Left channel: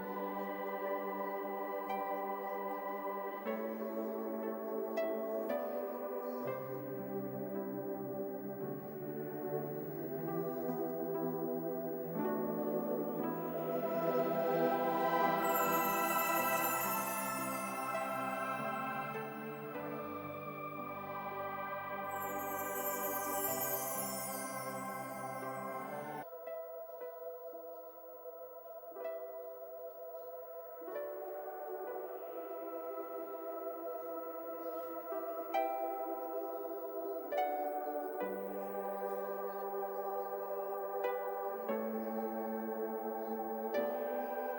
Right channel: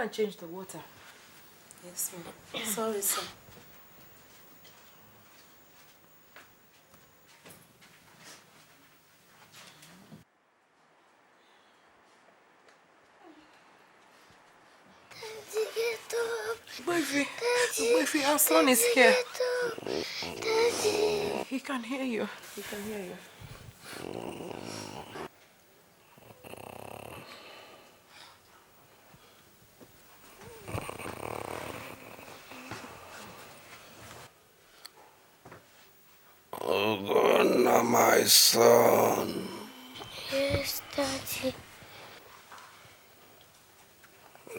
and change the water. Yes, ma'am. Sorry, sir. Wifey, our son is here. He can hear you. He can hear you. Oh God, now my son. Yes, Daddy.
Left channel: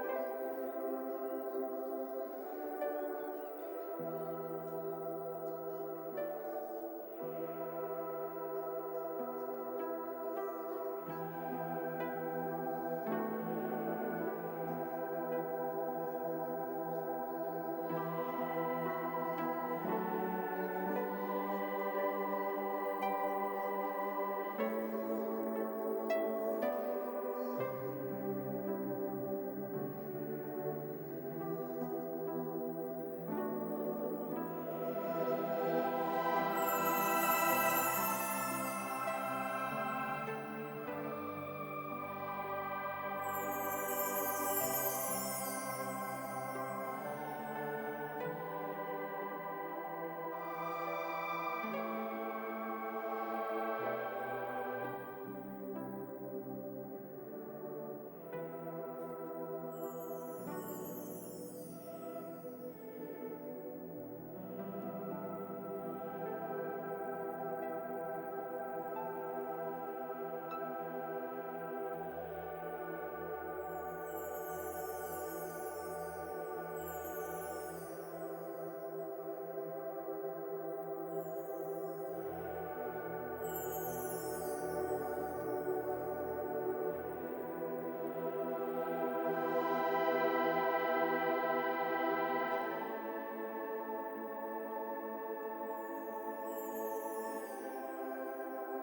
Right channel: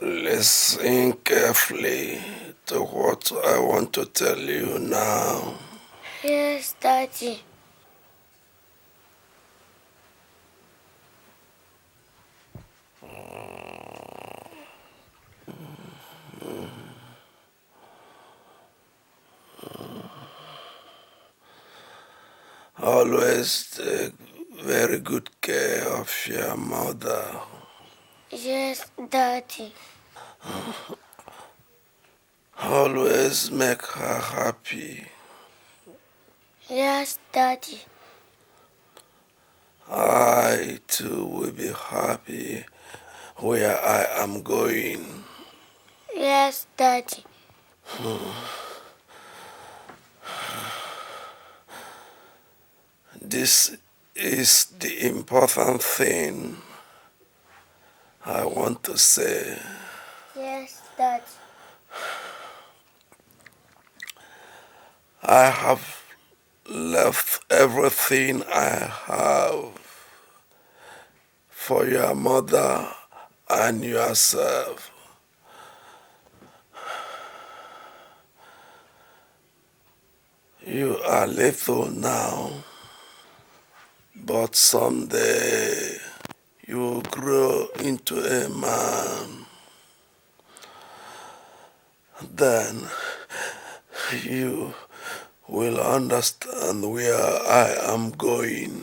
Listen carefully to what I want to tell you now. Yes, Daddy. Always take very good care of your mother. Yes, Daddy. Always make her happy. Yes, Daddy. I too will be happy where I am going. Yes, Daddy. This is the important thing I want to say. Yes, Daddy. I have left everything I have for your mother and yourself. You are little now, but someday you will grow into a man. Then you will understand where I am going.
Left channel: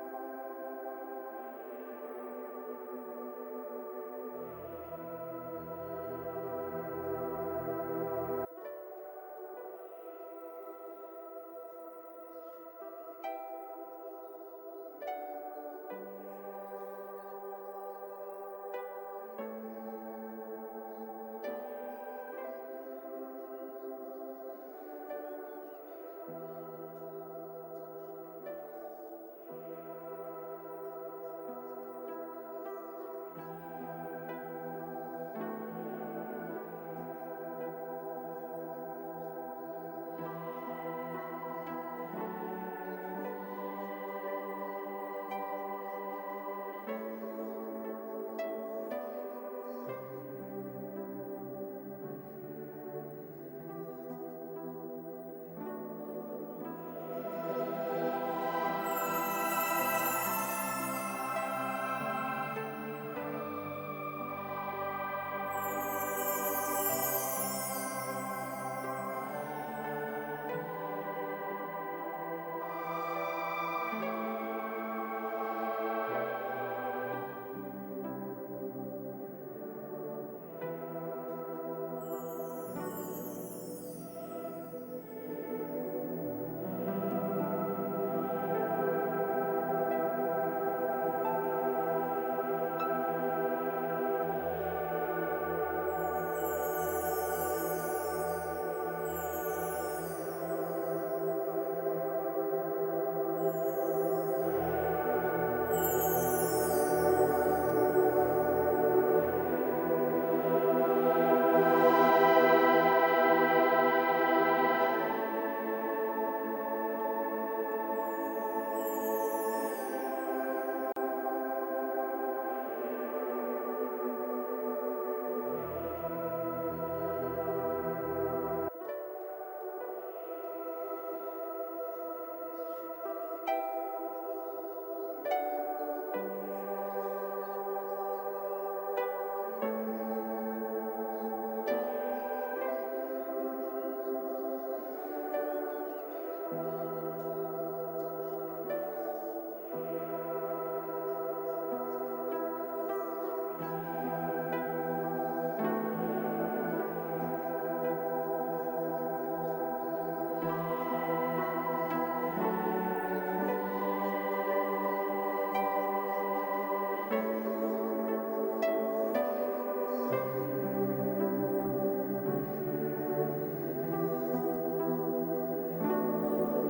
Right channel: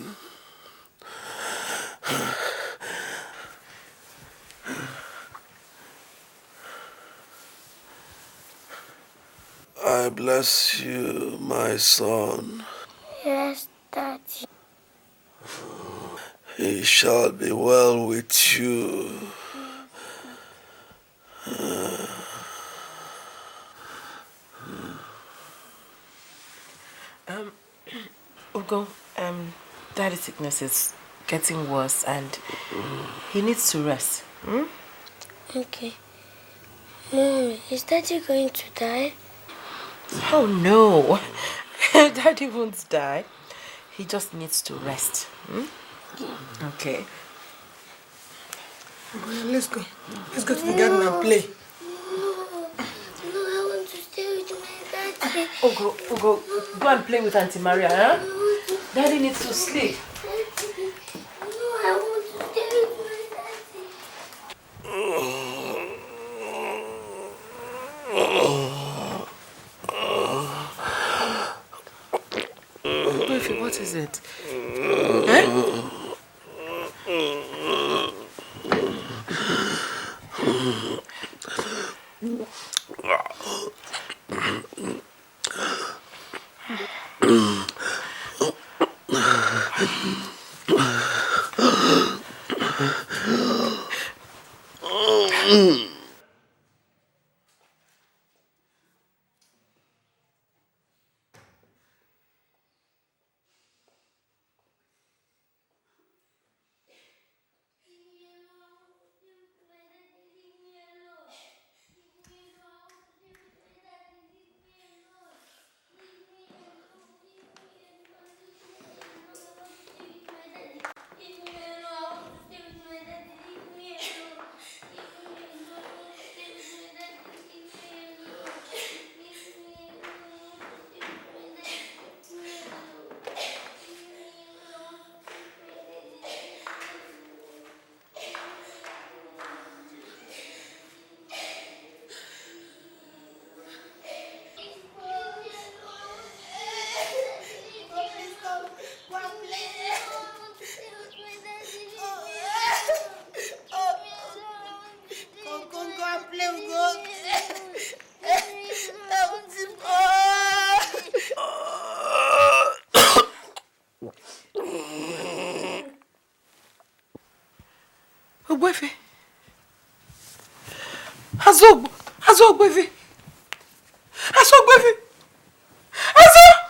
I bless you, my son. Yes, Daddy. It shall be well with you. Ugo, Daddy's sickness is getting worse and he needs to rest. Okay. Mom, is Daddy going to die? Oh no, Daddy won't die. He just needs to rest. Okay. Let's go. Let's go to the garden and play. No, I want to stay with my daddy. Ugo, go and play with Auntie Maria, huh? Daddy needs to sleep. No, I want to stay with Ugo, what is it? Huh? Ogbefe. Azog Ogbefe. Azog Ogbefe. Azog.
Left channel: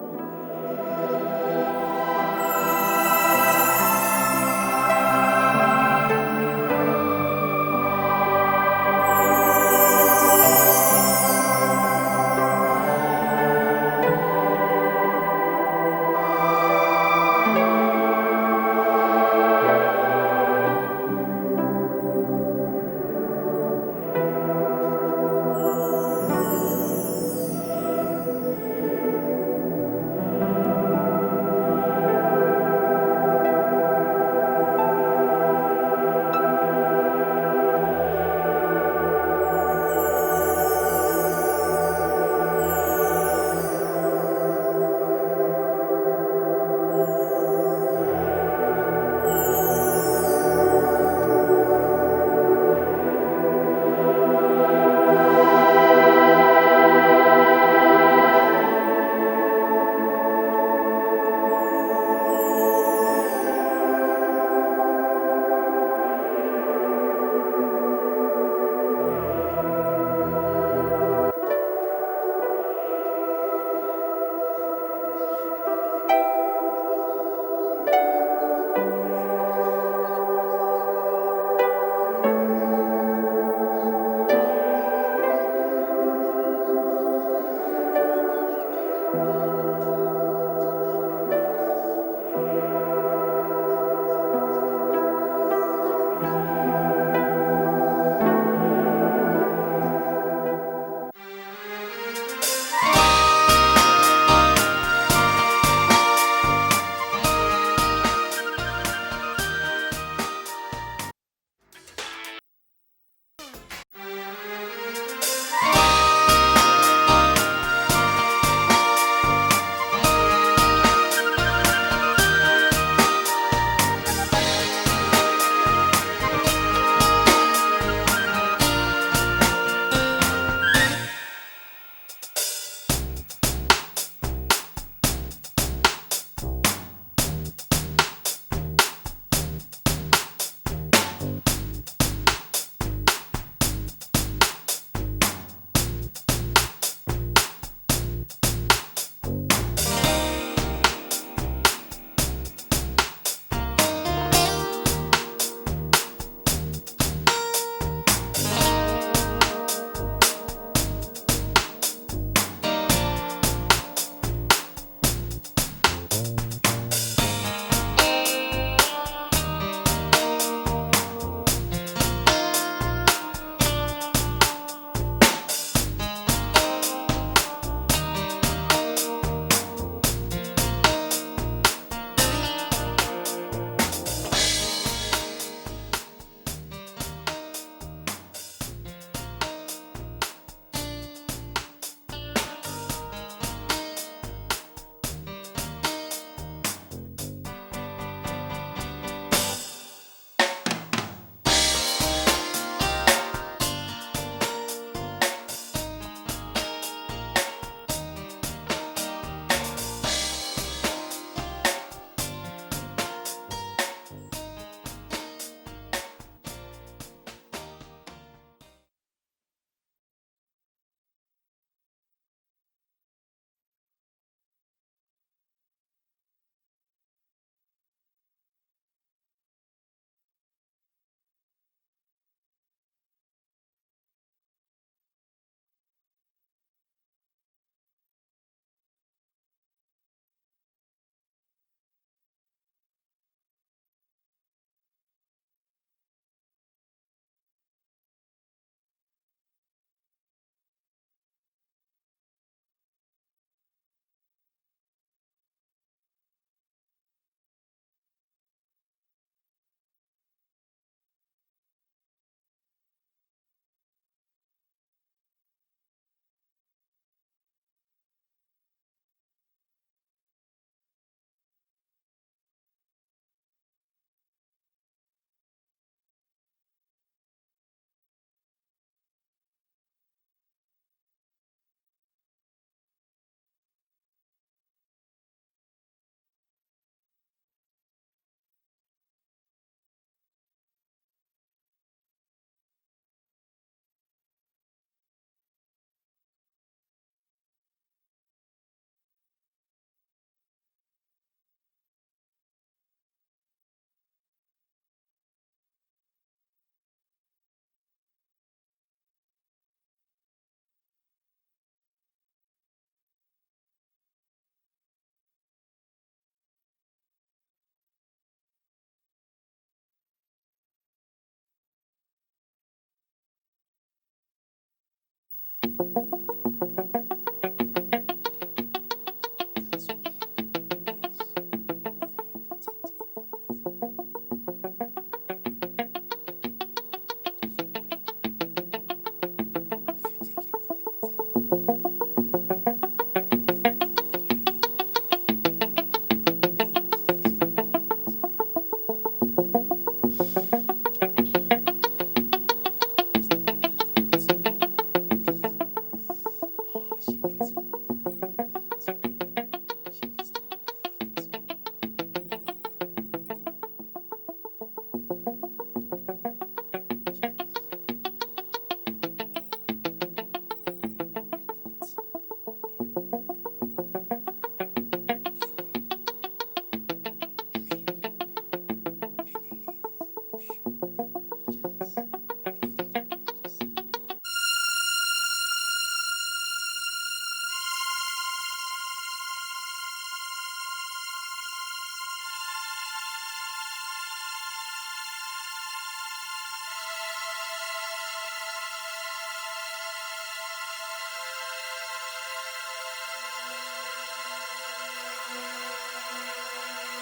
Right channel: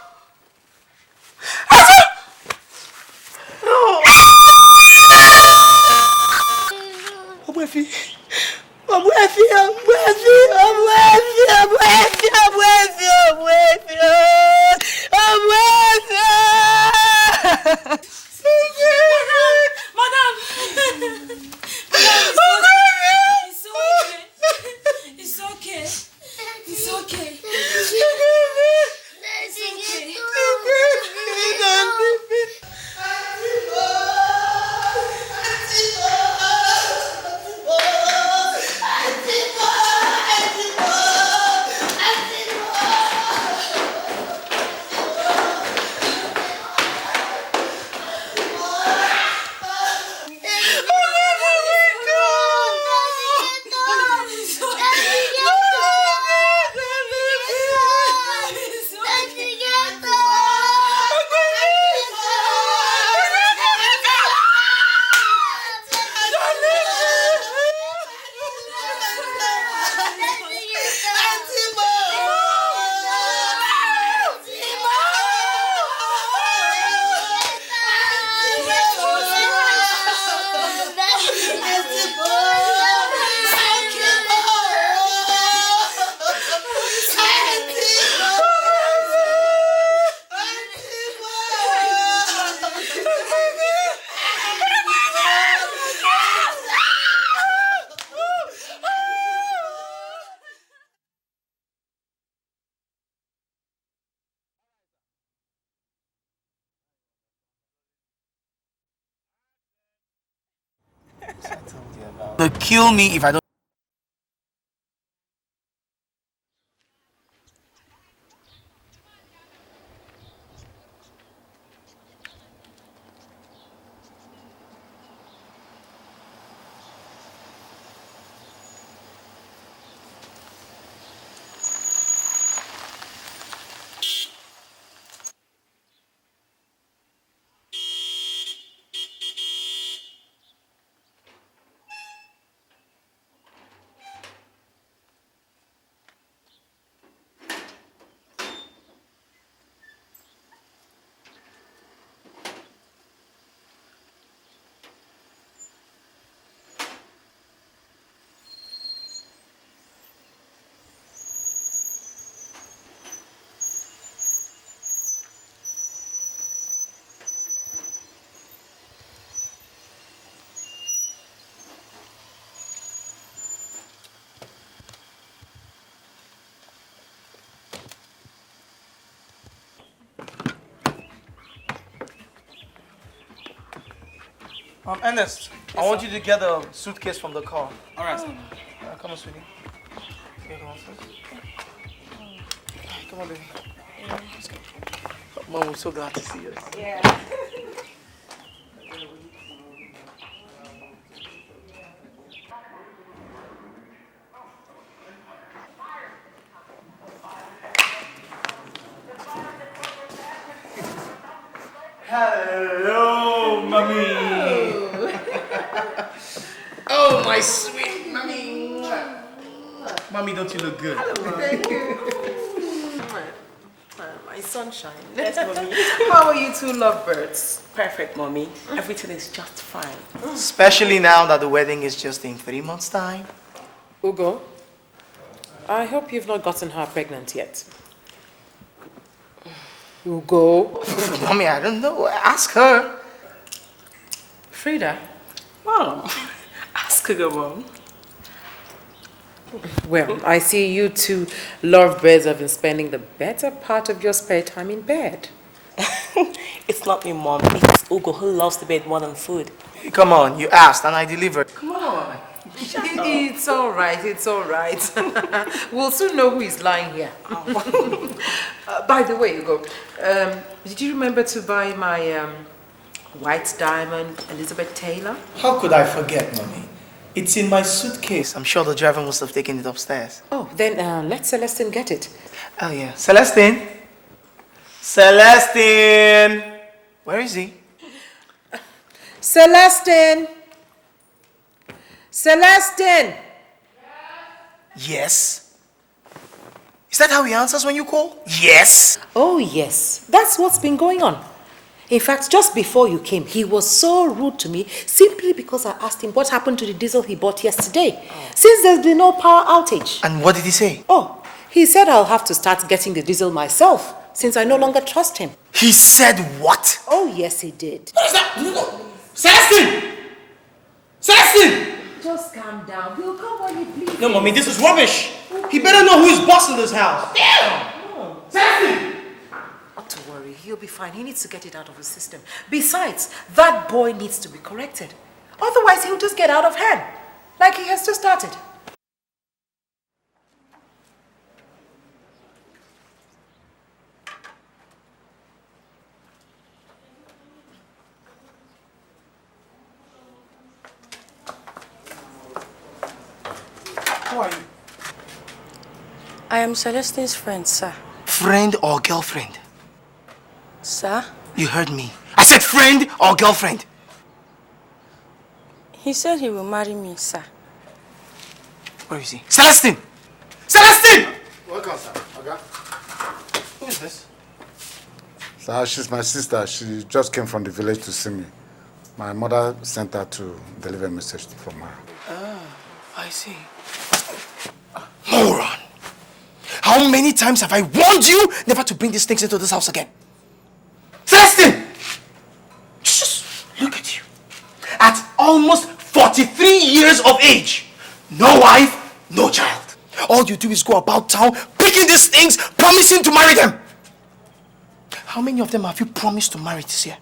They'll kill me if I don't. Ernest, I want you to get a suitcase from the car. All right. Come on, sweetie. Come on, baby. Mom, we're so glad to see you. Yeah. Hello, mommy. Oh, my sweet mommy. Mommy, don't you look good? Hello, thank you. My sunshine. Yes, mommy. How are you two lovebirds? Perfect, mommy. Everything is just fine. Especially now that the wedding is just in 3 months' time. Ugo, I hope you've not gotten her pregnant yet. Ugo. Mommy, I don't know. Ask her. Frida. Mom, ask her, Mom. Well, I see you two lovebirds have been spending the better part of your spare time in bed. It's not me, Mom. It's Ugo who loves the bed more than food. Come on, you asked and I delivered. Come on. It's all right, it's all right. We'll soon know who is lying here. By the way, Ugo, did you remember to buy my white diamond Elizabeth Taylor? How could I forget, Mommy? It's in my suitcase. I'm sure the driver must have taken it upstairs. Oh, then let Celestine get it. Oh, yeah. Celestine? Celestine! Where is he? Celestine! Celestine! Yes? Is that how he answers when you call? Yes? Oh, yes. That's what's been going on. In fact, just before you came, he was so rude to me simply because I asked him what happened to the diesel he bought yesterday, since there's been no power outage. And what did he say? Oh, he said I'll have to start getting the diesel myself, since I no longer trust him. He said what? Oh, yes, he did. What is that? Celestine! Celestine! Just calm down. He'll come when he pleases. No, Mommy, this is rubbish. He better know who's boss in this house. Celestine! Not to worry, he'll be fine. He needs to get it out of his system. Besides, that boy needs to be corrected. Otherwise, he'll just get out of hand, like he has just started. I am Celestine's friend, sir. Friend or girlfriend? Sir? You heard me. I said friend or girlfriend. He said he will marry me, sir. Where is he? Celestine! Celestine! Welcome, sir. Okay. Who is this? Sir, she's my sister. She just came from the village to see me. My mother sent her to deliver a message from her. I see. Moron! How many times have I warned you never to bring these things into this house again? Celestine! Just look at you. At almost 43 years of age, no wife, no child. All you do is go about town picking these things, promising to marry them. How many of them have you promised to marry this year?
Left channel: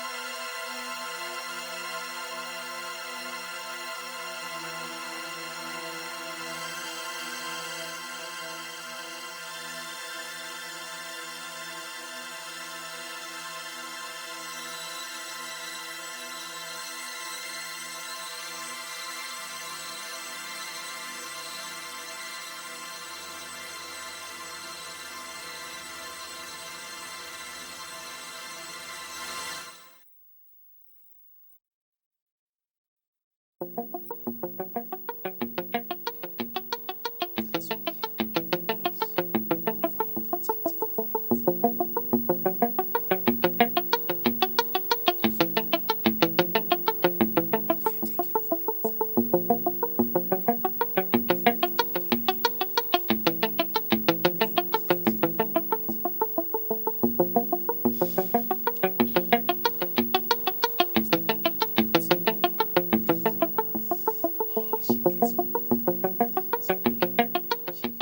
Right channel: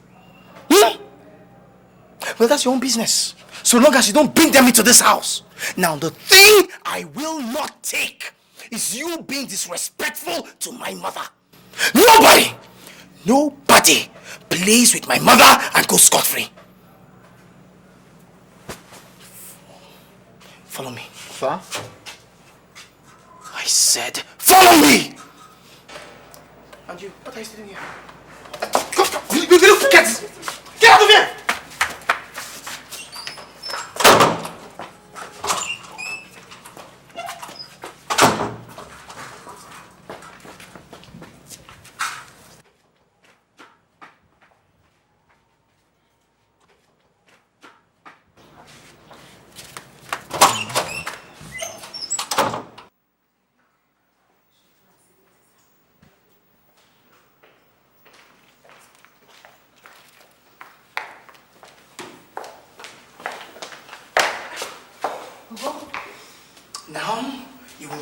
Well, that's your own business. So long as you don't bring them into this house. Now, the thing I will not take is you being disrespectful to my mother. Nobody plays with my mother and goes scot-free. Follow me. Sir? I said, follow me! And you, what are you doing here? You little get out of here!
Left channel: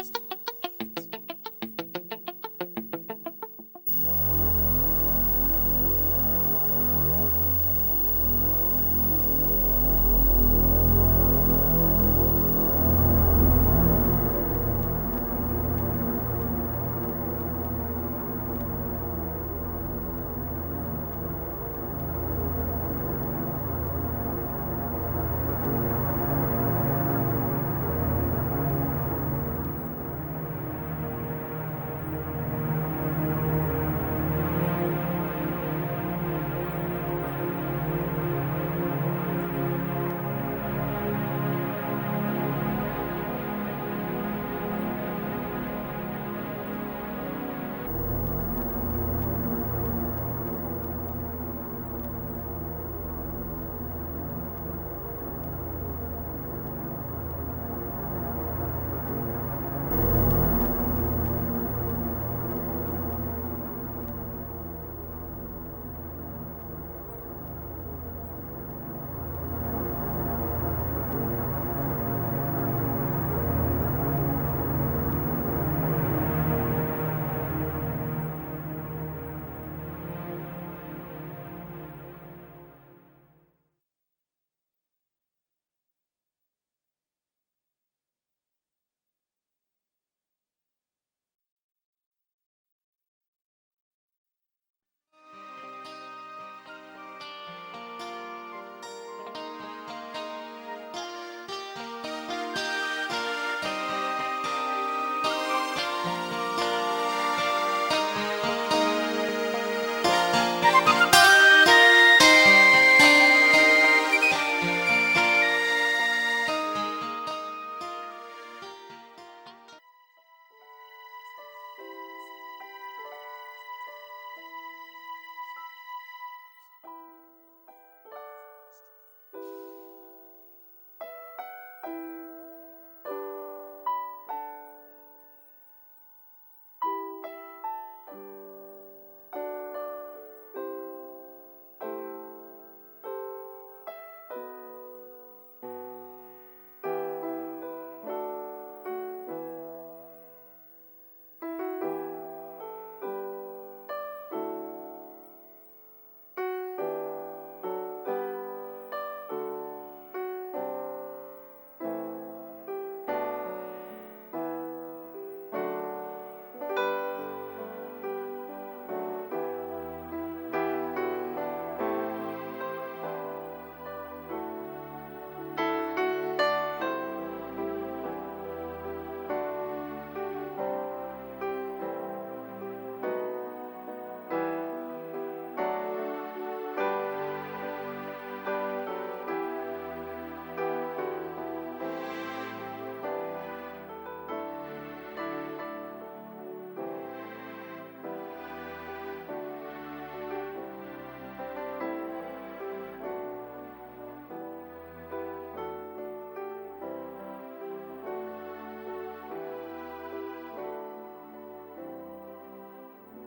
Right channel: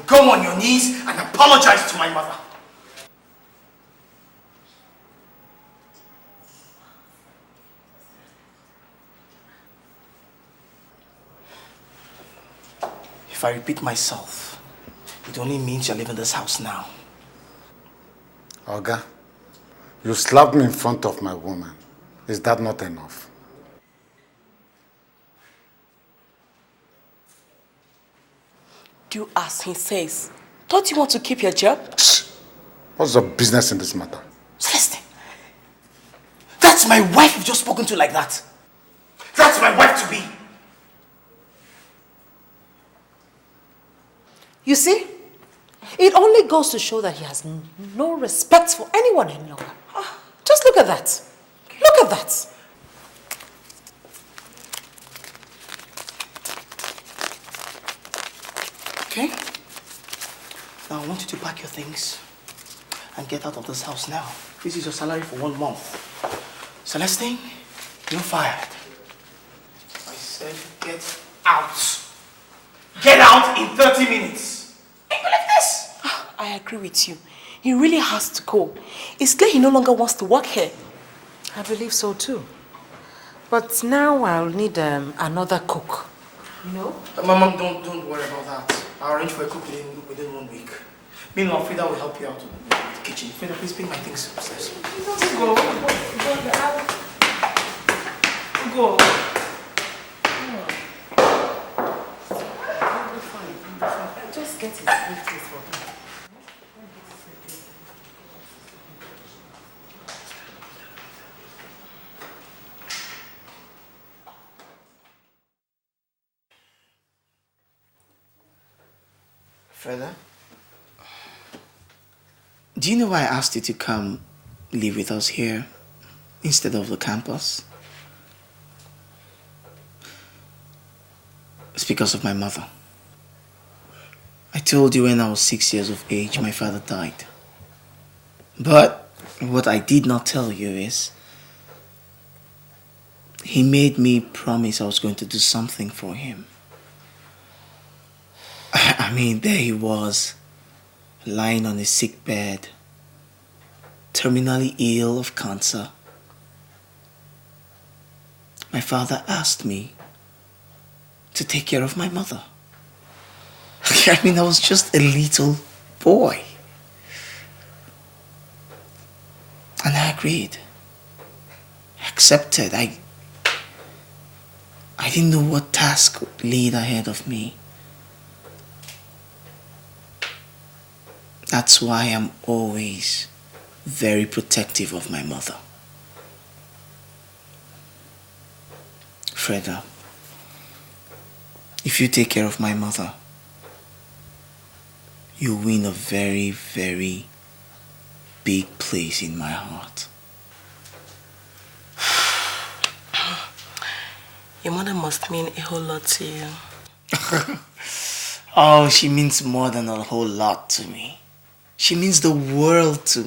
Go on your knees and apologize to my mother. If I repeat myself, it only means you're leaving this house now. Oga, you slapped me in front of my woman. Is that not enough? Do as he says. Don't you want to keep your job? What's your business in this matter? Celestine, that's my wife you've just spoken to like that. That's my wife to be. You see, it only goes to show that he has no respect for anyone any longer. Just look at that. Look at that. Okay? Now I want you to pack your things and get out of this house now. This is your salary for 1 month. Celestine, you're fired. I said get out. Get out in 30 minutes. Ain't you like this? I agree with you. He really has to go. It's clear he no longer wants to work here. I believe so too. But now I'll need another cook. You know? Mom, don't worry about that. I'll arrange for a cook within 1 week. Meanwhile, Frida will help you out in the kitchen. Frida, please bring my things upstairs. Go. Just get it. Freda, do you know why I asked you to come live with us here instead of the campus? It's because of my mother. I told you when I was 6 years of age, my father died. But what I did not tell you is, he made me promise I was going to do something for him. I mean, there he was, lying on a sick bed, terminally ill of cancer. My father asked me to take care of my mother. I mean, I was just a little boy. And I agreed. I accepted. I didn't know what task laid ahead of me. That's why I'm always very protective of my mother. Freda, if you take care of my mother, you win a very, very big place in my heart. Your mother must mean a whole lot to you. Oh, she means more than a whole lot to me. She means the world to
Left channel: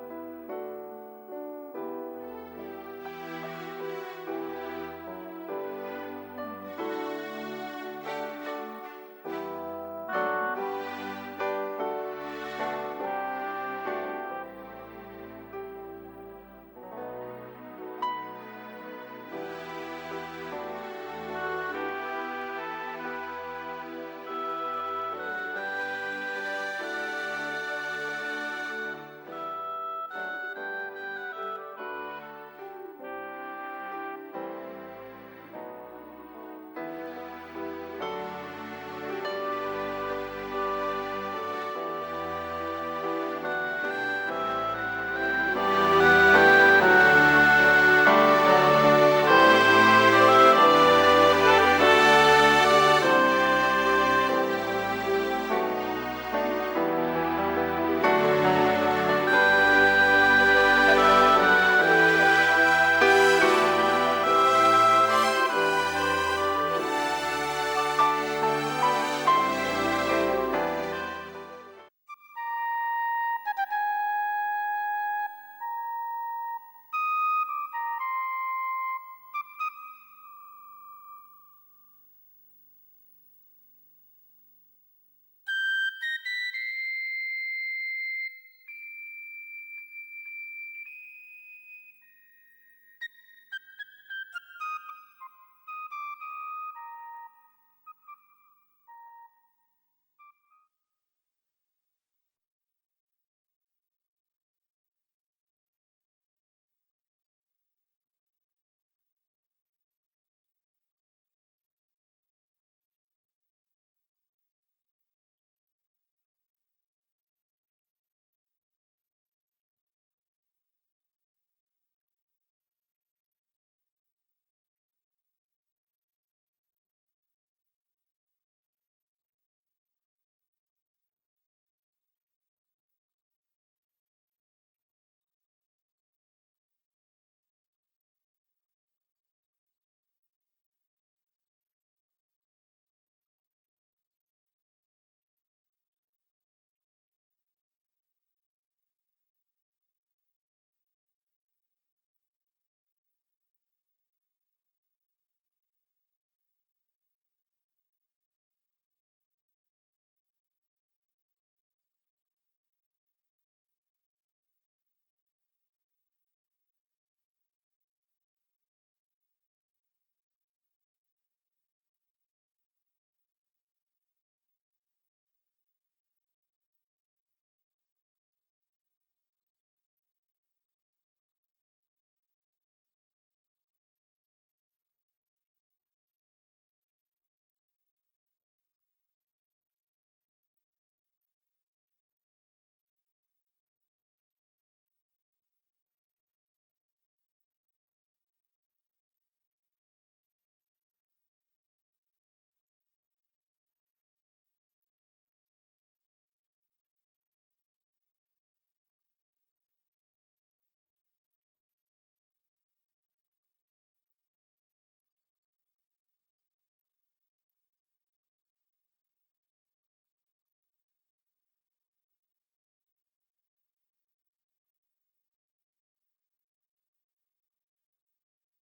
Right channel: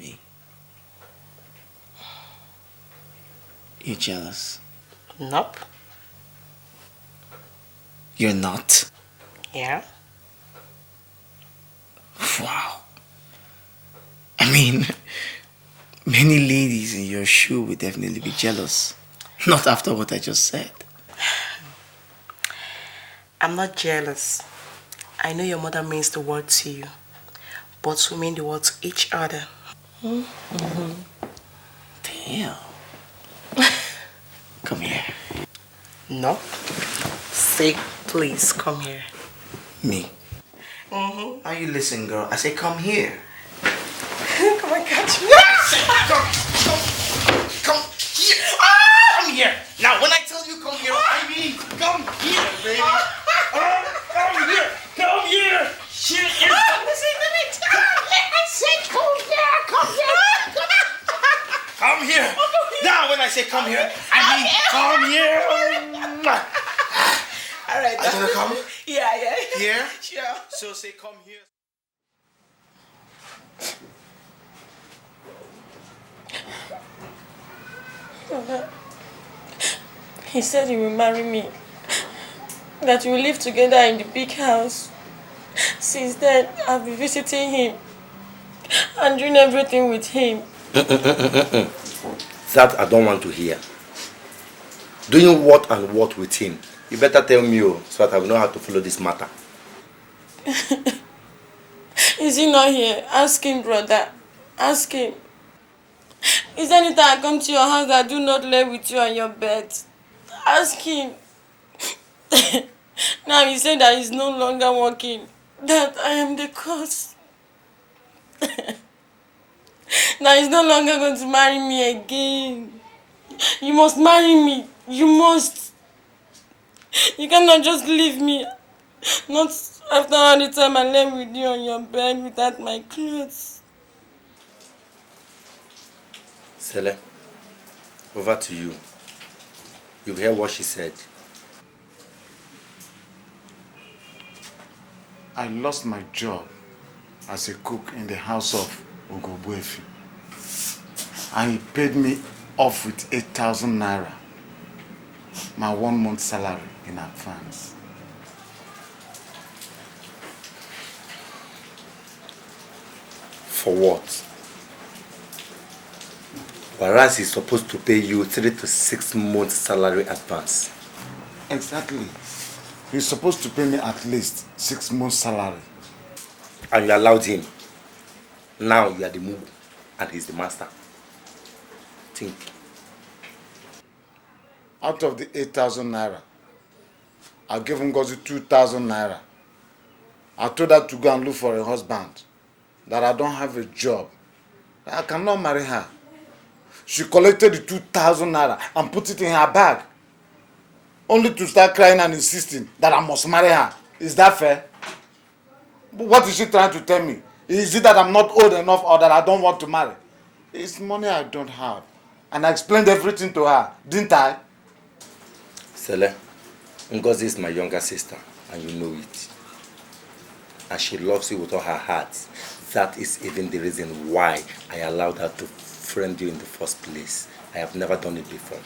me. You jealous? Nope. You're not? Yeah. Wow. I mean, many ladies in your shoe would definitely be jealous. Not after what I just said. I'm not jealous. I know your mother means the word to you, but we mean the word to each other. Damn. Come here. No. Say, please, come here. Me? Are you listening, girl? I say, come here. Come on, catch me. Come here. Now, when I tell you come here. Come here. Now, when I say come here, I mean come here. All right. Are you gonna come? Yeah. Here? Yeah. So say come here. He said he will marry me. That we will live together in the big house. Since then, I've been visiting him and doing everything with him. That I don't want to hear. Doing what and what with him? You better tell me, so that I will know how to follow this matter. Is he not here? Ask him, brother. Ask him. Is there any time I come to your house that I do not lay with you on your bed? Ask him. Now he said that he's no longer working. That I am the cause. Now he's no longer going to marry me again. You must marry me. You must. You cannot just leave me. Not after all the time I lay with you on your bed without my clothes. Sele, over to you. You hear what she said. I lost my job as a cook in the house of Ogobuefi. And he paid me off with 8,000 naira, my 1 month salary in advance. For what? Whereas he's supposed to pay you 3 to 6 months salary advance. Exactly. He's supposed to pay me at least 6 months salary. And you allowed him. Now you are the mugu and he's the master. Think. Out of the 8,000 naira, I gave Ngozi 2,000 naira. I told her to go and look for a husband, that I don't have a job, that I cannot marry her. She collected the 2,000 naira and put it in her bag, only to start crying and insisting that I must marry her Is that fair? What is she trying to tell me? Is it that I'm not old enough or that I don't want to marry? It's money I don't have. And I explained everything to her, didn't I? Sele, Ngozi is my younger sister, and you know it. And she loves you with all her heart. That is even the reason why I allowed her to friend you in the first place. I have never done it before.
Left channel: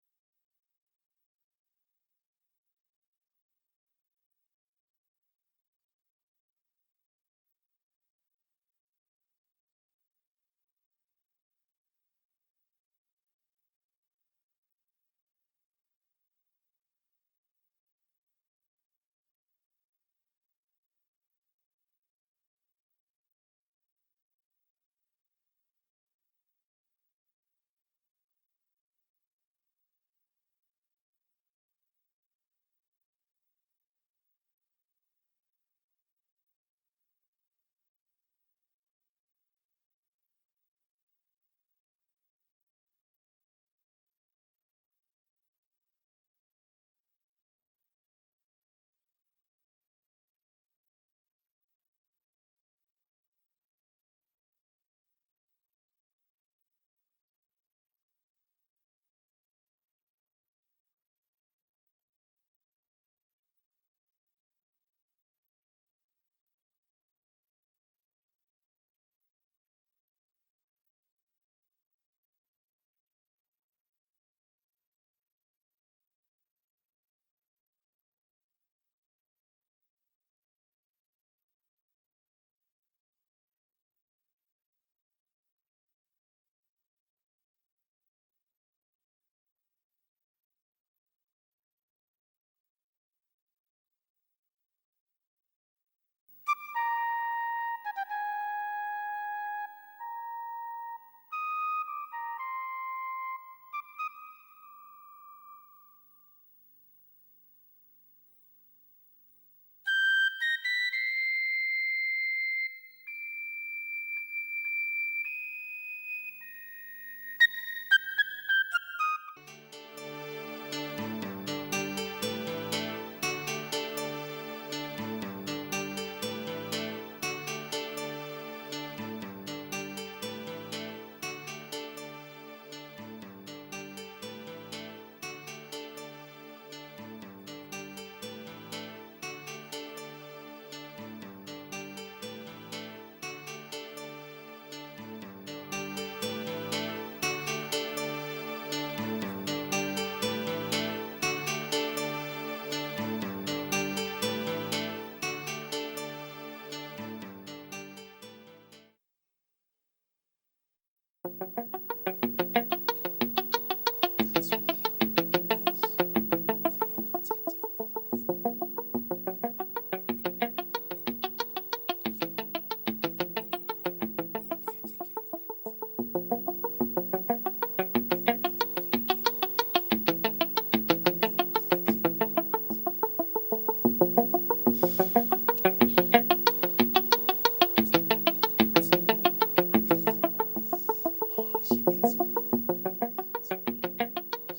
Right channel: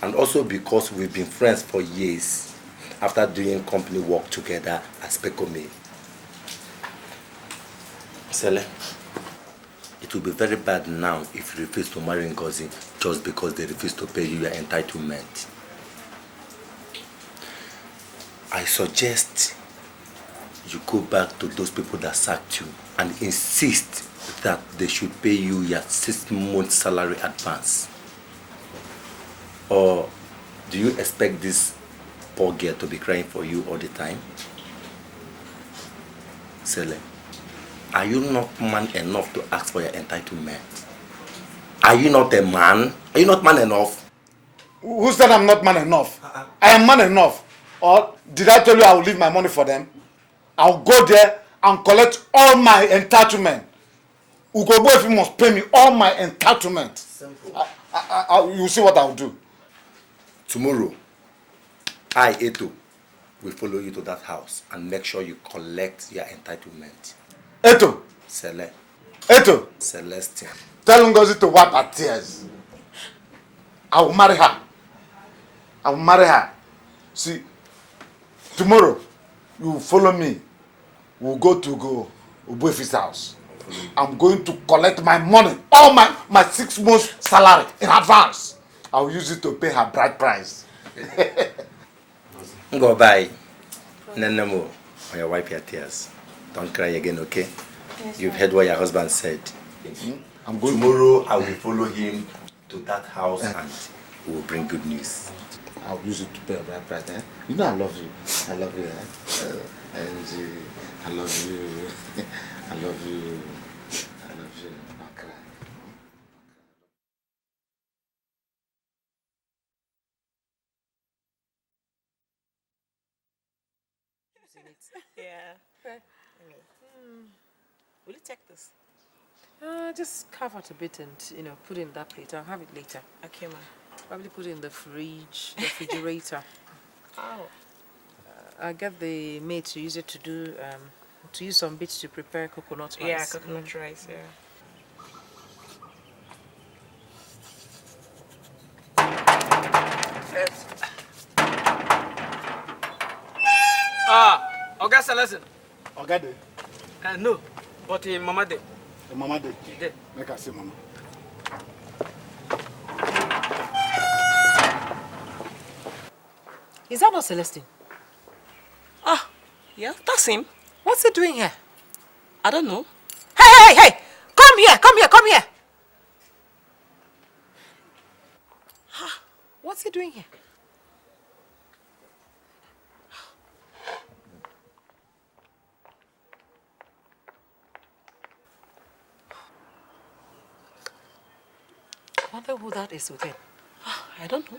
And also because we've been friends for years after doing company work together as Pekome. Sele, it will be very bad now if you refuse to marry Ngozi just because they refuse to pay you your entitlement. I suggest you go back to those people that sacked you and insist that they should pay you your 6 months salary advance. Or do you expect this poor girl to be crying for you all the time? Sele, are you not man enough to ask for your entitlement? Are you not a man? Are you not man enough? Who said I'm not man enough? I am man enough. Or did I tell you I will leave my money for them? I'll go there and collect all my entitlement. Ugobo if you must pay me all my entitlement. Simple. You see what I'll do. Tomorrow, I, Eto, will follow you to that house and make sure you collect your entitlement. Eto. Sele. Eto. Celestine. Tell Ngozi to wipe her tears. I will marry her. I will marry her. See, tomorrow, you will follow me. We'll go to Ubuefi's house. I'm going to collect my money, all my 6 months salary in advance. I'll use it to pay her bride price. Go bye. No more. Or you wipe your tears. Don't cry again, okay? Yes. You've heard what your husband said. I'm going Tomorrow I will follow him to that house and we will bring good news. I'll use it to pay her bride price. Eh? You know I love you. I love you. I love you. I love you. I love you. Don't cry. Just carve out a bit and, put it in that plate. I'll have it later. Okay, ma. Probably put it in the fridge, refrigerator. Oh. I'll get the maid to use it to use some bits to prepare coconut rice. Yeah, coconut rice, yeah. Okay, Celeste. Okay, No, but Mama did. the mama did. He did. Make her see mama. Is that not Celestine? Ah, yeah, that's him. What's he doing here? I don't know. Hey! Come here! What's he doing here? Whatever that is with him. I don't know.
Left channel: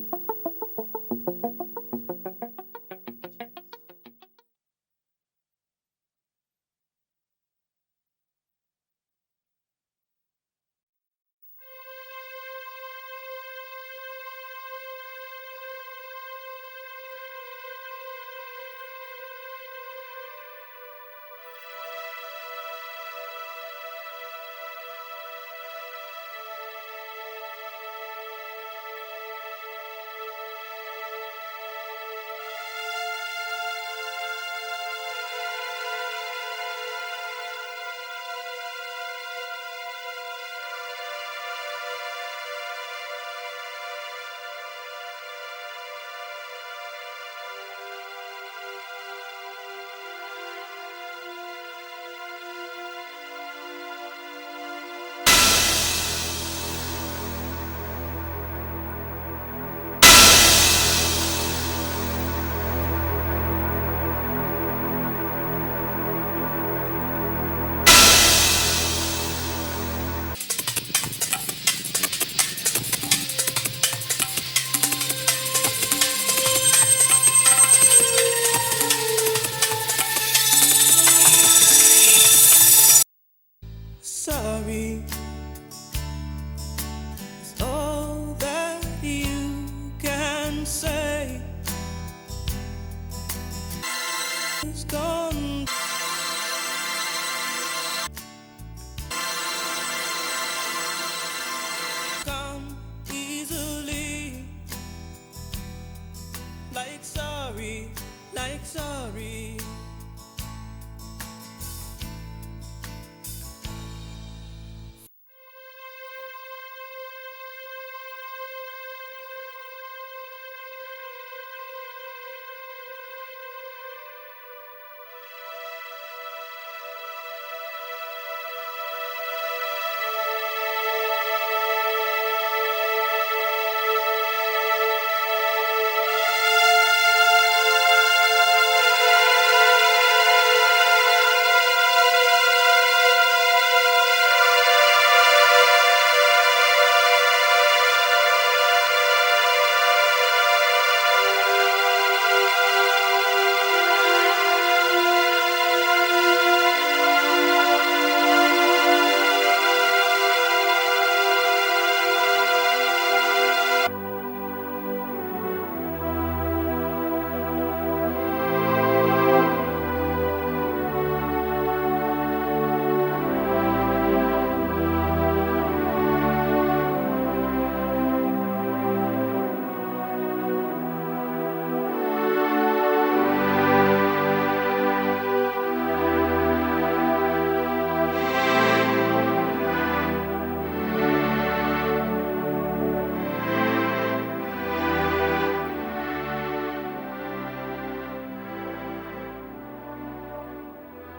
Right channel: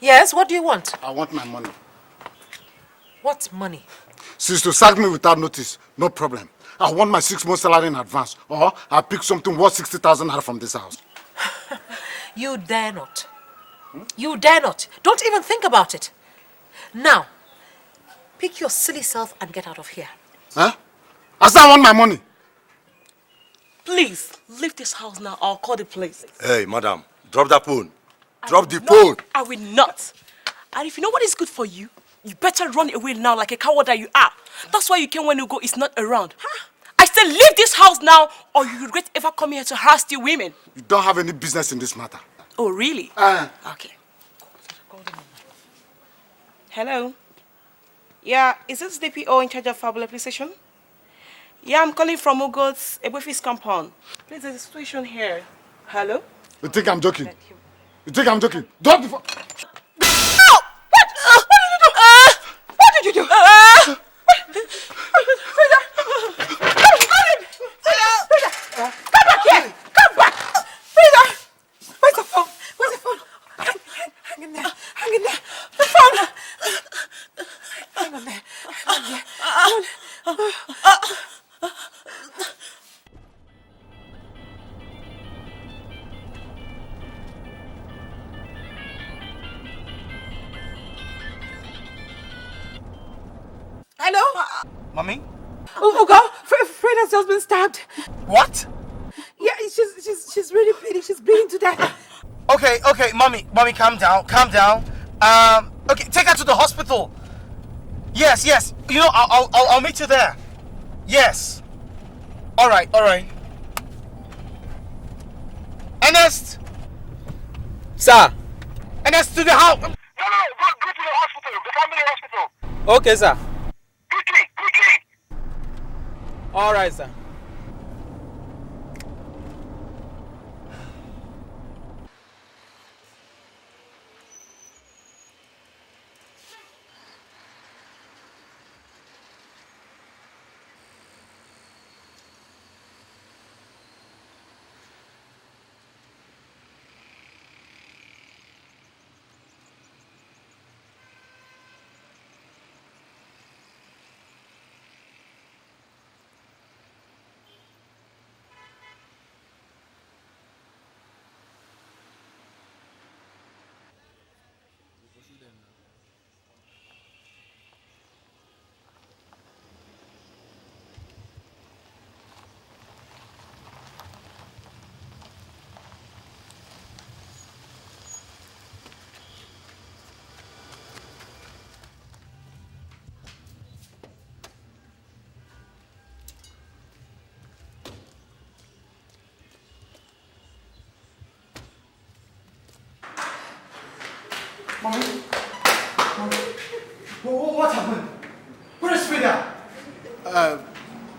Yes, what do you want? I want my money. What money? Since to sack me without notice, no problem. I want my 6 months salary in advance, or I'll pick something worth 60,000 naira from this house. You dare not. You dare not. Don't even think about it. Now, pick your silly self and get out of here. Huh? I said I want my money. Please, leave this house now. I'll call the police. Hey, madam, drop that phone. Drop the No, phone. I will not. And if you know what is good for you, you better run away now like a coward that you are. That's why you came when Ugo is not around. I said leave this house now or you regret ever coming here to harass the women. You don't have any business in this matter. Oh, really? Okay. Hello? Yeah, is this DPO in charge of Fabula Police Station? Yeah, I'm calling from Ugo's Ebofis compound. There's a situation here. Hello? You think I'm joking? You think I'm joking? Drop the phone. No! What did you do? Come back here! Come back! herself been stabbed. What? Yeah, she's bleeding to death. Okay, mommy, calm down. Okay, take her to the hospital. Yes. You know, I'll meet you there. Yes. All right. Ernest. Sir. Ernest, to the house. No, go to the hospital, the family hospital. Okay, sir. Quickly. All right, sir.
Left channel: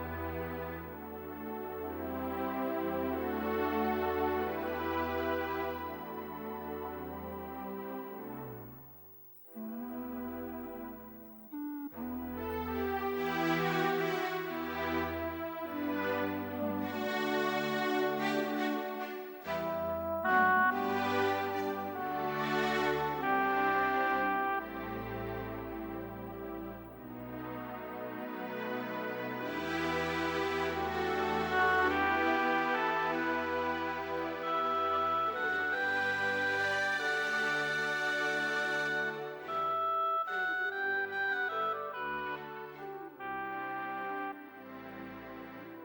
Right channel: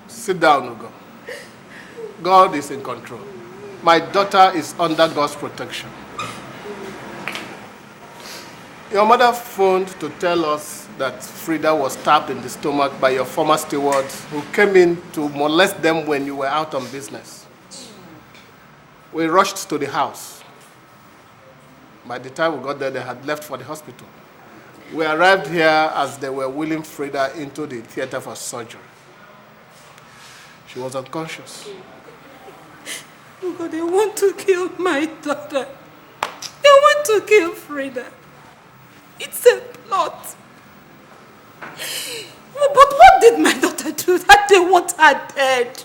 Sit down, Ugo. God is in control. My daughter is under God's protection. Your mother phoned to tell us that Frida was stabbed in the stomach by your former steward who came in to molest them when you were out on business. We rushed to the house. By the time we got there, they had left for the hospital. We arrived here as they were wheeling Frida into the theater for surgery. She was unconscious. Oh God, they want to kill my daughter. They want to kill Frida. It's a plot. But what did my daughter do that they want her dead?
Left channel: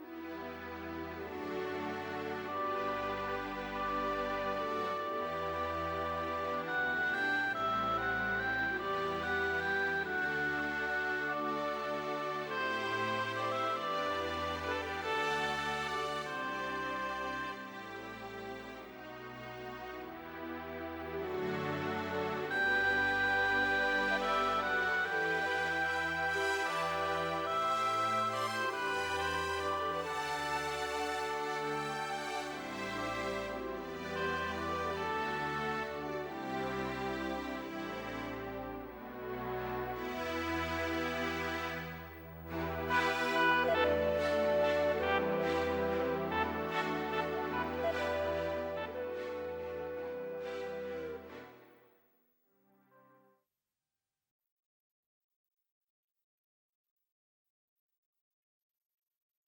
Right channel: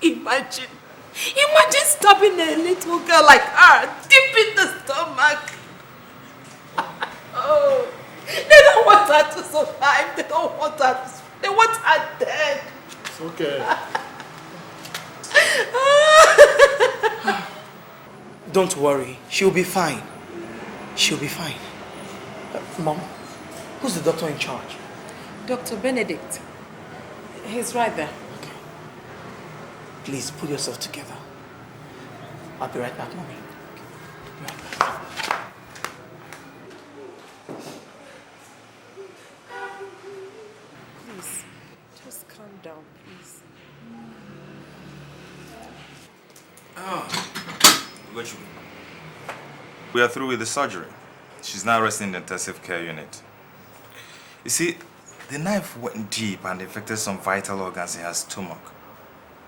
Imagine stabbing a little girl like her deep in the stomach. Oh, they don't want her to survive. They don't want her to, they want her dead. It's okay. Don't worry, she'll be fine. She'll be fine. Mom, who's the doctor in charge? Dr. Benedict. He's right there. Please, pull yourself together. I'll be right back, Mommy. We are through with the surgery. She's now resting in the intensive care unit. You see, the knife went deep and infected some vital organs in her stomach.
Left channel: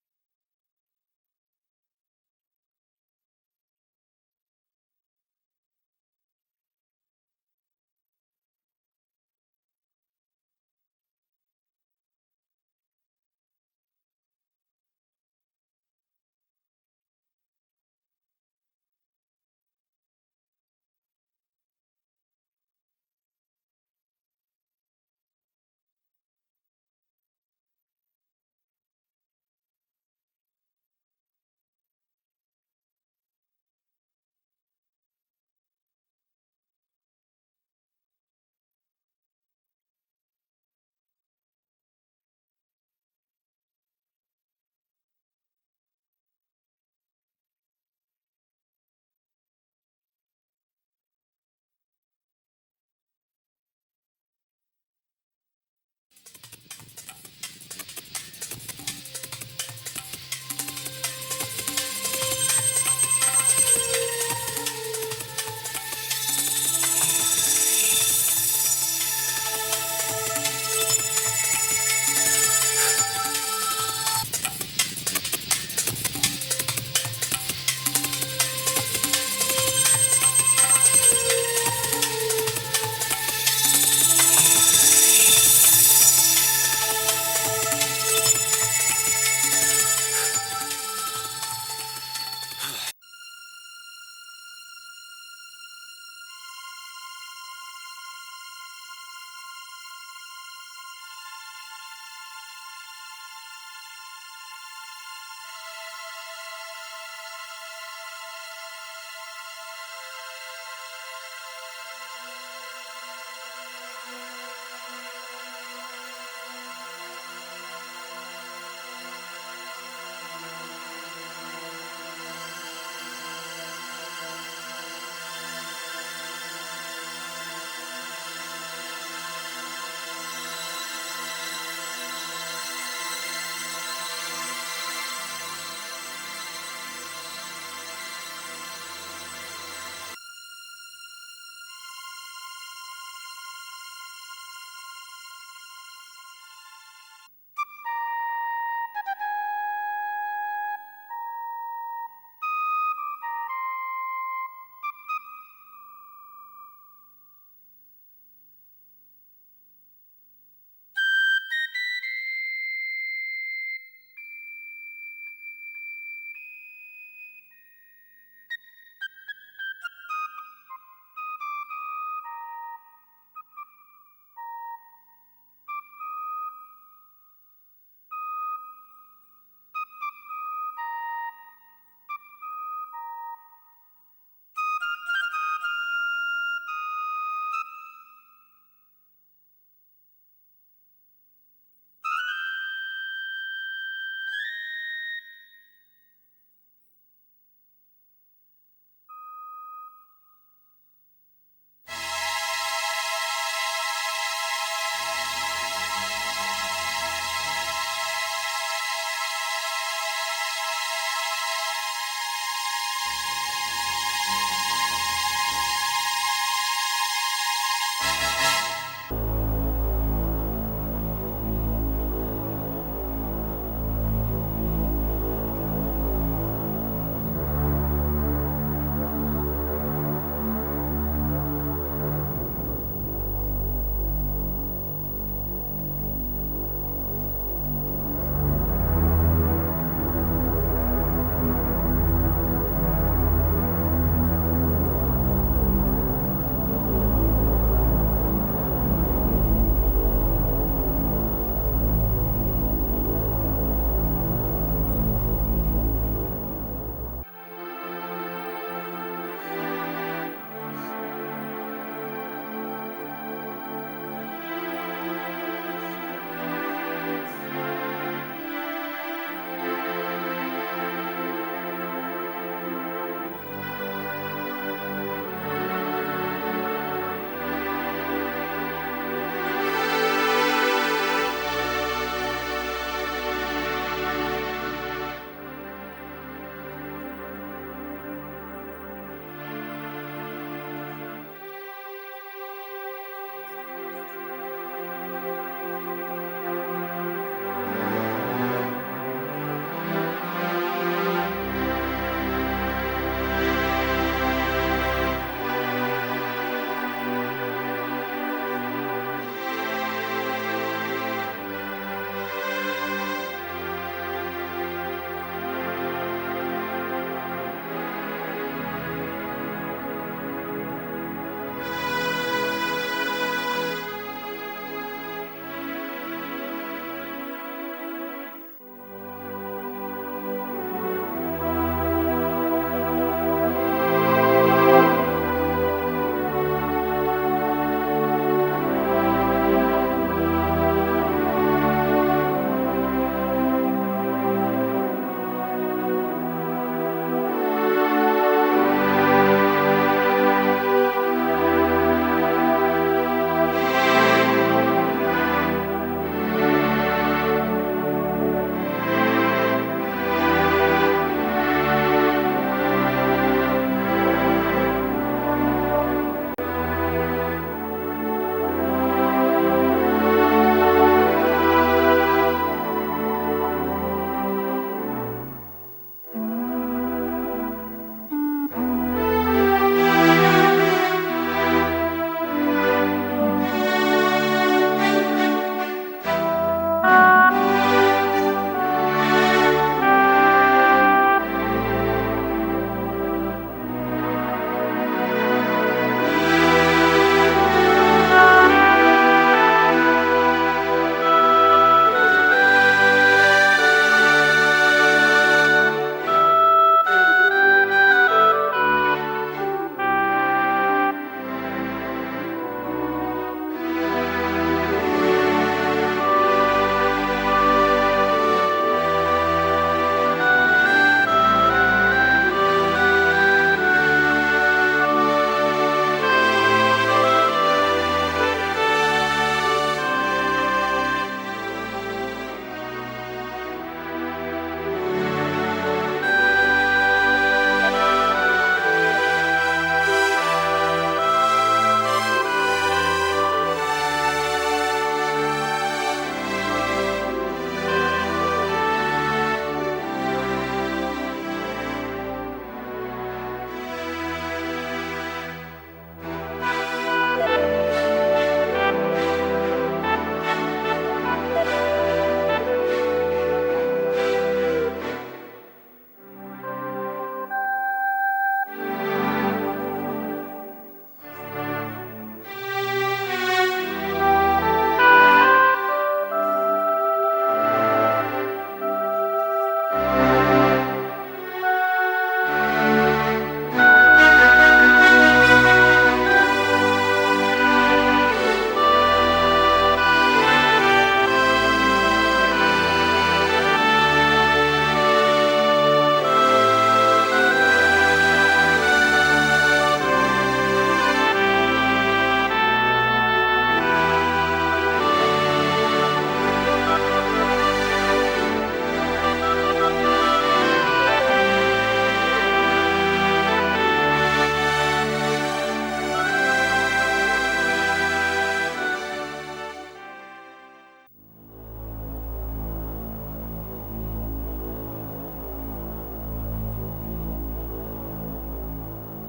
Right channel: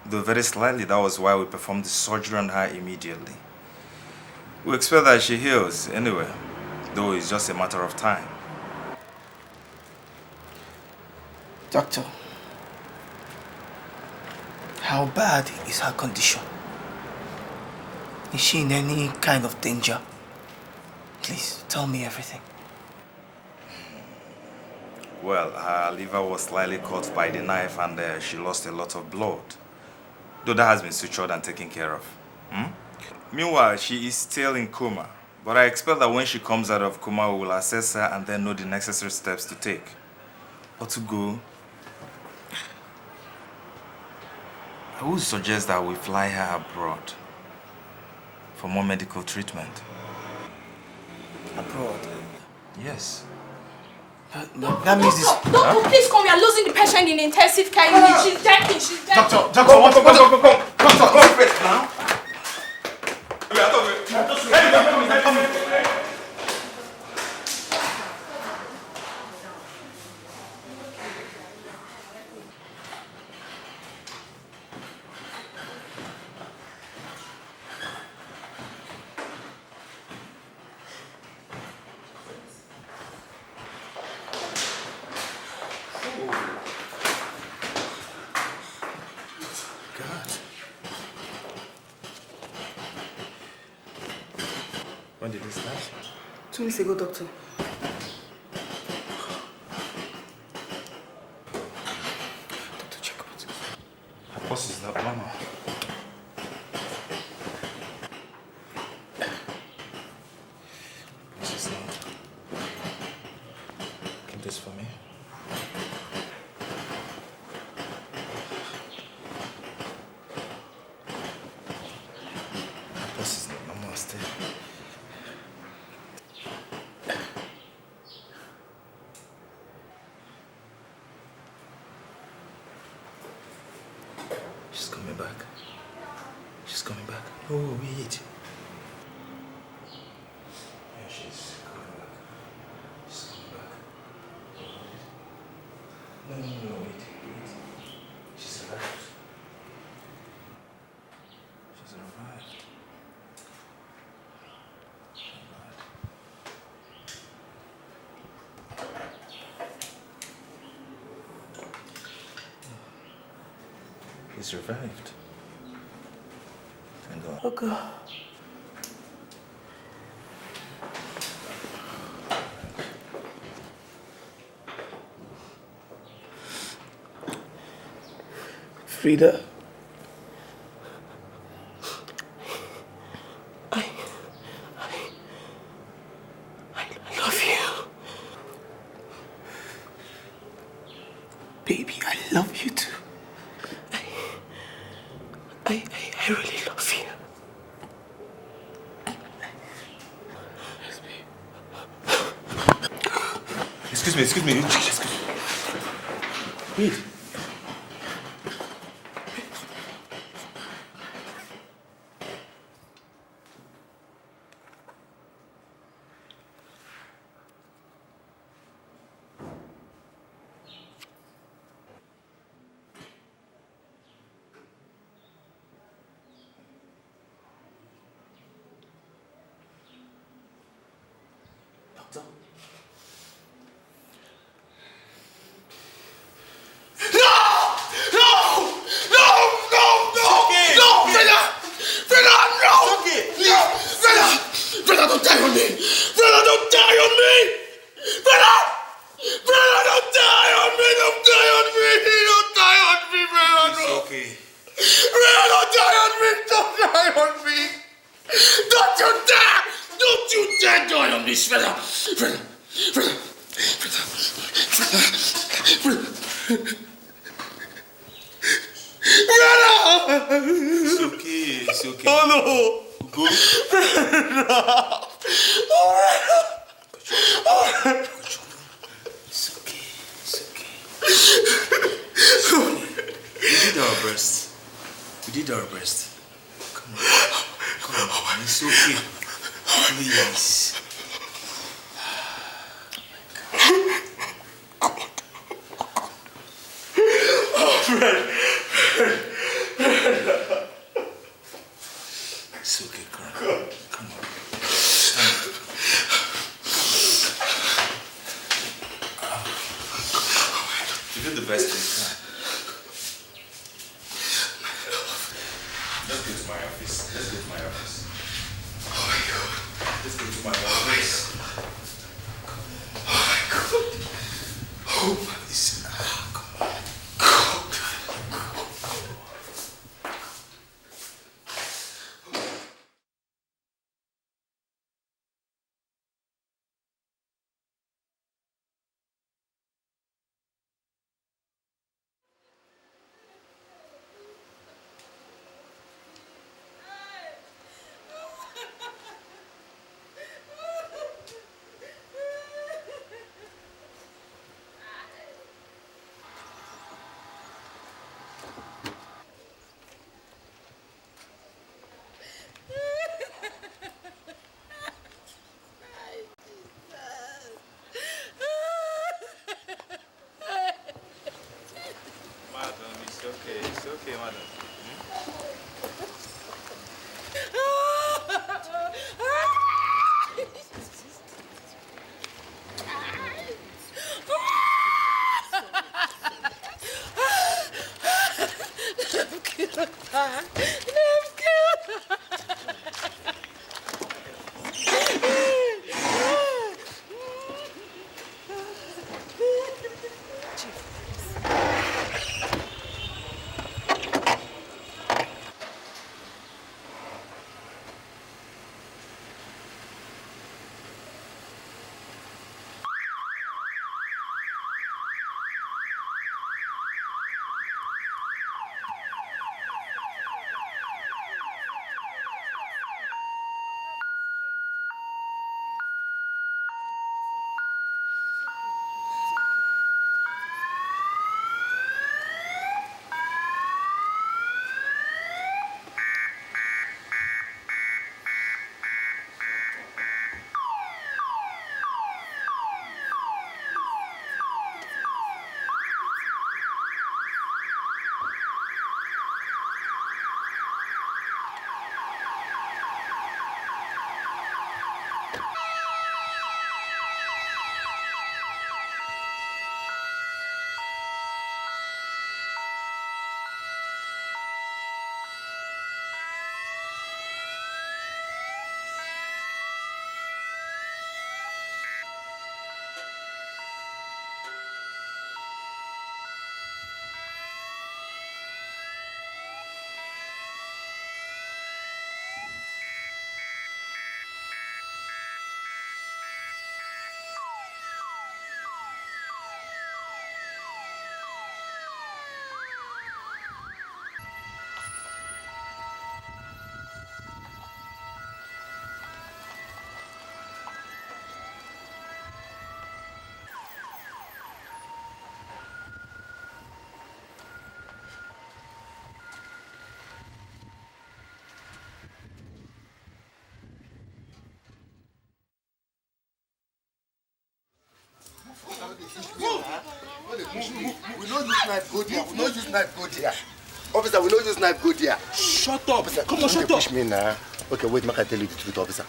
Though very slightly, that was why we performed the surgery on her immediately. We expect that she heals anyway, though it's just a matter of time. Doctor, how bad is her condition? Is she in any kind of danger? Please, tell me everything. Well, her liver was slightly cut by the knife and she lost a lot of blood. Though that has been sutured and taken care of. Meanwhile, she is still in coma. But I expect that when she comes out of coma, we will assess her and then know the necessary steps to take. Or to go. I would suggest that we fly her abroad for more medical treatment. Abroad? Yes. That means this... Doctor, please come. We are losing the patient in intensive care unit. She's dying. Doctor, come. Doctor, wait now. When did it start? 2 weeks ago, doctor. Doctor, check out. Her pulse is not normal. What's his name? Get this for me. Her pulse is not normal still. She's coming back. She's coming back. Oh, wait. There she is. No, wait. She's arrived. She's arrived. He's revived. Thank God. Oh, God. Frida. I love you. Baby, I love you too. I really love you. Excuse me. We did our best. Come on. It's okay. Please. knife, go there. We don't use knife, go there. Officer, we don't use knife, go there. Shut up. Officer, come on, shut up. Push me now. Okay, wait, make I tell you the truth, officer.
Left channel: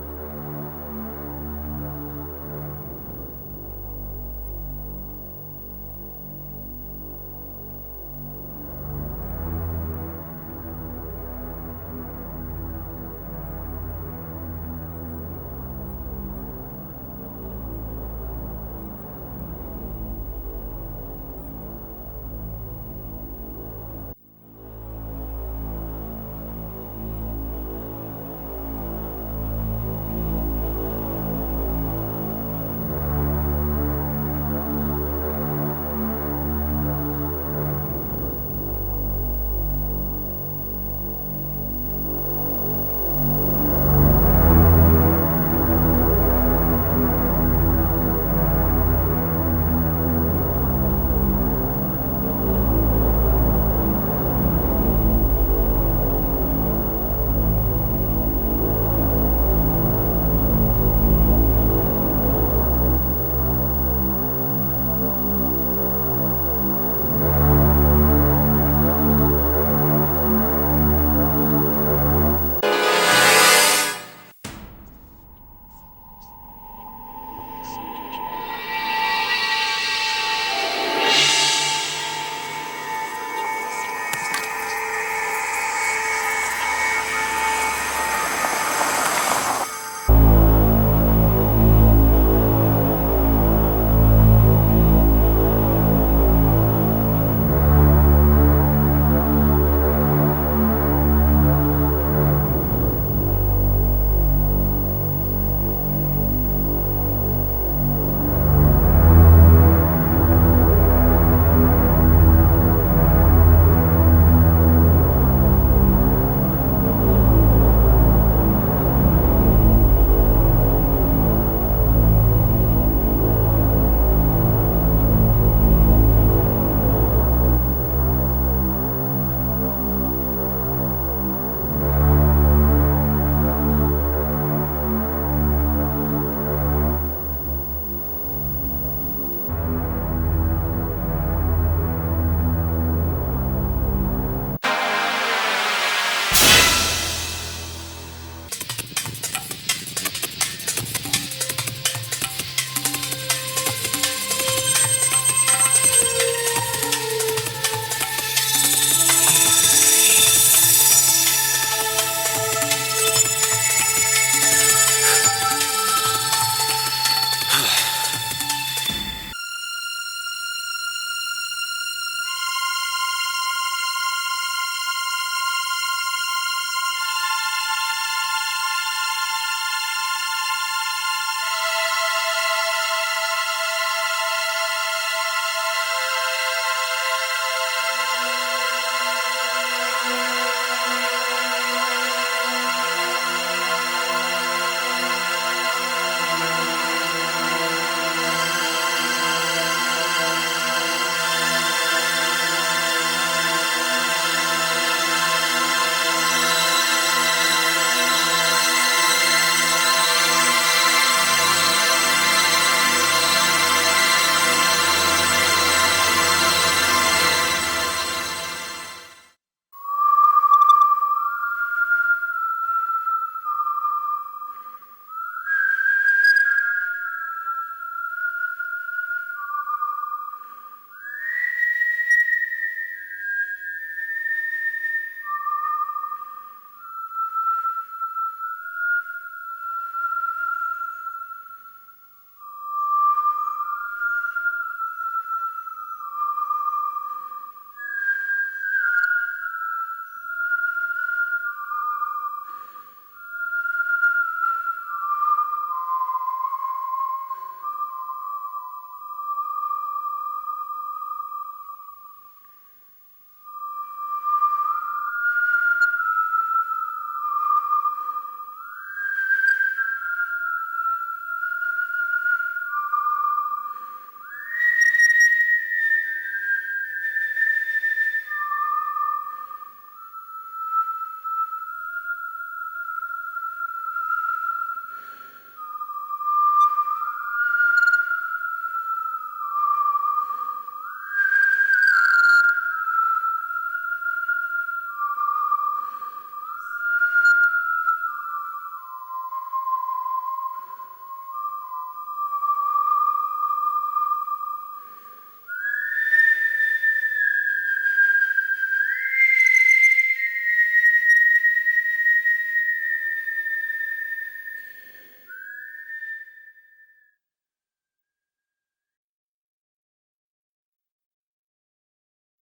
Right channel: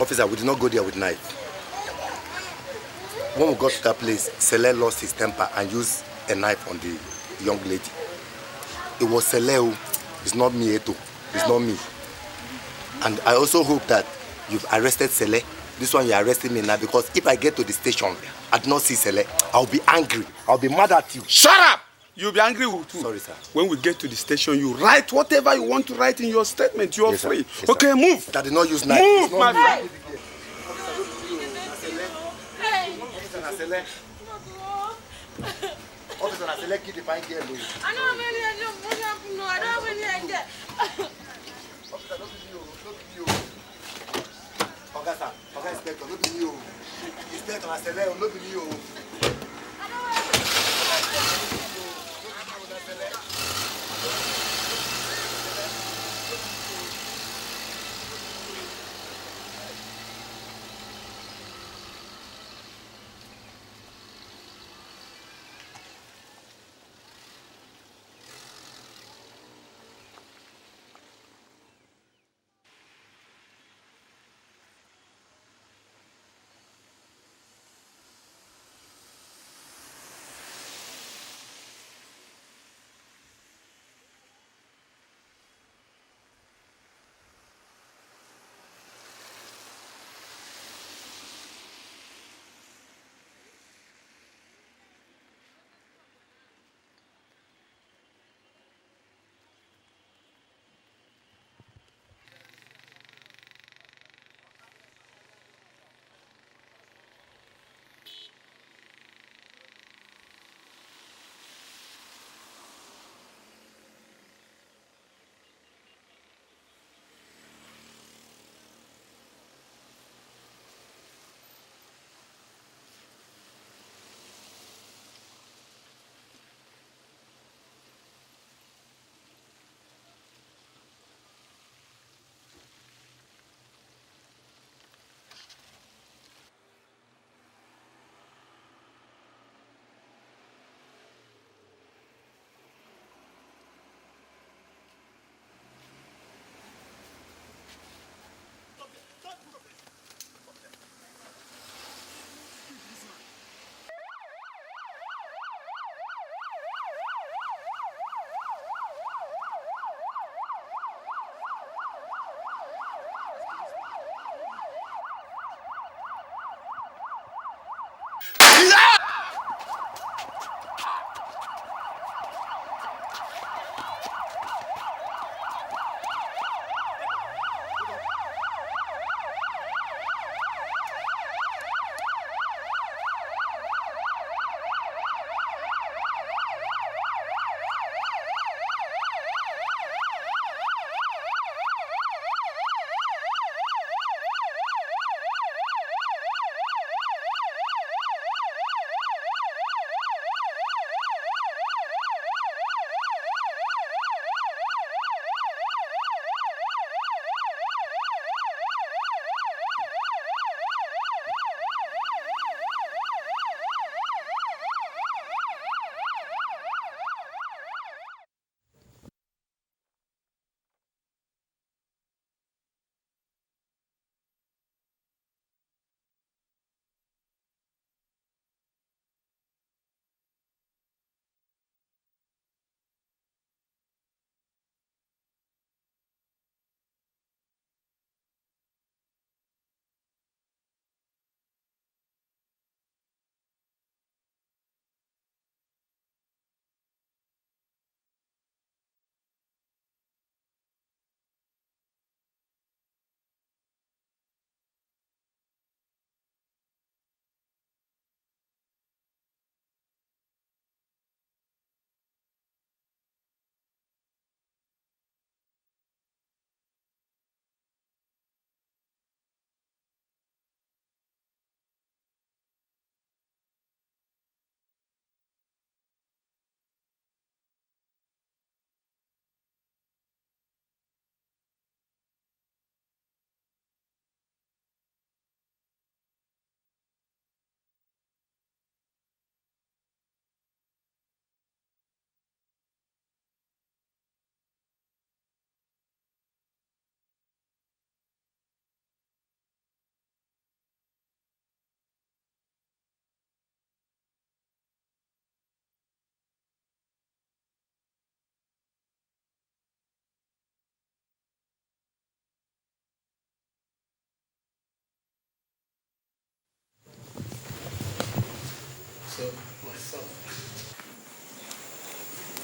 Officer, we did not go there with knife. When we got to that place, Sele lost his temper and used a knife on the young lady. It was Sele. It's not me, Eto. It's not me. And I also hope that you've arrested Sele. This one you're arresting me now because if I get to the station, I do not see Sele, I'll be angry. I'll be mad at you. Shut up! You'll be angry with who? Sorry, sir. When we get to the station, you write whatever you want to write in your statement. You're Yes, free. Yes, okay, move. That did not use knife. Move, my friend.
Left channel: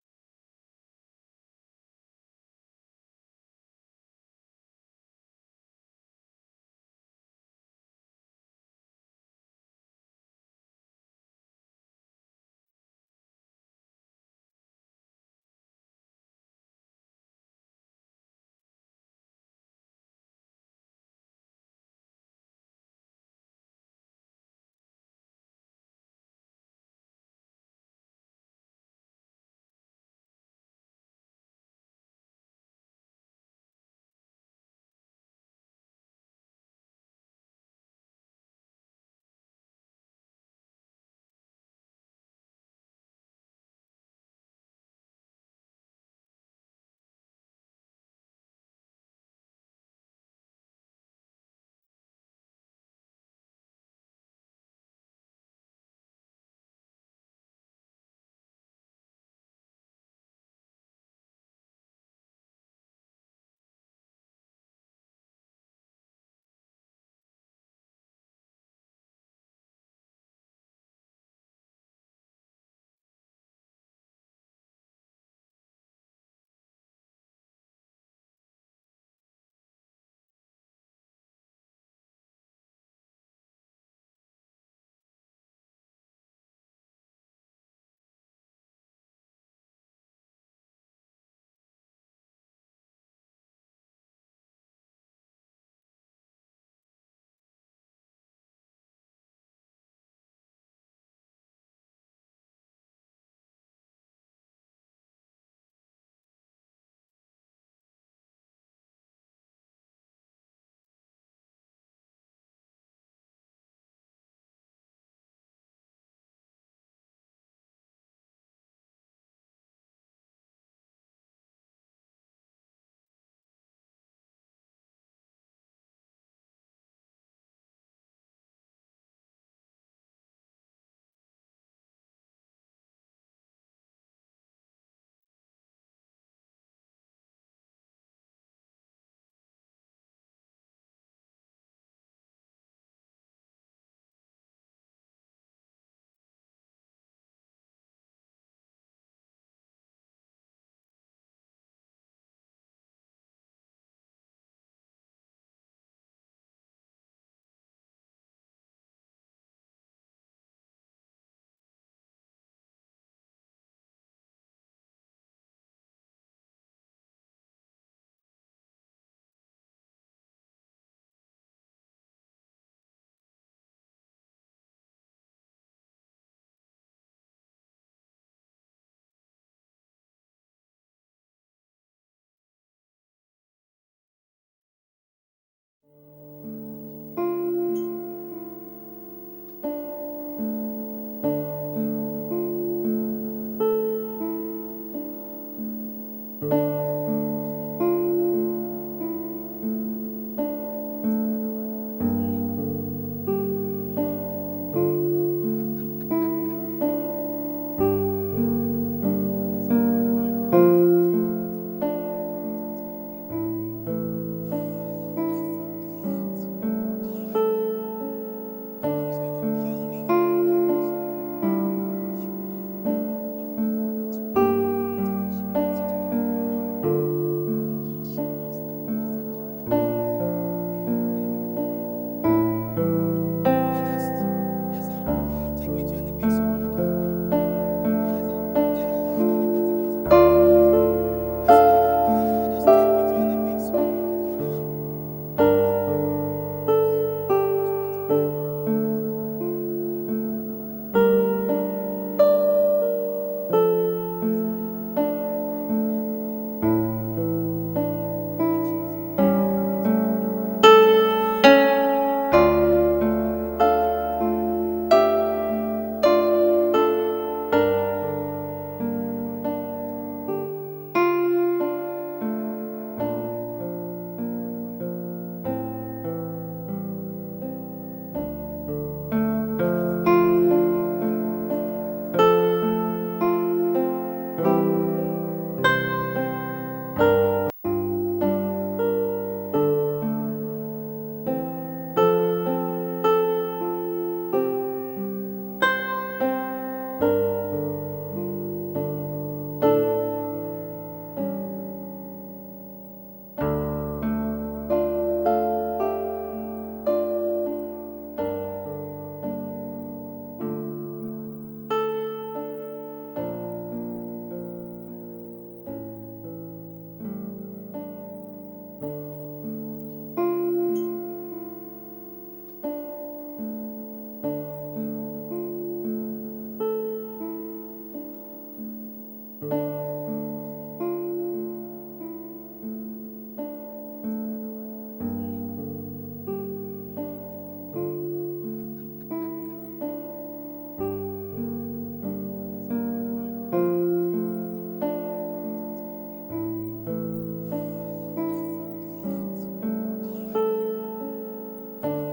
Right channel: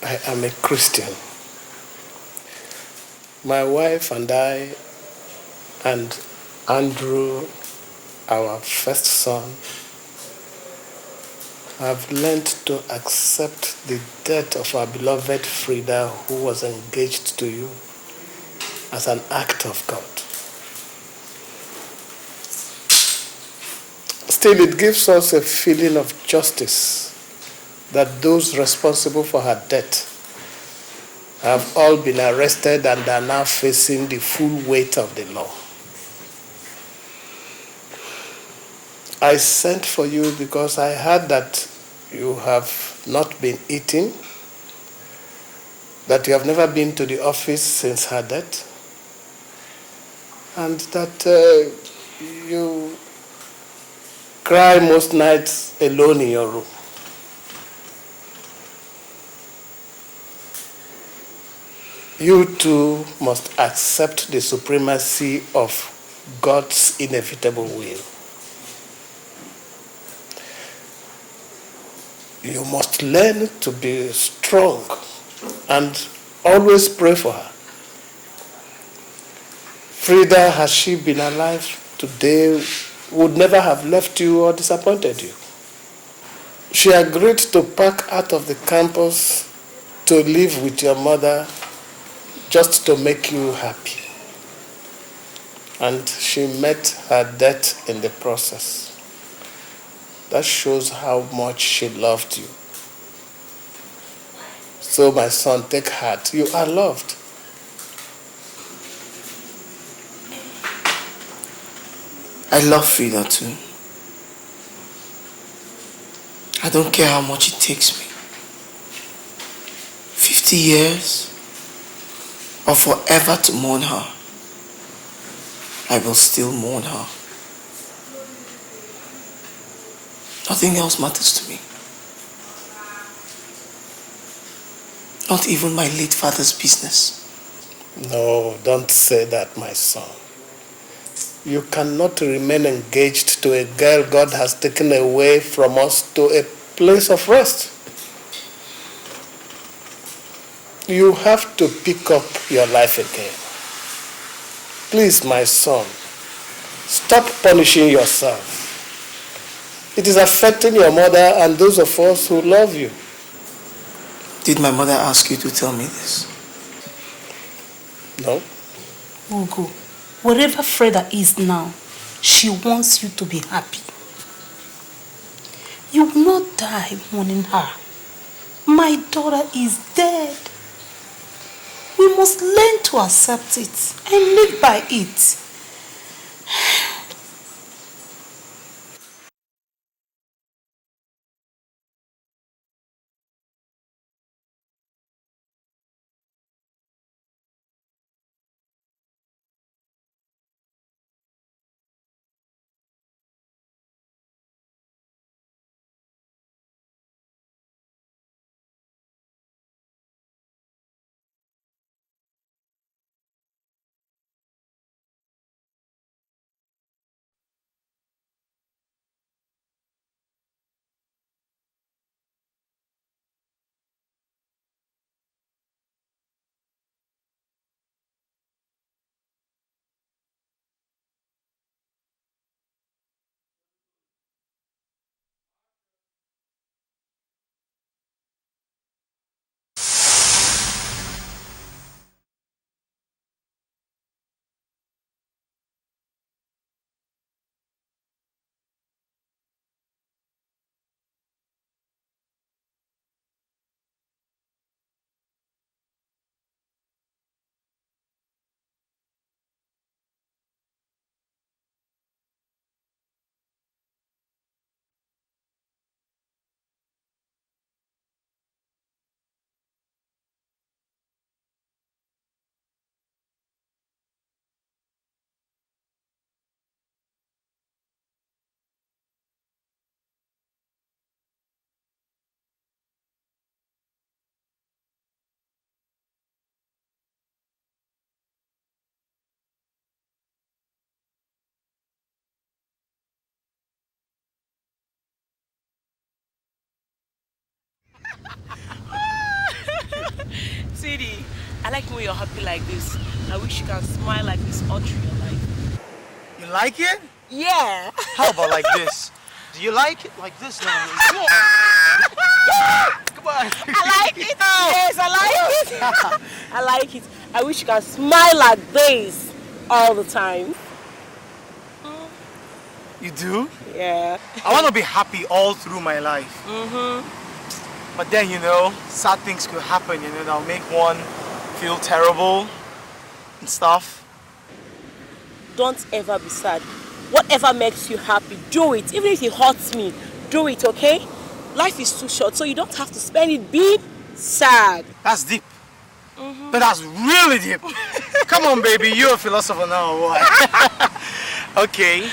I am a Christian. My wife and I and Andrew, our first son, have learned to accept the death of our beloved Frida, who was engaged to you, as an act of God. Still, it gives us a feeling of justice that those responsible for her death have all been arrested and are now facing the full weight of the law. I sent for you because I heard that you have not been eating, that you have never been to the office since her death, and that you cry most nights alone in your room. You too must accept the supremacy of God's inevitable will. You must learn to be strong and always pray for her. Frida, had she been alive today, would never have left you or disappointed you. She agreed to pack out of the campus to live with your mother just to make you happy. And she met her death in the process. That shows how much she loved you. So, my son, take heart. You are loved. I love Frida too. I don't care how much it takes me. 50 years or forever to mourn her. I will still mourn her. Nothing else matters to me. Not even my late father's business. No, don't say that, my son. You cannot remain engaged to a girl God has taken away from us to a place of rest. You have to pick up your life again. Please, my son, stop punishing yourself. It is affecting your mother and those of us who love you. Did my mother ask you to tell me this? No. Ugo, wherever Frida is now, she wants you to be happy. You will not die mourning her. My daughter is dead. We must learn to accept it and live by it. you're happy like this. I wish you can smile like this all through your life. You like it? Yeah. How about like this? Do you like it like this? Come on. Come on. I like it. Yes, I like it. I like it. I wish you can smile like this all the time. You do? Yeah. I want to be happy all through my life. But then, you know, sad things could happen, you know, that'll make one feel terrible and stuff. Don't ever be sad. Whatever makes you happy, do it. Even if it hurts me, do it, okay? Life is too short, so you don't have to spend it being sad. That's deep. But that's really deep. Come on, baby, you're a philosopher now, or what? Okay.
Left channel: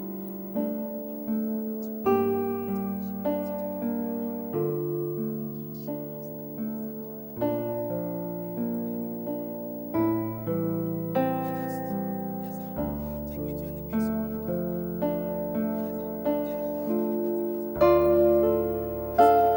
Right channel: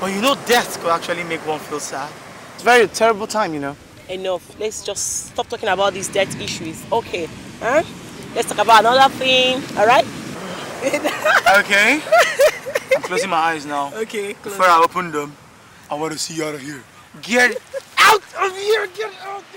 But you know, death could actually make one feel sad. It's a very terrible time, you know. Enough. Let's just stop talking about these death issues. Okay. Huh? Let's talk about another thing, alright? Okay. I'm closing my eyes now. Okay. Before I open them, I want to see you out of here. Get out of here! Get out!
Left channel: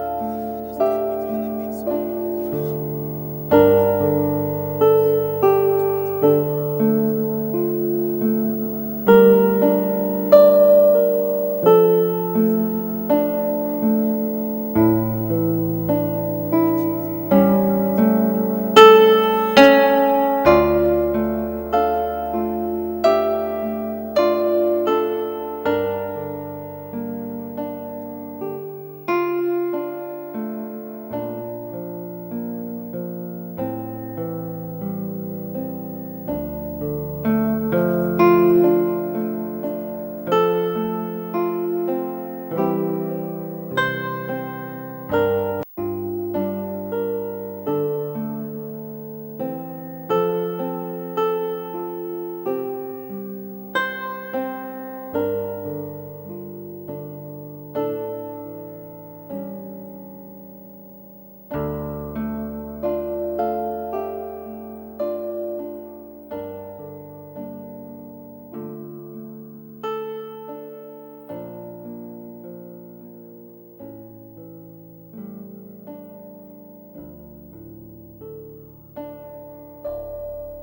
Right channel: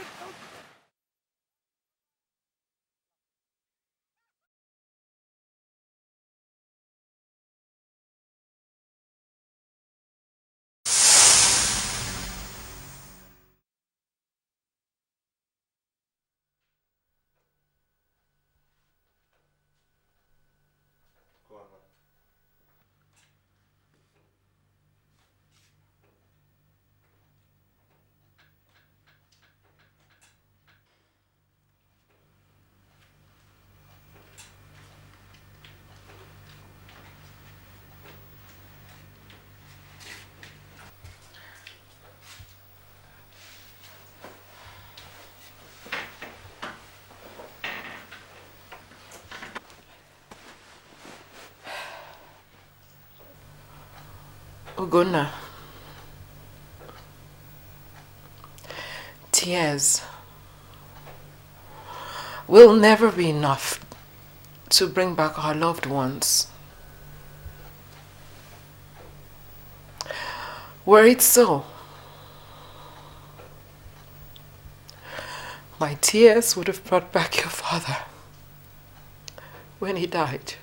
Tears will never be enough to bring back our loved ones. Were it so, my tears would have brought back your father when he died.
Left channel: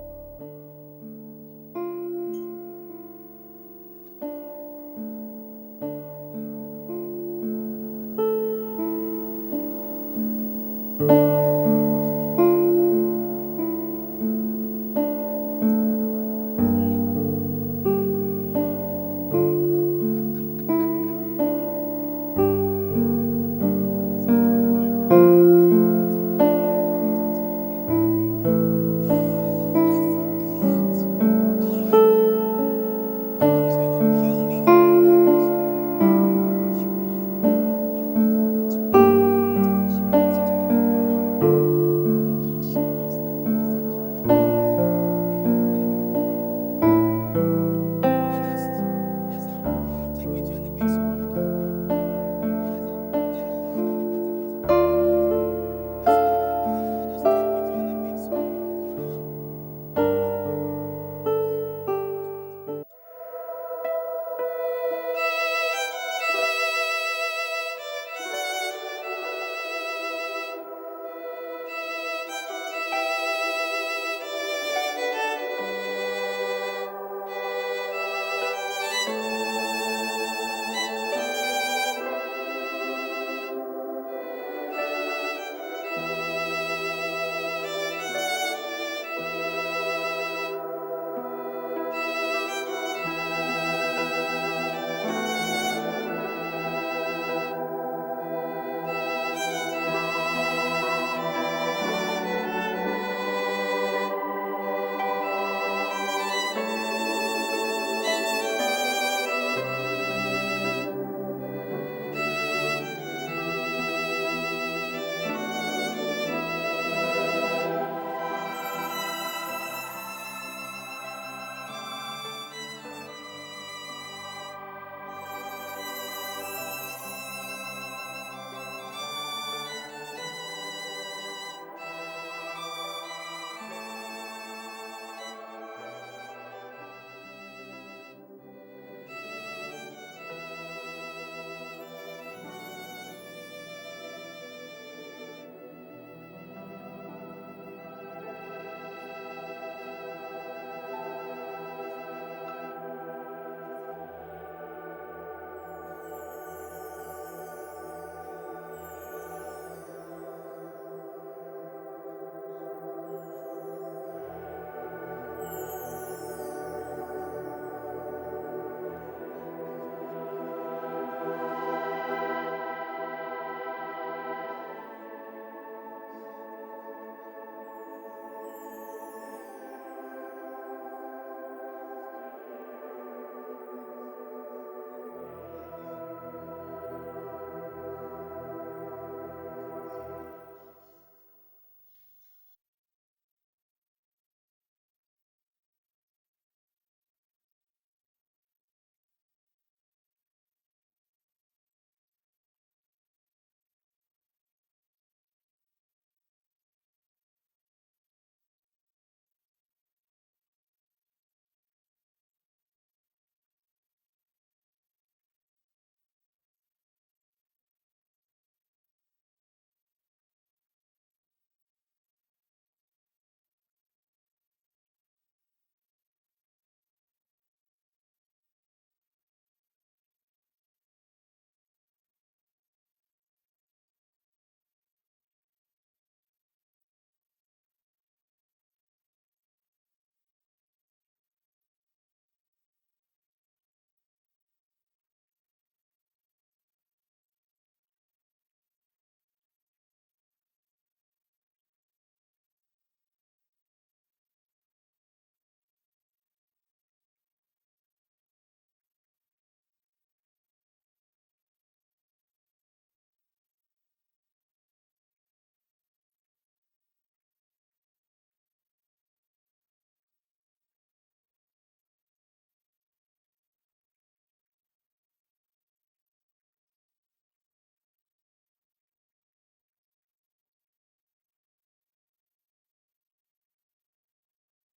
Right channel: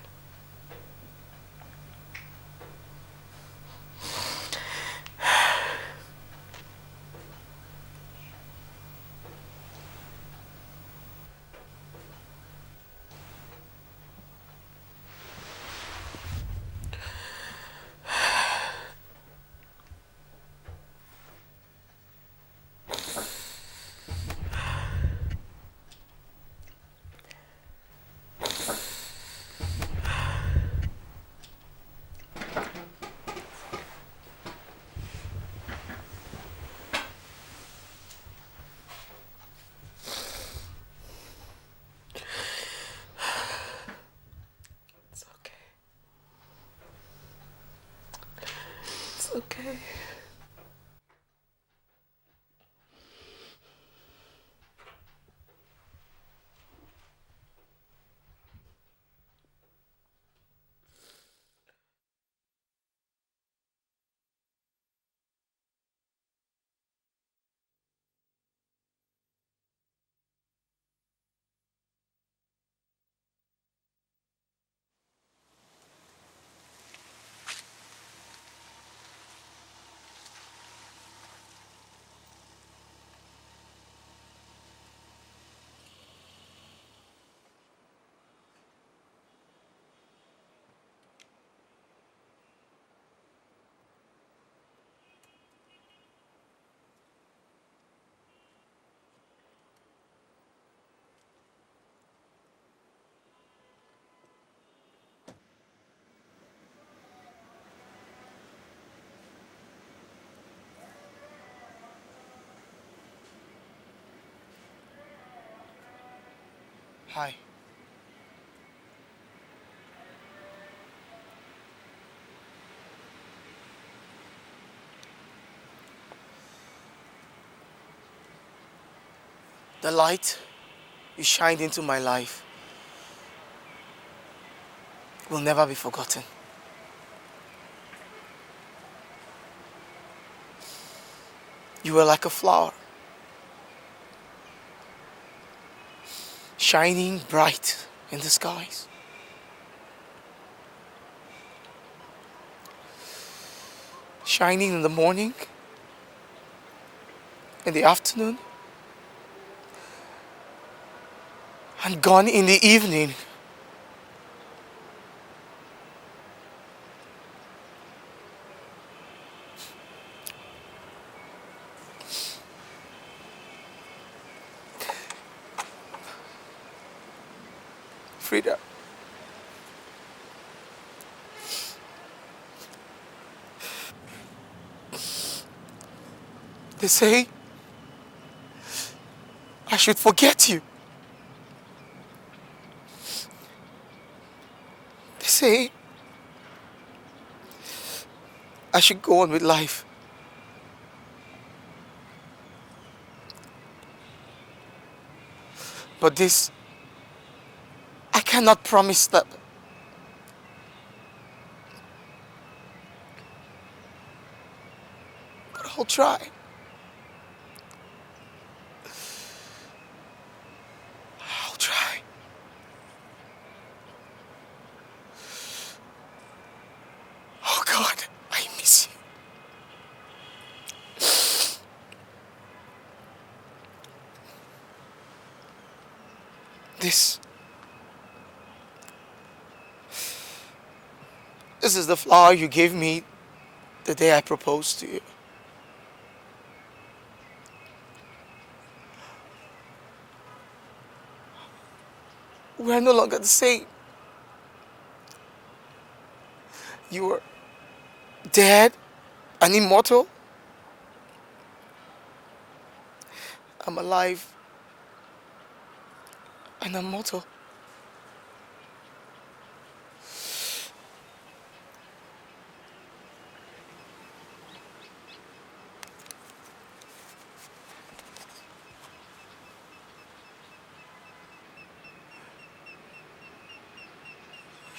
The light you shined into my life will never be forgotten. You were like a flower. shining bright in the skies. Shining in the morning, in the afternoon, and gone in the evening. Frida, they say I should forget you. They say I should go on with life. But this, I cannot promise that. But I'll try. I'll try. Oh God, I miss you. This is the flower you gave me the day I proposed to you. We're no longer the same. You were dead and immortal. I'm alive and immortal.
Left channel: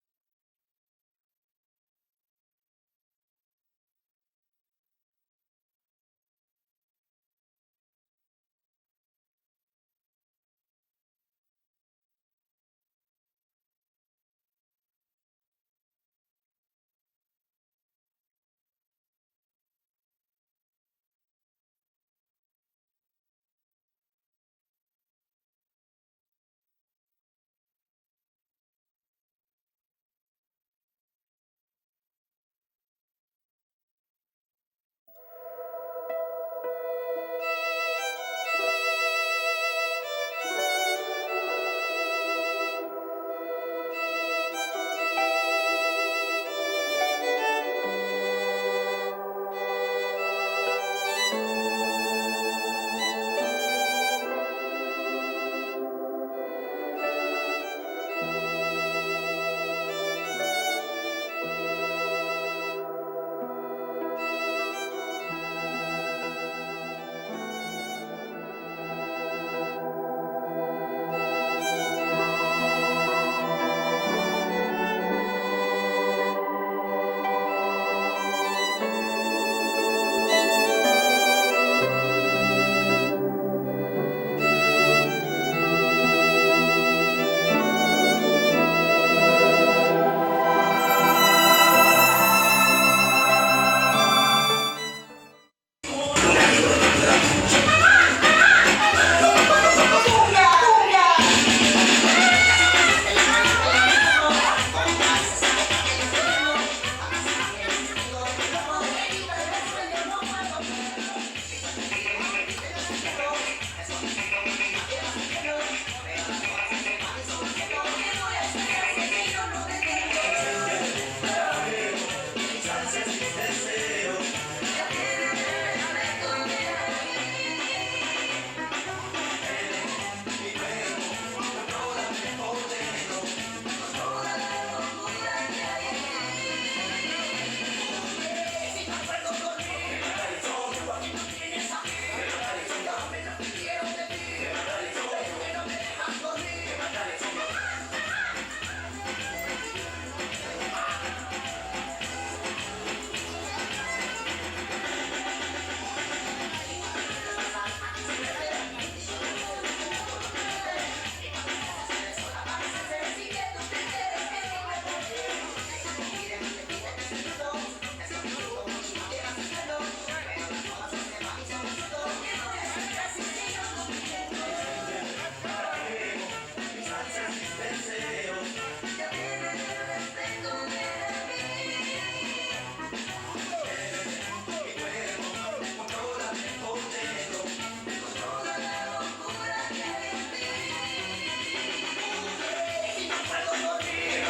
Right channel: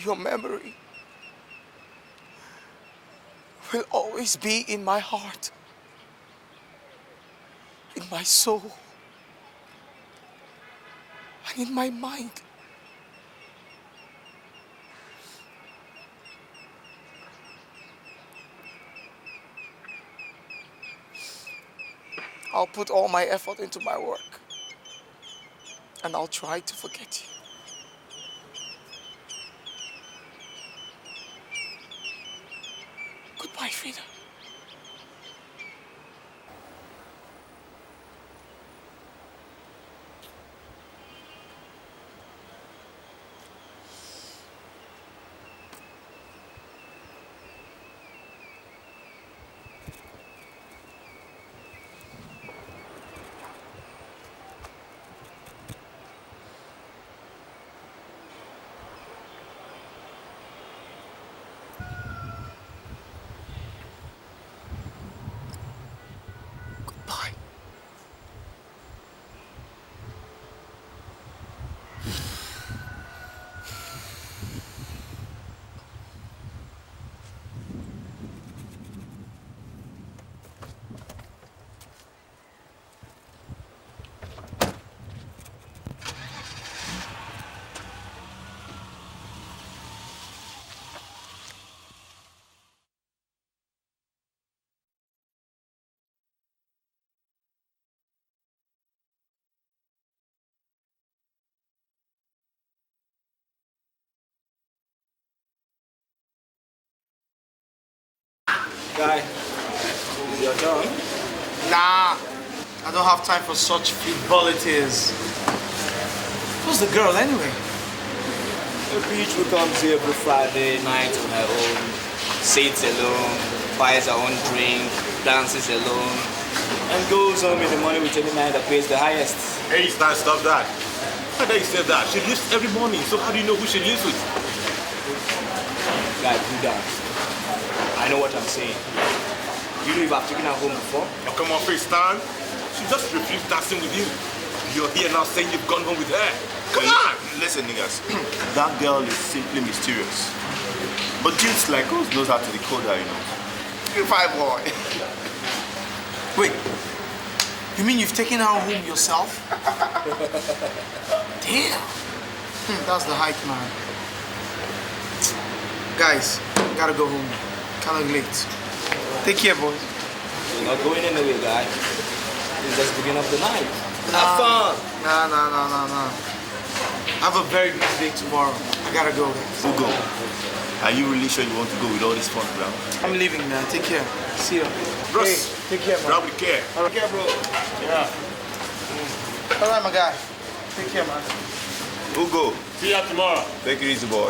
Your memory will always be in my heart, in my soul, and in my mind. I'll put all my effort into my work, and I'll try to forget you. Goodbye, Frida. Time for such frivolities. Who's the girl anyway? The beach who comes here every Friday night on her own, sits alone, buys her own drink, dances alone, and goes home in the morning with any man that pays the highest. Hey, stop that. How dare you say that? She lives every morning, so how do you know who she lives with? Guys, you guys, I know what I'm saying. You know if I've taken her home before? Oh, come on, face stand. She just refused dancing with you. You're here now saying you've gone home with her. Come on! Listen, niggas. That girl is simply mysterious. But dudes like us knows how to decode her, you know. 3-5-1. Wait. You mean you've taken her home yourself? Damn. That's the hike, man. Guys, gotta go home. Kind of late. Take care, boy. We're not going anywhere, guys. It's just the beginning of the night. Have fun. Nah. I have a very busy day tomorrow. I gotta go. Ugo, are you really sure you want to go with all this fun, bro? I'm leaving now. Take care. See you. Bros, hey, take care, man. Bro, we care. Take care, bro. Yeah. All right, my guy. Take care, man. Ugo. See you tomorrow. Take it easy, boy.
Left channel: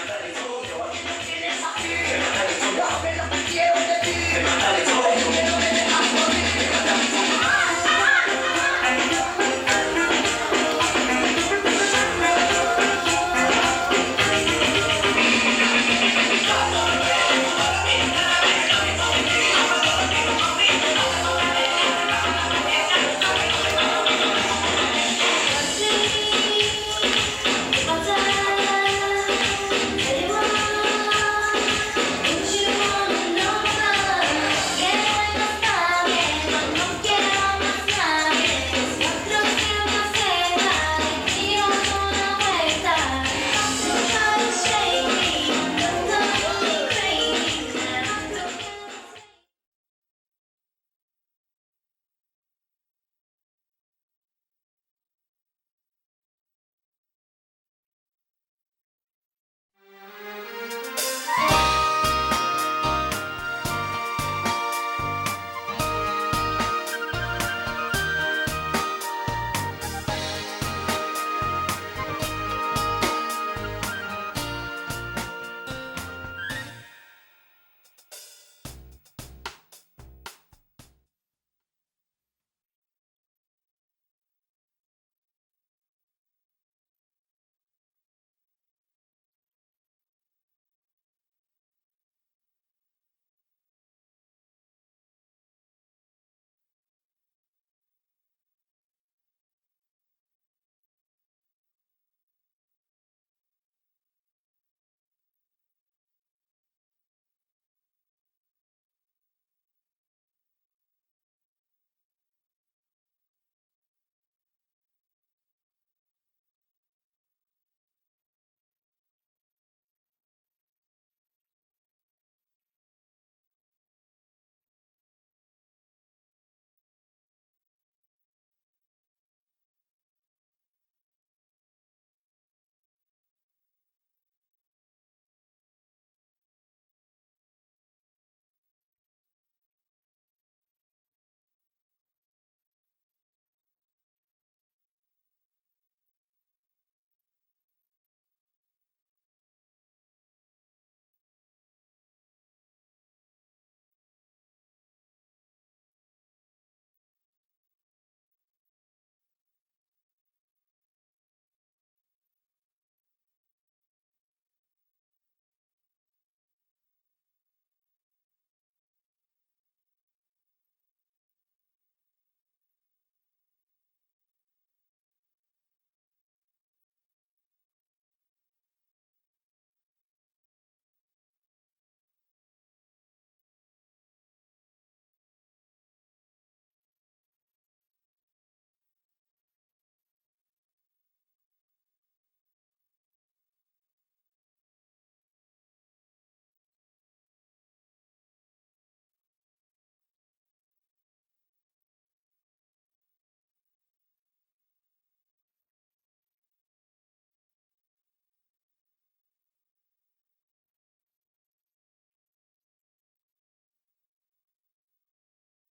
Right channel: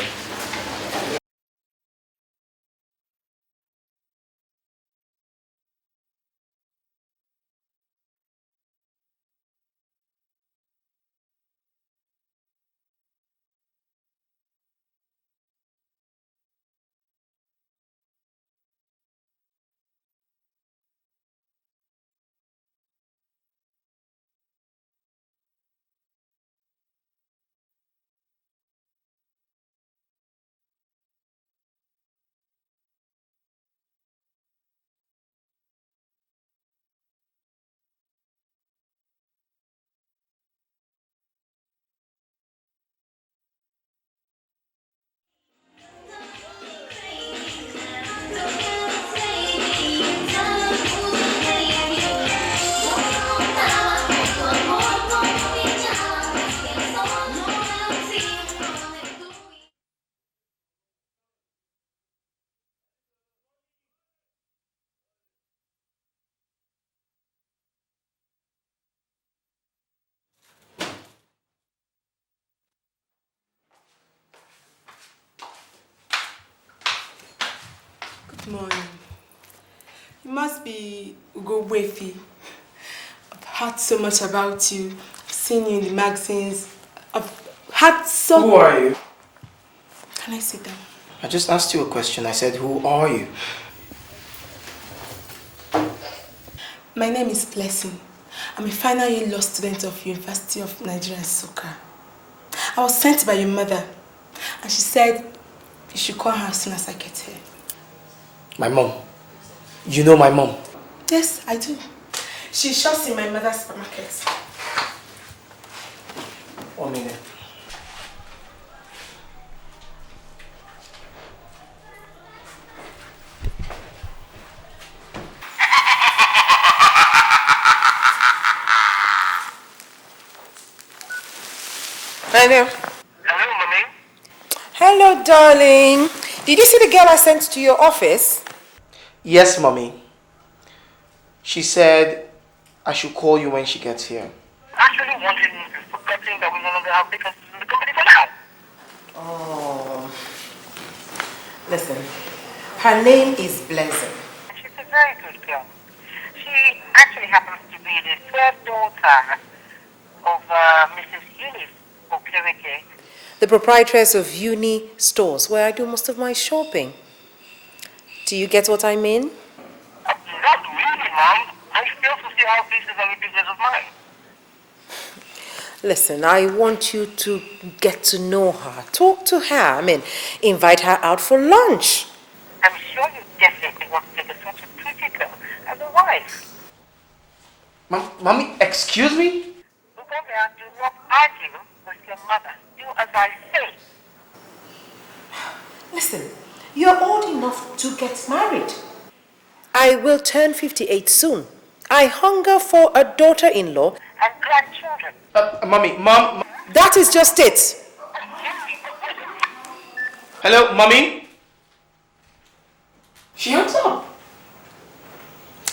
Heard so much about you. I've seen you in the magazines. I've had so... Who are you? Can I sit down? I just asked you a question. I said, who are you? My name is Blessing. I'm a final year law student of University of Nigeria, Soka. I was sent by your mother, and she said you should call her as soon as I get here. My mom? You know my mom? Yes, I do. She shops in my mother's supermarket. 1 minute. Hello. Hello, Mommy. Hello, darling. Did you see the girl I sent to your office? Yes, Mommy. She said I should call you when she gets here. Actually, wanting is forgetting that we no longer have vacancies in the company for now. Oh. Listen, her name is Blessing. She's a very good girl. She actually happens to be the third daughter of Mrs. Eunice Okereke. The proprietress of Uni Stores, where I do most of my shopping. Do you get what I mean? Not really, Mom. I fail to see how this is any business of mine. Listen, I want you to get to know her. Talk to her. Invite her out for lunch. I'm sure you definitely want to take such a pretty girl as a wife. Mommy, excuse me? Ugonia, do not argue with your mother. Do as I say. Listen, you're old enough to get married. I will turn 58 soon. I hunger for a daughter-in-law. And grandchildren. Mommy, Mom. That is just it. Hello, Mommy? She hangs up.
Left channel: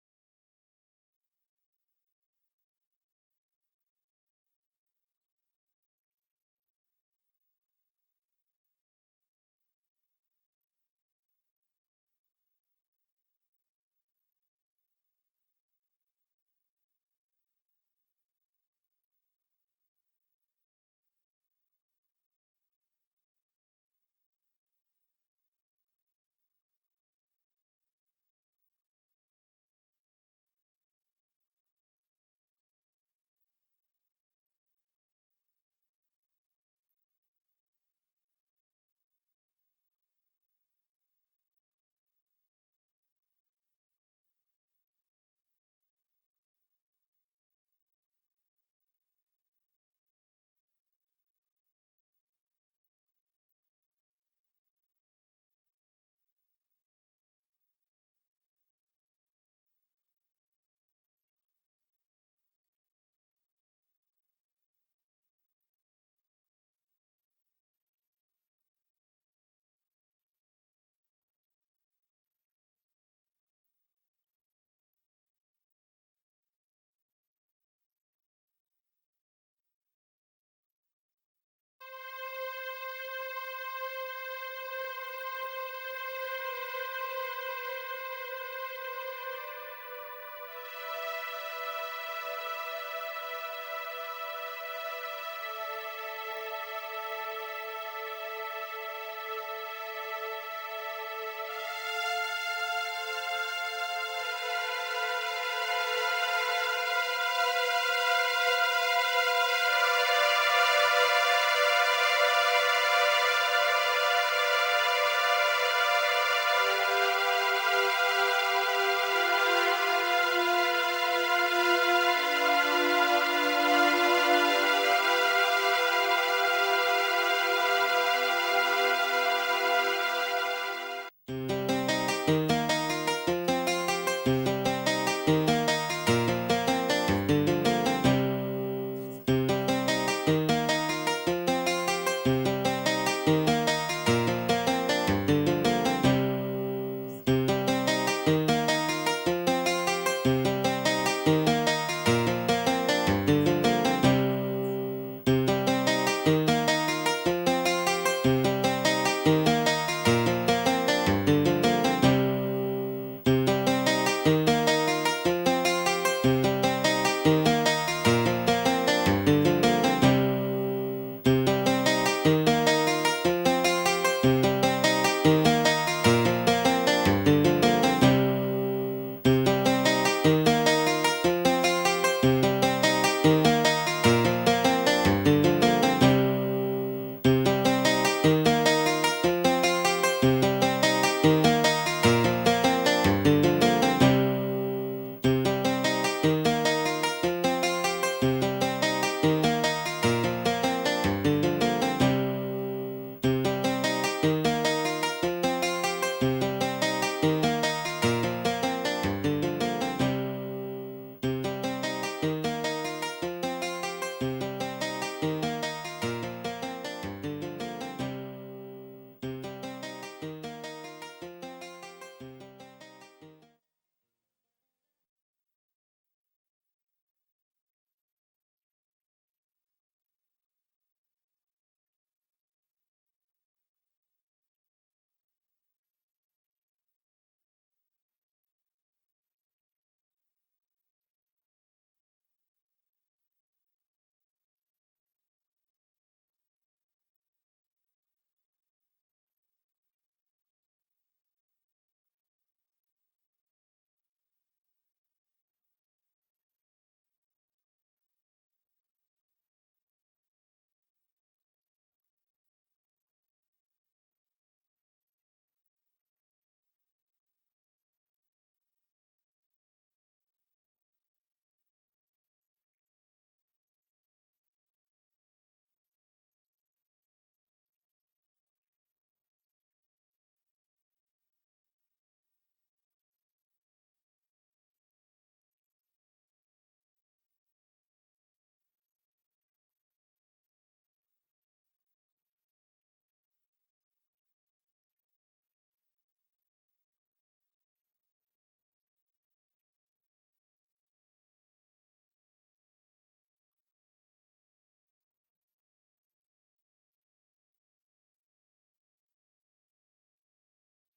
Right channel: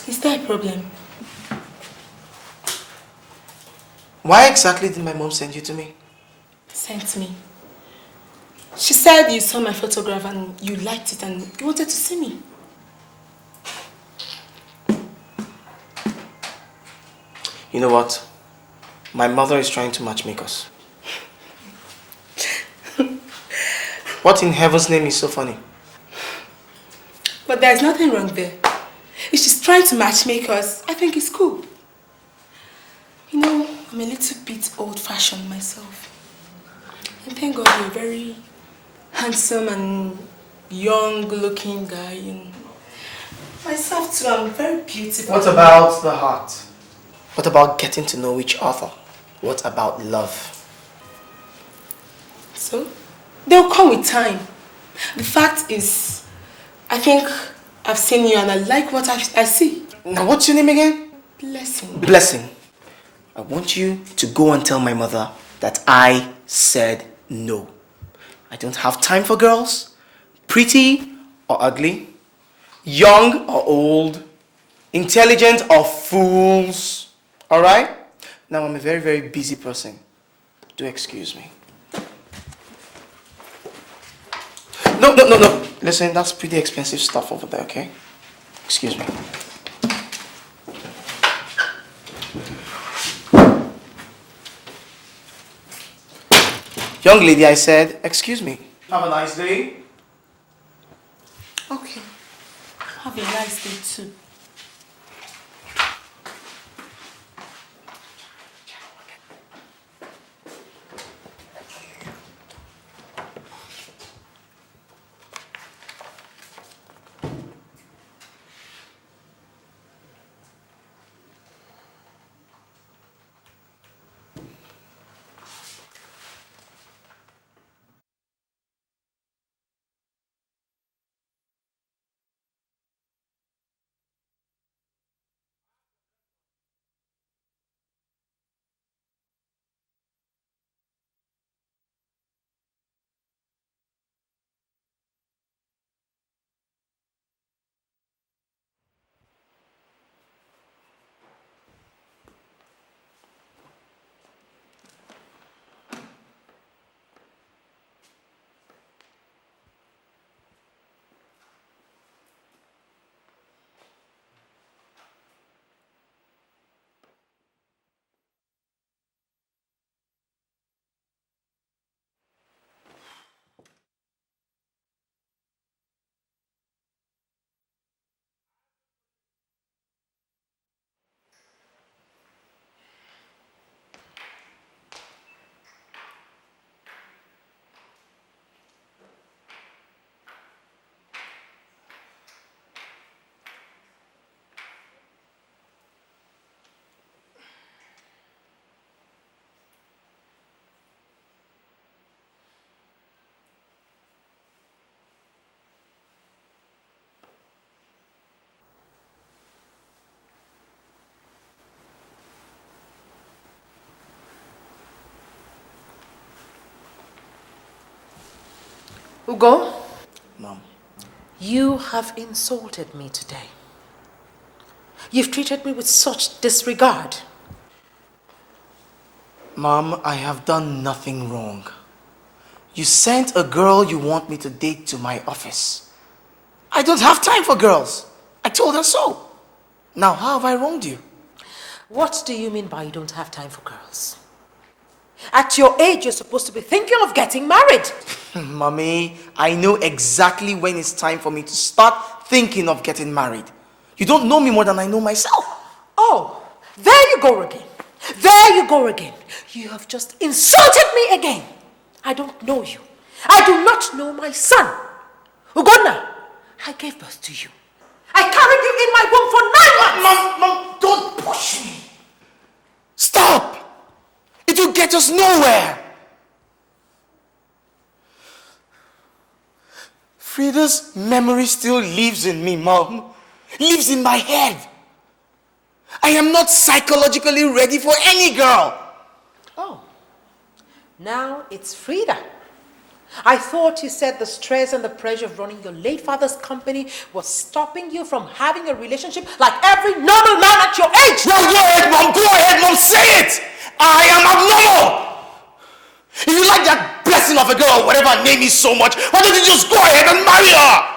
Is there a problem? Why exactly did my mom send you to me? Sent me. She said you saw my photograph and you liked it and you wanted to see me. You know what? My mother is trying to matchmake us. What in heaven's name is so funny? But there's nothing wrong there. If she's trying to matchmake us, I think it's cool. You know, I'm a little bit old-fashioned myself. And thank God you're a very handsome and young-looking guy. And myself too, I'm very beautiful. What about the heart? What about getting to know each other? What about love? So, they'll come with time. The fact is, I think I've seen you and I like what I see. Now, what's your name again? Blessing. Blessing. I want you to go and tell my mother that I said no. I don't have time for girls, pretty or ugly, young or old, intelligent or fools. All right? Now, I'm a very, very busy person. Do excuse me. No. Listen, that's pretty expensive stuff over there, okay? Excuse me. Young lady, I said, excuse me. Have a nice day. Okay. Have a nice day too. Ugo? Mom. You have insulted me today. You've treated me with such disregard. Mom, I have done nothing wrong. You sent a girl you want me to date to my office. I don't have time for girls. I told her so. Now, how have I wronged you? What do you mean by you don't have time for girls? At your age, you're supposed to be thinking of getting married. Mommy, I know exactly when it's time for me to start thinking of getting married. You don't know me more than I know myself. Oh, there you go again. There you go again. You have just insulted me again. I don't know you. I do not know my son. Ugonna, I gave birth to you. I carried you in my womb for 9 months. Mom, don't push me. Stop. It will get us nowhere. Frida's memory still lives in me, Mom. Lives in my head. I am not psychologically ready for any girl. Oh, now it's Frida. I thought you said the stress and the pressure of running your late father's company was stopping you from having a relationship like every normal man at your age. Well, go ahead, Mom. Go ahead, Mom. Say it. I am abnormal. If you like that blessing of a girl, whatever her name is so much, why don't you just go ahead and marry her?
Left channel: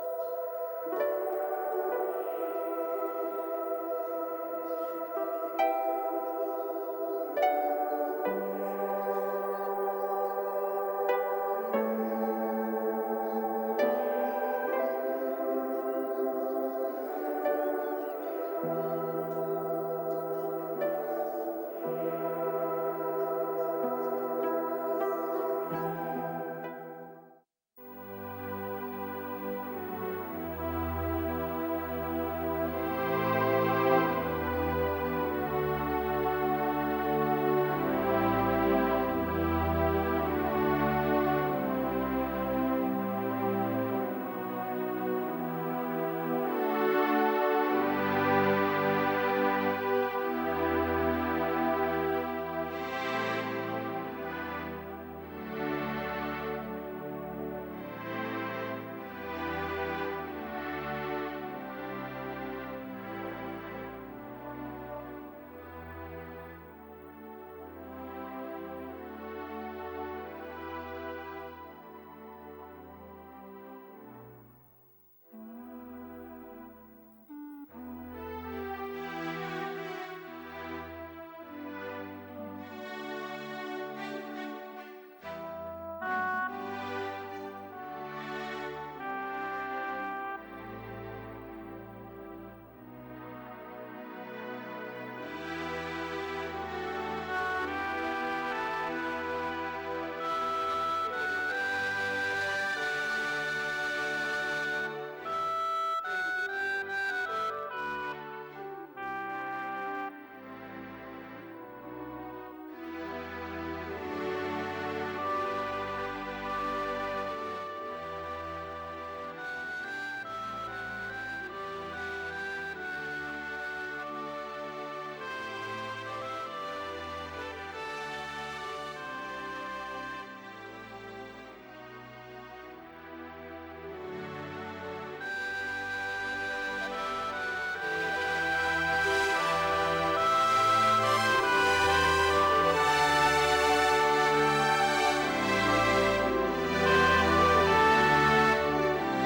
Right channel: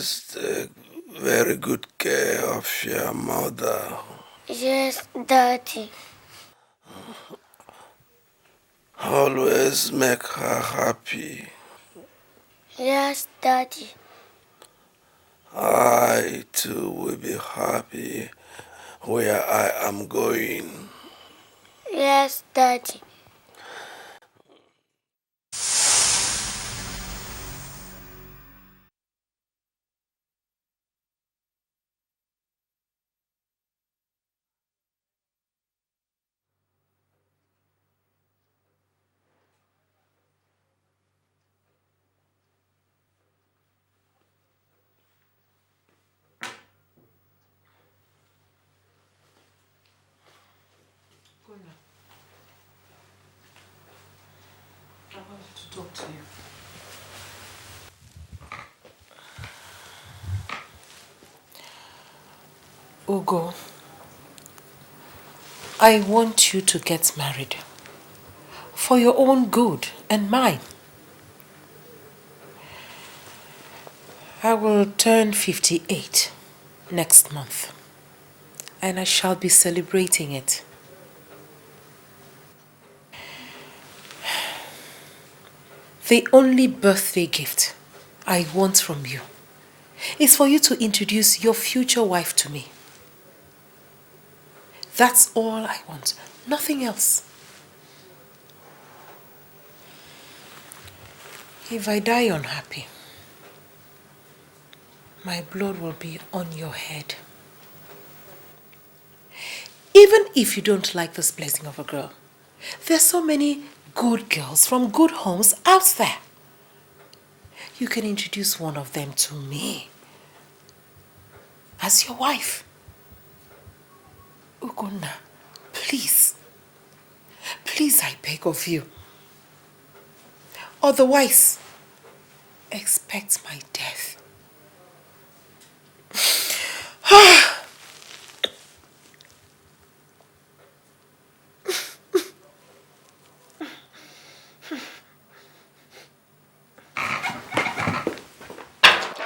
always take very good care of your mother. Yes, Daddy. Always make her happy. Yes, Daddy. I too will be happy where I am going. Yes, Daddy. Ugo, I want you to get married for your own good and mine. I will turn 58 next month, and I shall be celebrating it. The only birthday gift I want from you is for you to introduce your future wife to me. That's all I want, nothing else. If I die unhappy, my blood will be on your head. Even if you don't like this blessing of a girl, there's so many good girls from good homes out there. You can introduce one of them to me as your wife. Ugonna, please, please, I beg of you. Otherwise, expect my death.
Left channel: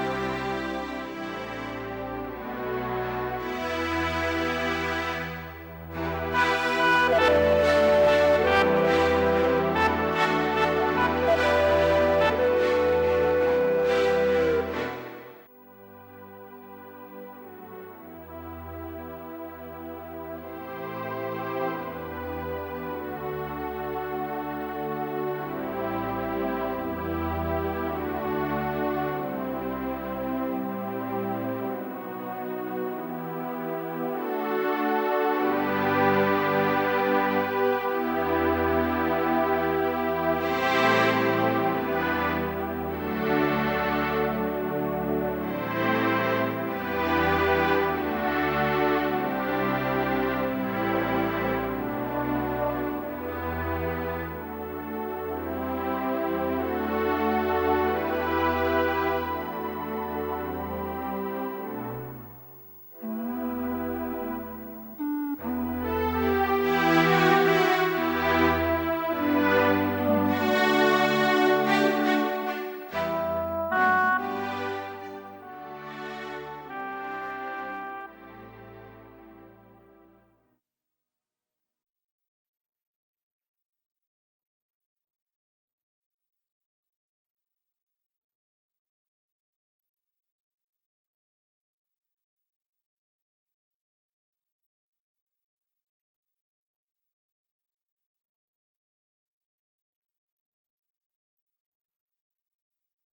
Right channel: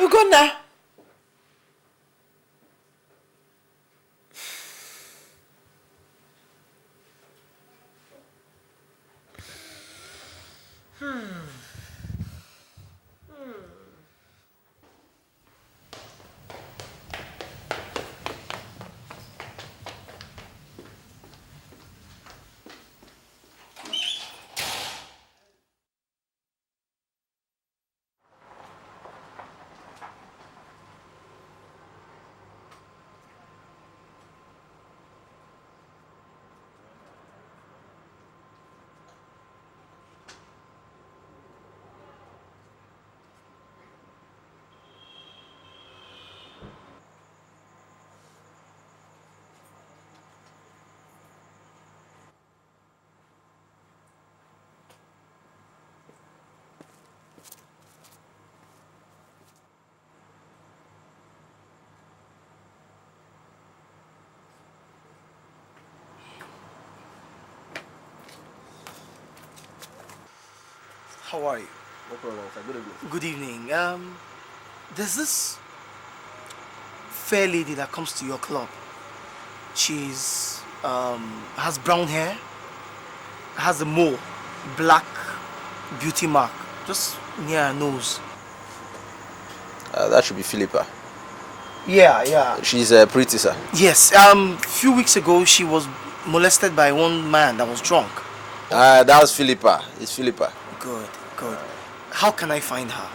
Ugonna. There's this fair lady that comes to your club. She's has brown hair, has a mole, black beauty mark, just near her nose. That should be Philippa. Yeah. She's pretty, sir. Yes. Few weeks ago she was molested by one man that was drunk. That's Philippa. It's Philippa. Good. How can I find her?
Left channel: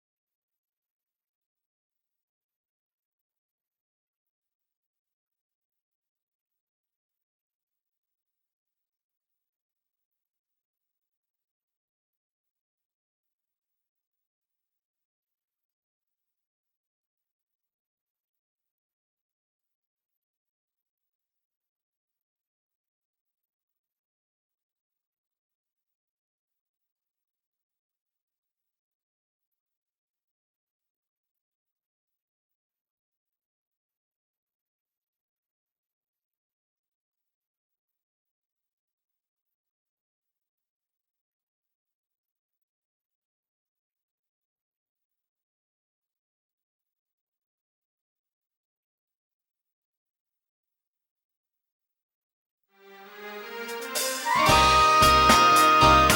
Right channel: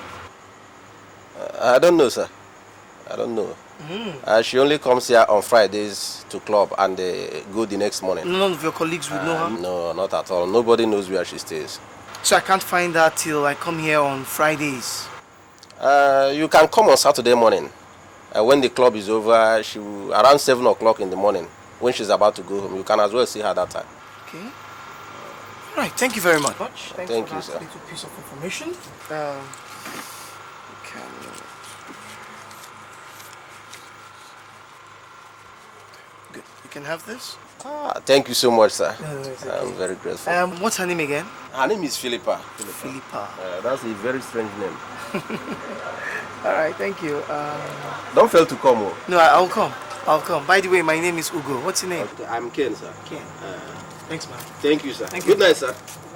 I don't know, sir. I don't know. She only comes here on Fridays to club and go the next morning. None of your colleagues would know her? No, not at all. Nobody knows where she stays. So I can't find her till I come here on Fridays? You can come on Saturday morning. When the club is over, around 7 o'clock in the morning, when she's about to go home. You can as well see her that time. Okay. All right, thank you very much. Thank you, sir. Little piece of information. Good. You can have this. Thank you so much, sir. No, it's okay. I'm very grateful. What's her name again? Her name is Philippa. Philippa. That's a very strange name. All right, thank you. Don't fail to come. Oh. No, I'll come. I'll come. By the way, my name is Ugo. What's your name? Okay, I'm Ken, sir. Ken. Thanks. Thank you, sir. Good night, sir.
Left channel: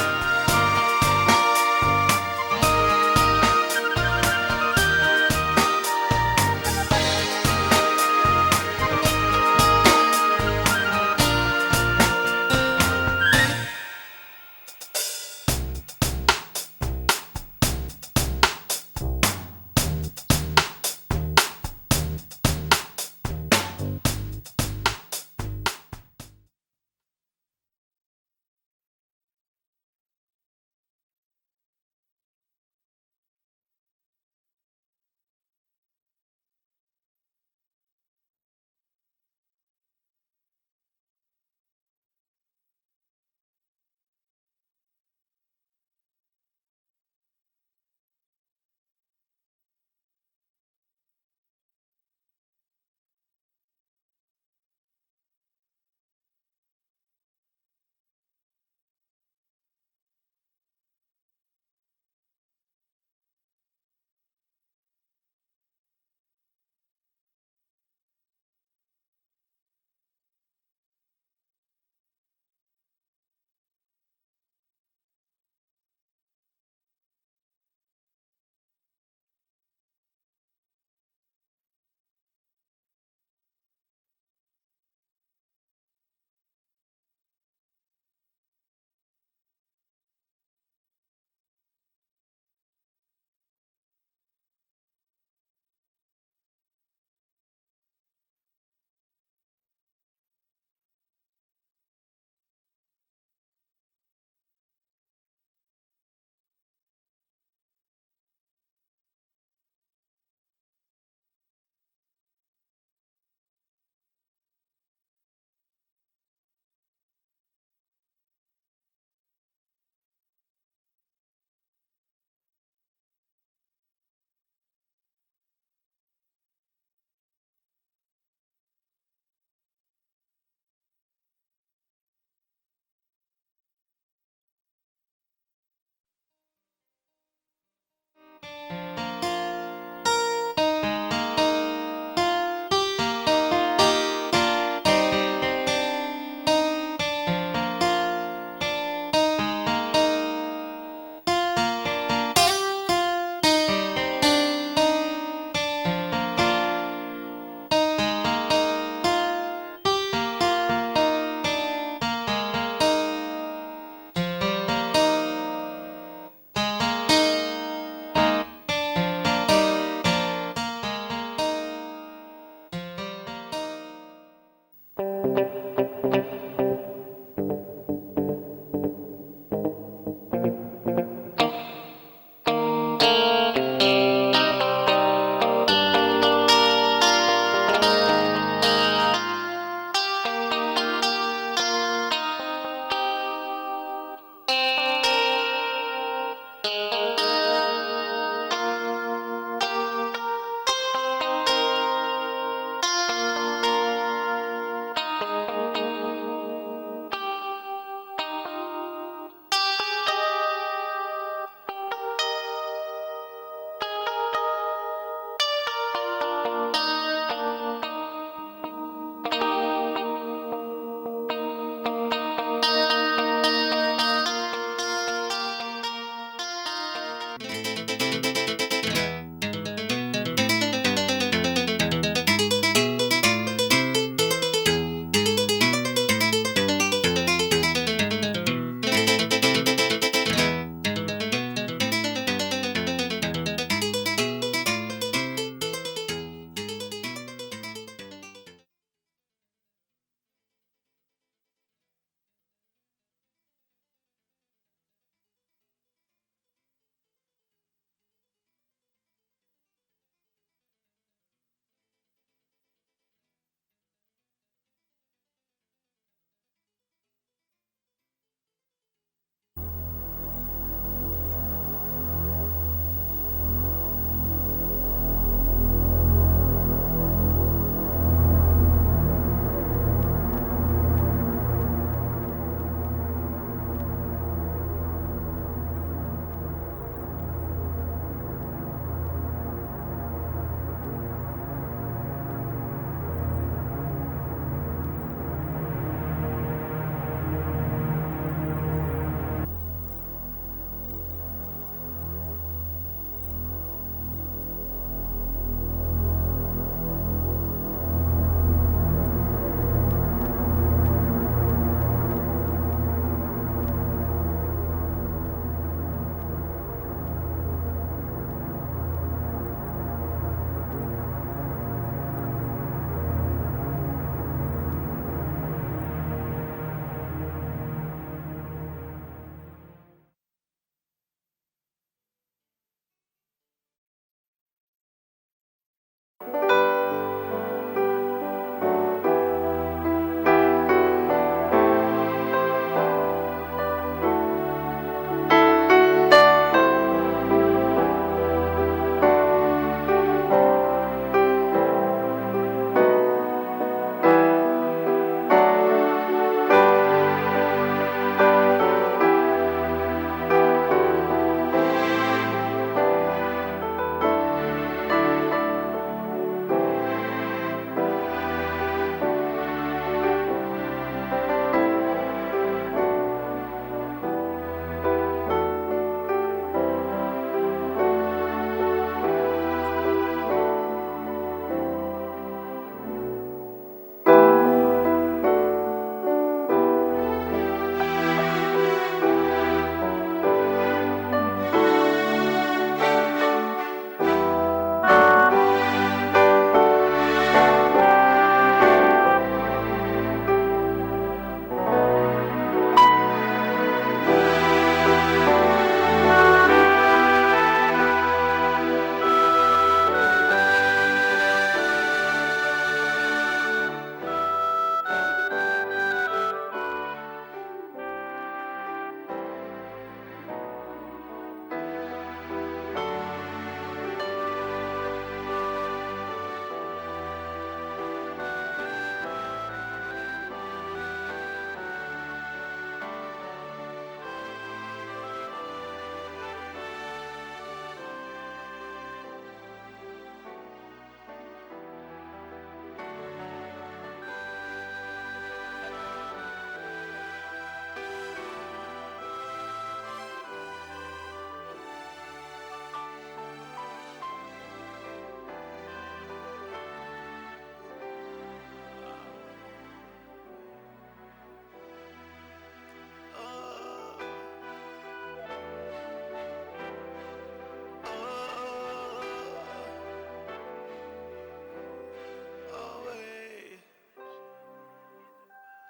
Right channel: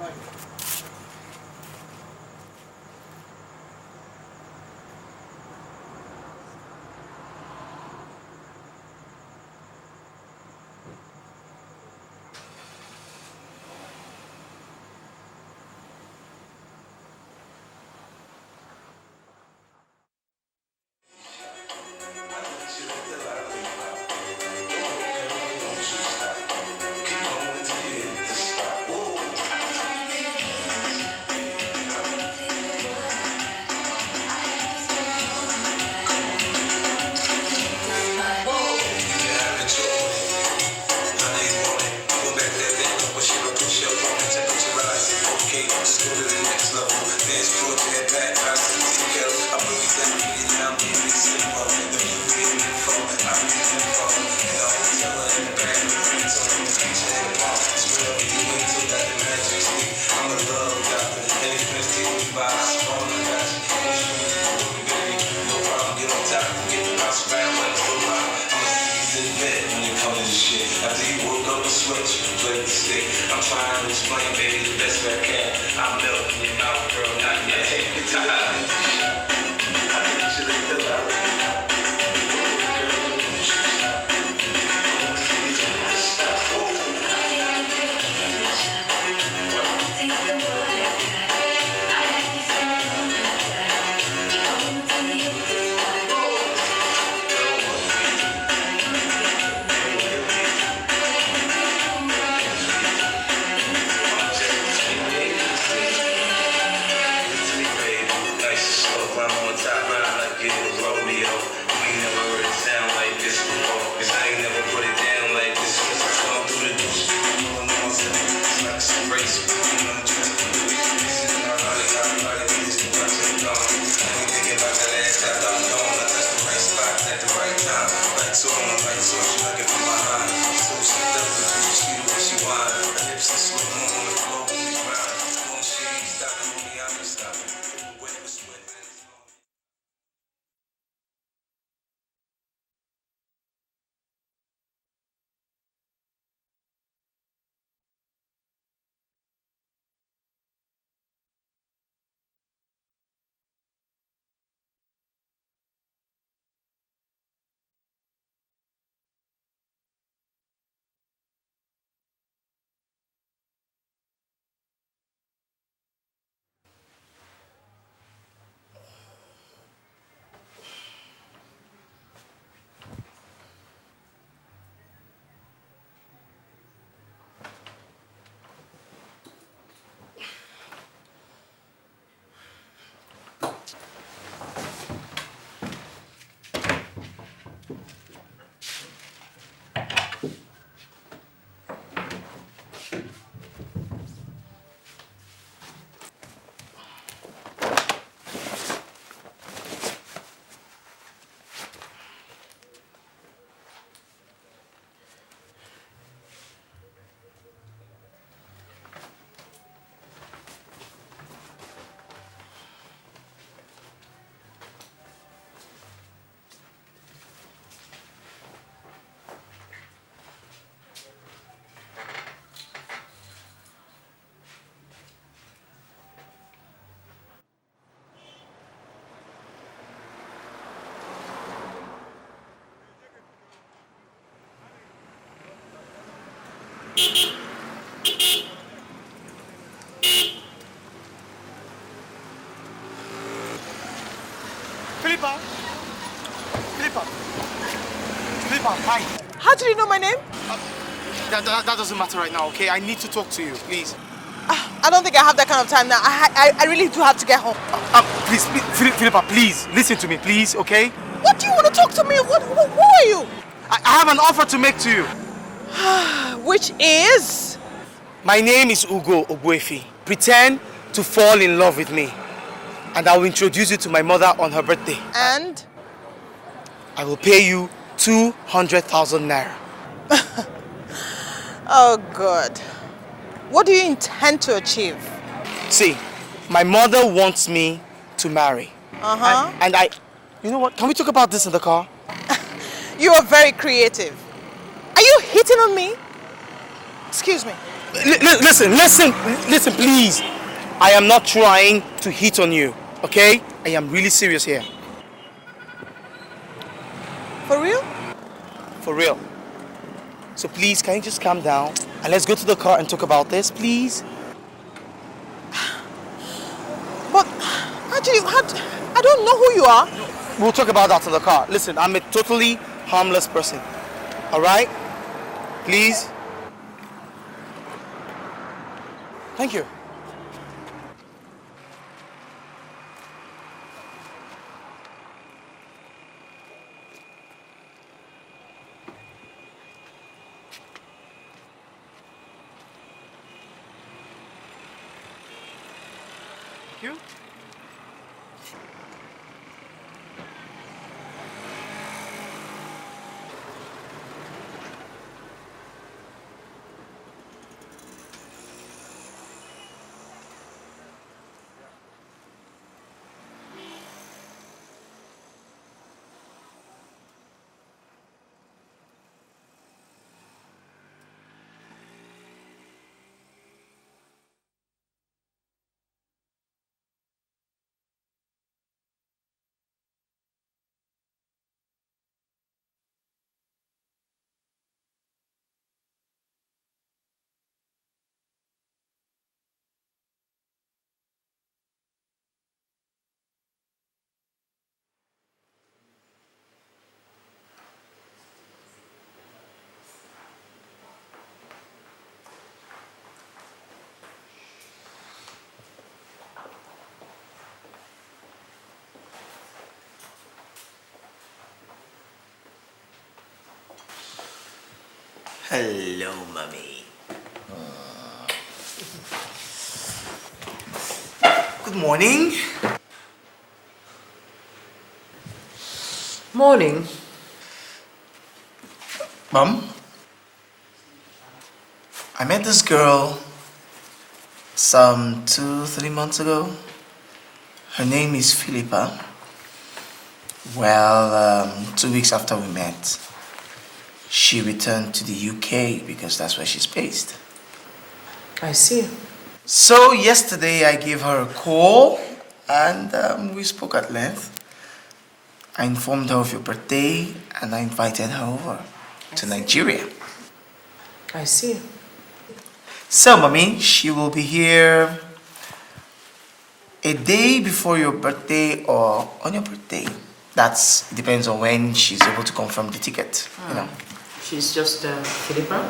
Hi. How do you know my name? That doesn't matter right now, okay? I need to talk to you, please. I don't think I have that kind of time now. I really do have to get home. Please, Philippa, please, listen to me, please, okay? What do you want to talk to me? Who are you? I have an offer to make to you. Which is? My name is Ugo Ogbuefi. Pretend to fall in love with me, and I will introduce you to my mother on her birthday. And? I will pay you 200,000 naira. Oh, God. What do you intend to achieve? See, my mother wants me to marry. Uh-huh. And I... You know what? Can we talk about this in the car? You are very creative. Are you hitting on me? Excuse me. Listen, please. I am not trying to hit on you, okay? I am really serious here. For real? For real. So please, can you just calm down and let's go to the car and talk about this, please? But, actually, I don't know who you are. We'll talk about that in the car. Listen, I'm a totally harmless person, all right? Please? Thank you. Hello, mommy. Good morning. Morning. Mom, I met this girl some 2-3 months ago. Her name is Philippa. Well, 2 weeks after we met, she returned to the UK because that's where she's based. I see. So yesterday I gave her a call and we spoke at length. I informed her of your birthday and I invited her over to Nigeria. I see. So, Mommy, she will be here a day before your birthday or on your birthday. That depends on when she's able to confirm the ticket, you know. She's just Philippa?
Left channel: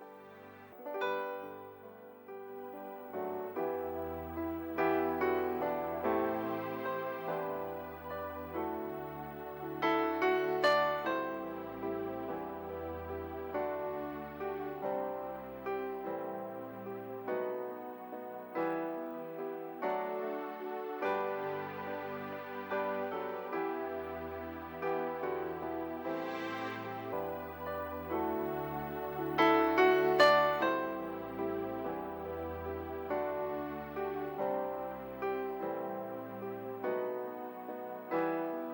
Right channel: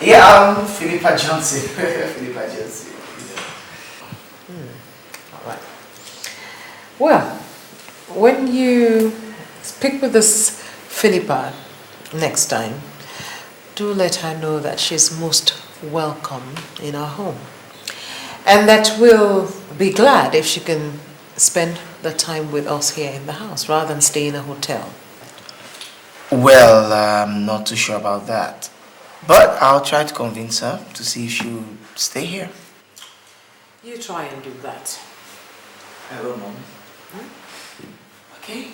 Yeah, I'm Philippa Johnson. Philippa Johnson. Right. Well, when you speak with this Philippa next time, do let her know that she's most welcome in our home. And that we'll be glad if she can spend the time with us here in the house rather than stay in a hotel. Well, I'm not too sure about that. But I'll try to convince her to see if she'll stay here. You try and do that. I will, Mom. Okay.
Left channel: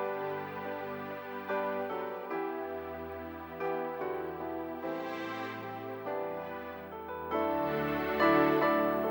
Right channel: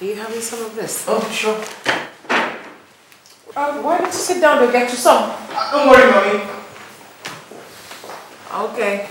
Are you having some of this? Oh, sure. Why don't you sit down and get you some? Don't worry, Mommy. Okay.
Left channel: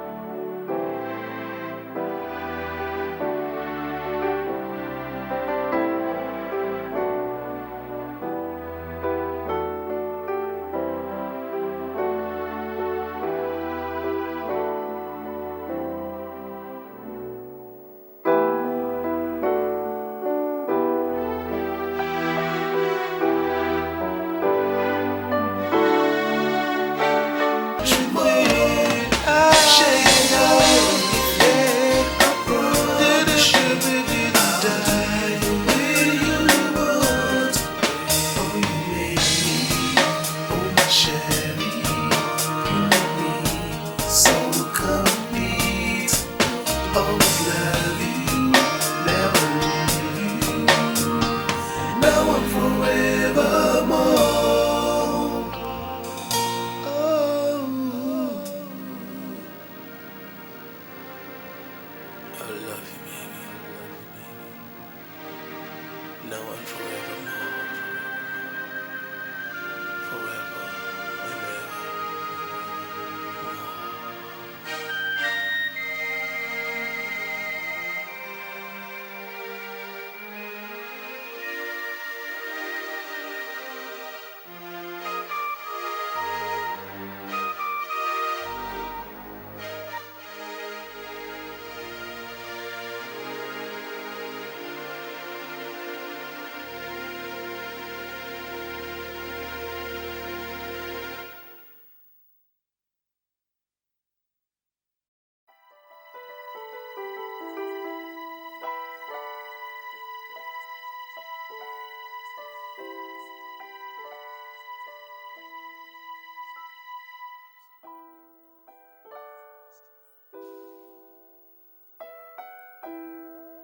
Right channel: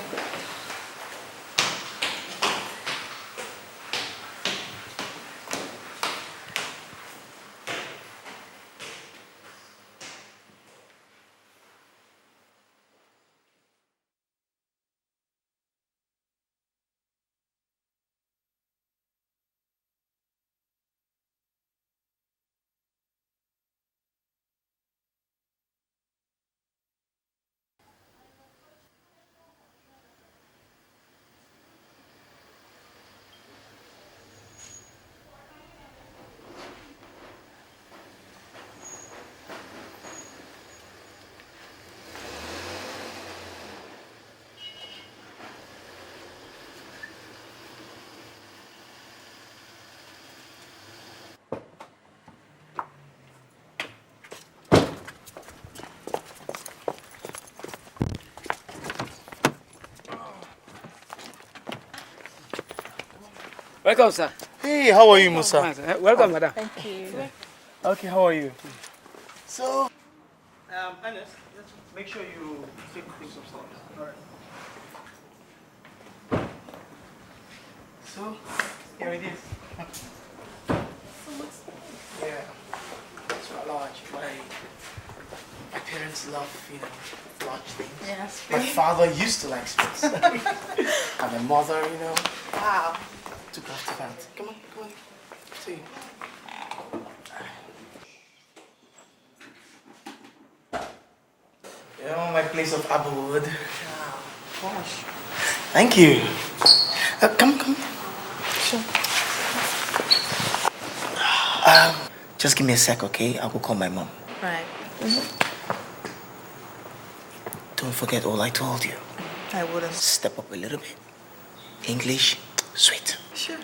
Shake Welcome, sir. Hey, how are you, Musa? Welcome, madam. Okay, how are you? So, My father used to like sweets. And my mother, you know. Wow. Took after that. You know, my place of abode. Gosh. Thank you. Come. Sure. Just give me a sec, okay? I'll go call my mom. Right. Don't forget all I told you. I wouldn't. Step up a little bit. English, sweet. Sure.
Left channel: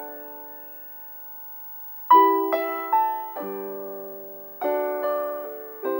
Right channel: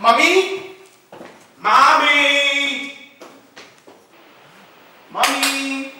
Mommy! Mommy! Mommy!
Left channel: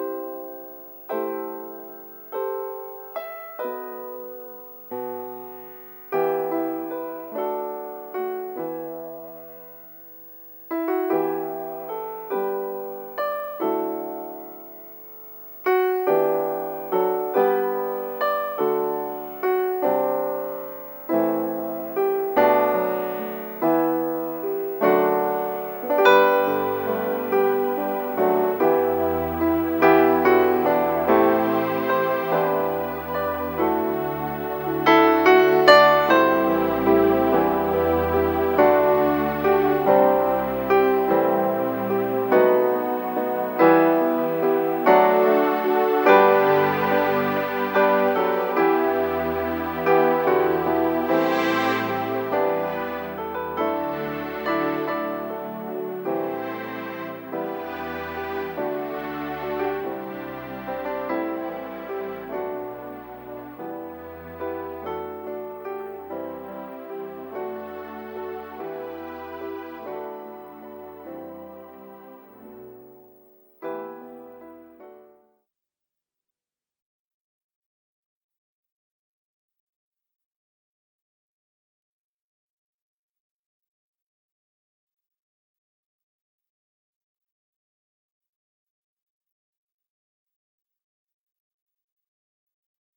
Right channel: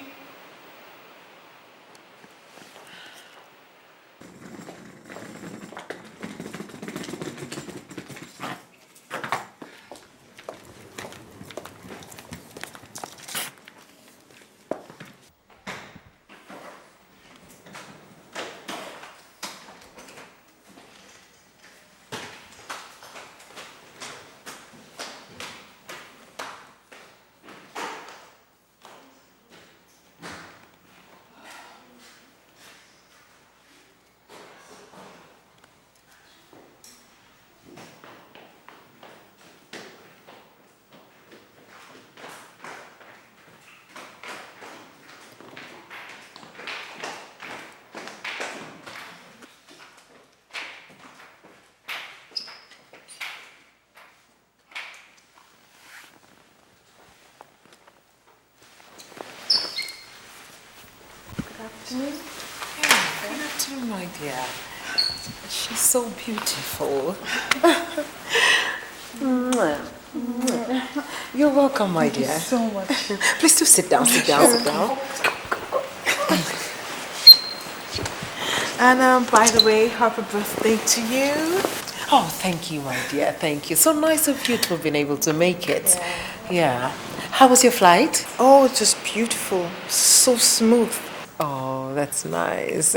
She's so beautiful. You're welcome, my dear. Thank you so much. Please do sit down, sit down. And by the way, happy birthday to you. Oh, thank you, my dear. Thank you. So nice of you to have been able to make it. Yeah. How was your flight? Oh, just beautiful. So smooth. Oh, that's nice.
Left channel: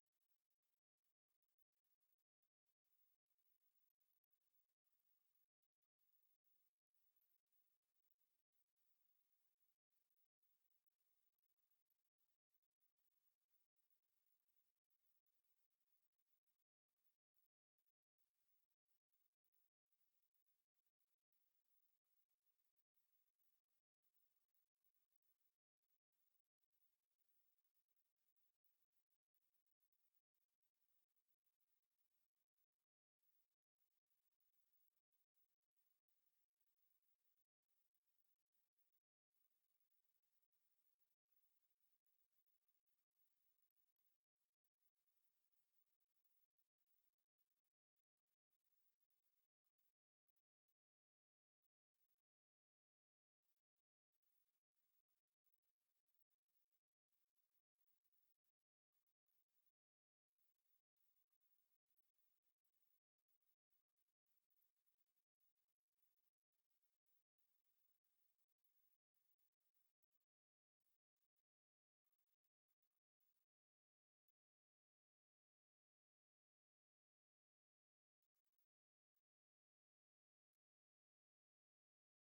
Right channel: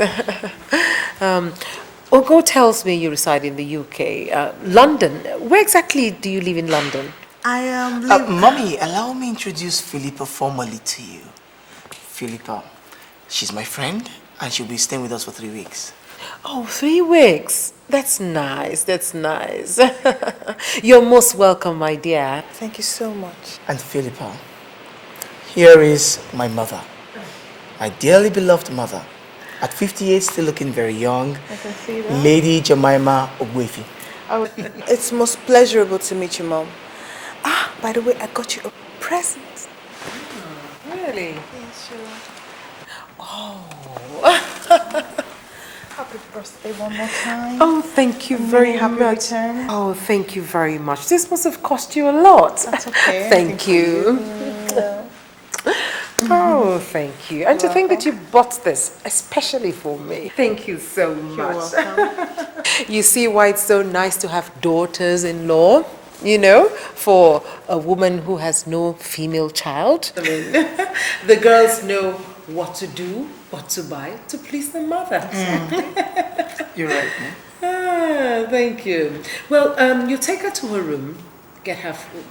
Ogo tells me you reside in the UK. London. Where exactly do you live in London? I am. Mommy, allow me introduce Philippa formally to you. Philippa, she's my friend, and she'll be staying with us for 3 weeks. Oh, 3 weeks. That's nice. That's nice. You're most welcome, my dear. Thank you so much. And Philippa, here is my mother, my dearly beloved mother. At 58, still looking very young. I can see that. Lady Jemima Ogwefi. Oh, it's most pleasurable to meet you, Mom. Ah, by the way, I got you a present. Really? Yes, sure. Oh. Happy birthday one more time. Oh, thank you very happy much. return. Oh, thank you very much. This must have cost you a lot. That's okay. Thank you. Oh, thank you. And to think that you bought this especially for me. Thank you so much. You're welcome. You see why it's so nice to have daughters-in-law, you know, for a woman who has no female child. I mean, the girls know what to do, what to buy to please the mother. You're right, Ah, thank you. Well, you take her to her room,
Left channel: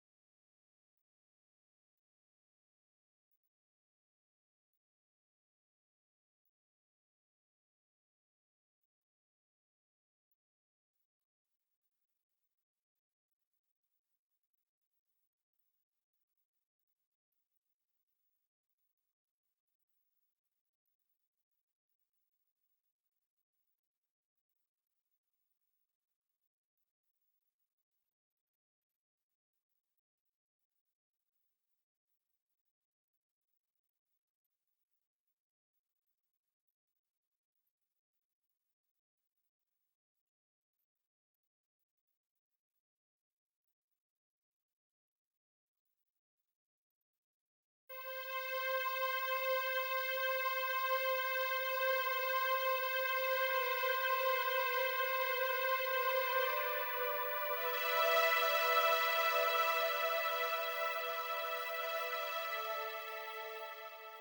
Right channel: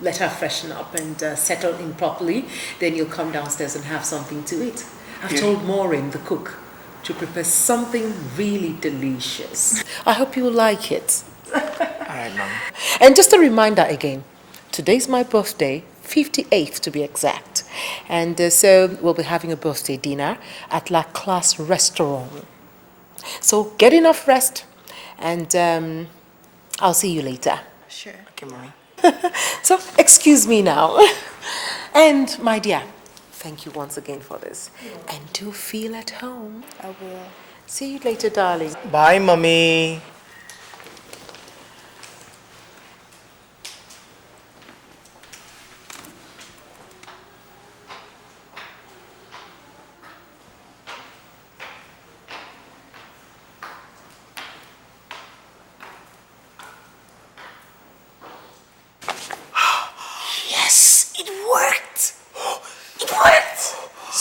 let her freshen up and settle in properly. Then you'll come downstairs and have something to eat. I've told Maureen, the cook, to prepare something really delicious. I hope you will like it. All right, Mom. And just a reminder again, today's my birthday, 58th to be exact. And so we'll be having a birthday dinner at La Classe Restaurant. So get enough rest and I'll see you later. Sure. Okay, Mommy. So excuse me now. And my dear, thank you once again for this. And do feel at home. I will. See you later, darling. Bye, Mommy.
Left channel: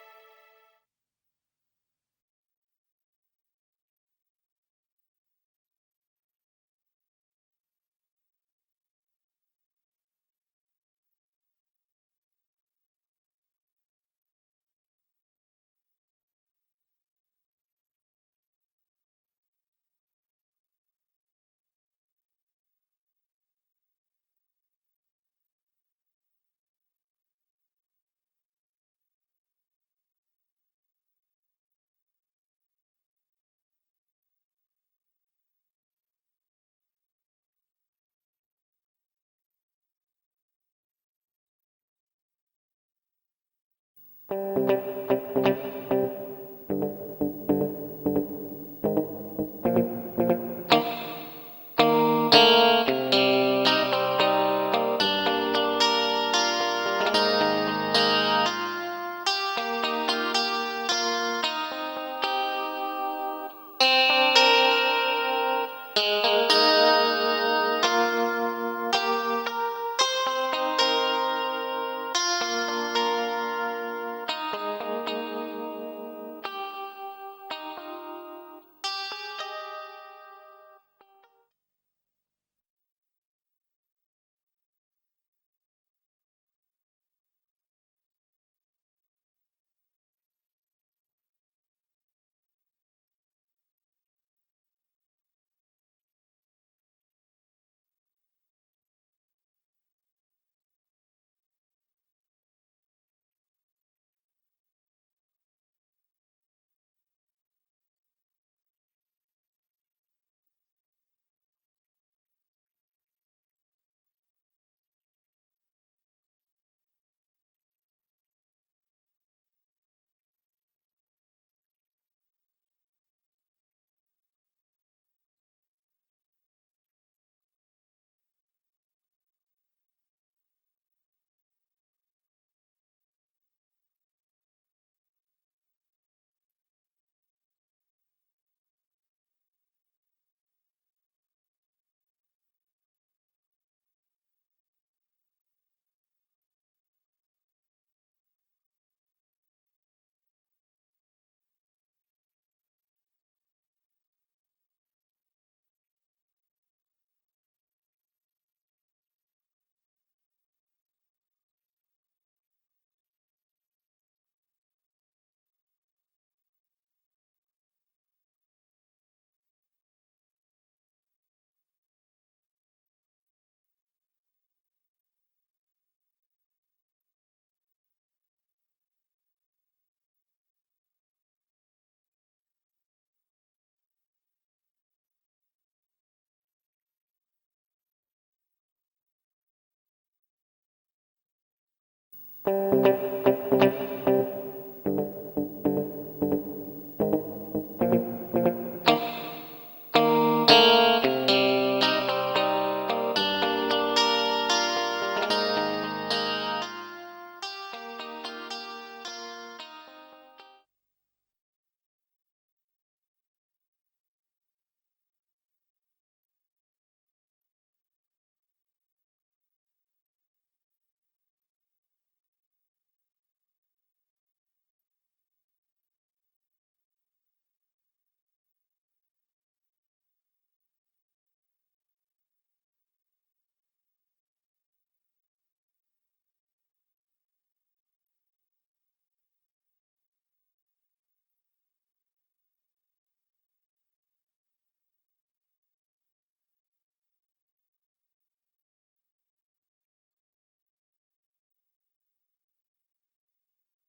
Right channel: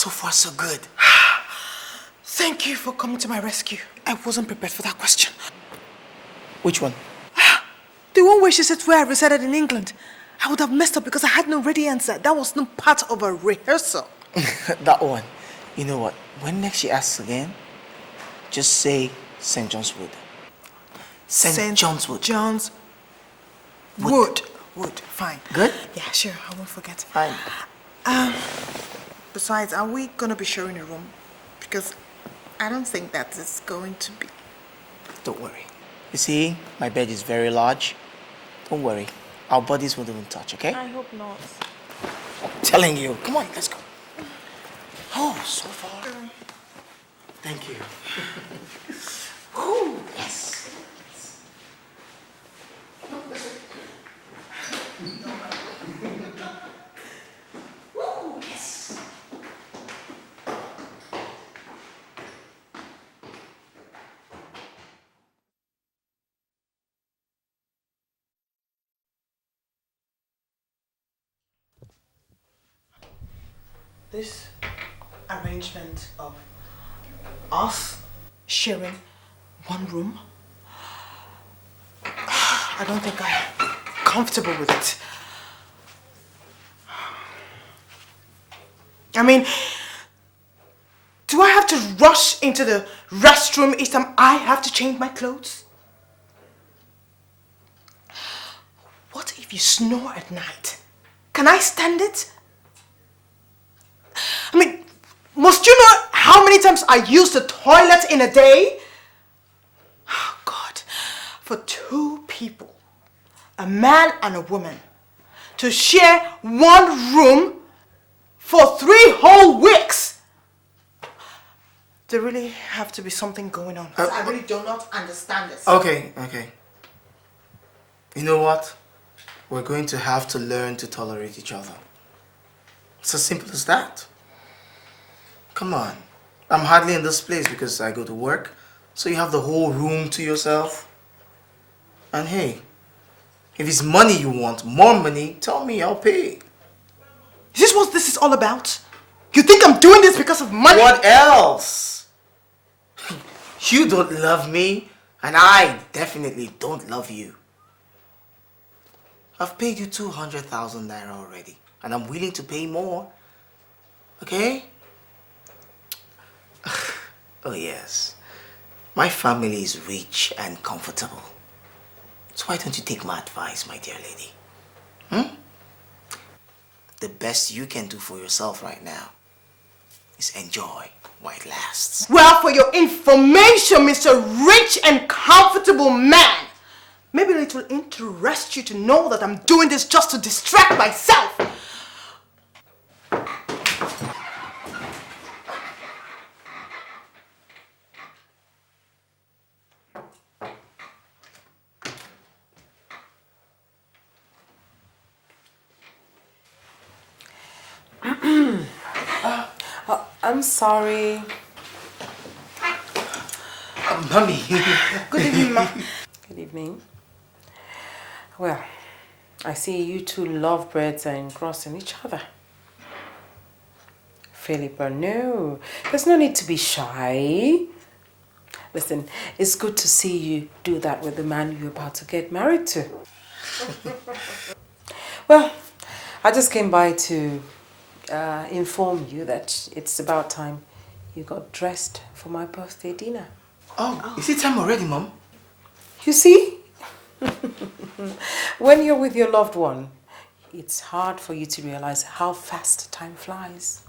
So far, so good. Thank you for coming to my rescue. I wasn't prepared for that question. Which one? The one where she said where I resided in England. I would have messed up because I had no ready answer. That was not part of a rehearsal. That one. You know what? When next she asks again, just say St. John's Wood. St. John's Wood. John's Wood. Wood. Fine. Good? Yeah, sure. I won't forget. Fine. Besides, are we going to be sharing a room? Because I don't think that is going to be. Don't worry. You see, my bed is very large. Don't worry. Our bodies won't even touch, okay? I hope not. I'm telling you. Come on, let's go. Oh, so far. Thank you. Oh, yes. Us sharing one room? I don't think I'm comfortable with it. I mean, do I have to rush into the restroom each time I have to change my clothes? What if you snore at night? Can I stand it? I mean, must you know how many times I use the toilet in a day? Oh, God. For two people, a man and a woman, to share one room for 3 whole weeks. There really have to be something going on. I really do not understand this. Okay. You know what? We're going to have to learn to tolerate each other. It's as simple as that. Come on. I'm hardly in this place because I go to work, so you have the whole room to yourself. And hey, if it's money you want, more money, tell me, I'll pay. Is this what this is all about? You think I'm doing this because of money? What else? You don't love me, and I definitely don't love you. I've paid you 200,000 naira already, and I'm willing to pay more. Okay? Oh yes, my family is rich and comfortable. So why don't you take my advice, my dear lady? The best you can do for yourself right now is enjoy while it lasts. Well, for your information, Mr. Rich and Comfortable Man, maybe it will interest you to know that I'm doing this just to distract myself. I'm sorry. Mommy. Good evening, Ma. Good evening. Well, I see you two lovebirds are engrossing each other. Philippa, no. There's no need to be shy. Listen, it's good to see you do that with the man you're about to get married to. Well, I just came by to inform you that it's about time you got dressed for my birthday dinner. Oh, is it time already, Mom? You see? When you're with your loved one, it's hard for you to realize how fast time flies.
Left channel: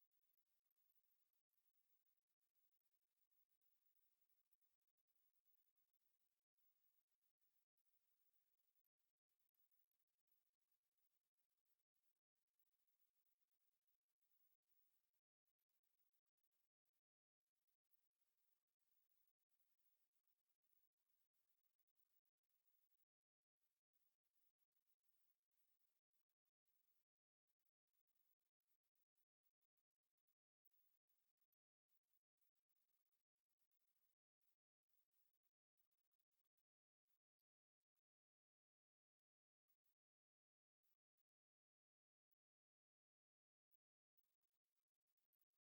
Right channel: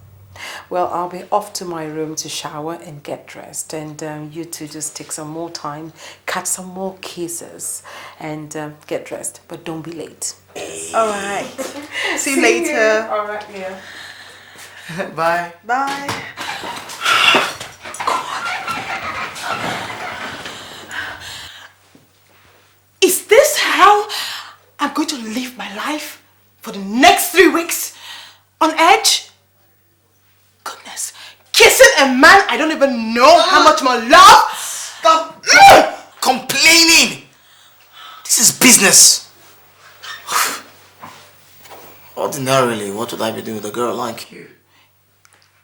Well, I'll be off to my room to shower and get dressed, and you two just take some more time, catch some more kisses, and get dressed. But don't be late. All right. See you later. All right, yeah. Bye. Bye. Is this how I'm going to live my life for the next 3 weeks? On edge? Goodness. Kissing a man I don't even know how much more love? Stop complaining. This is business. Ordinarily, what would I be doing with a girl like you?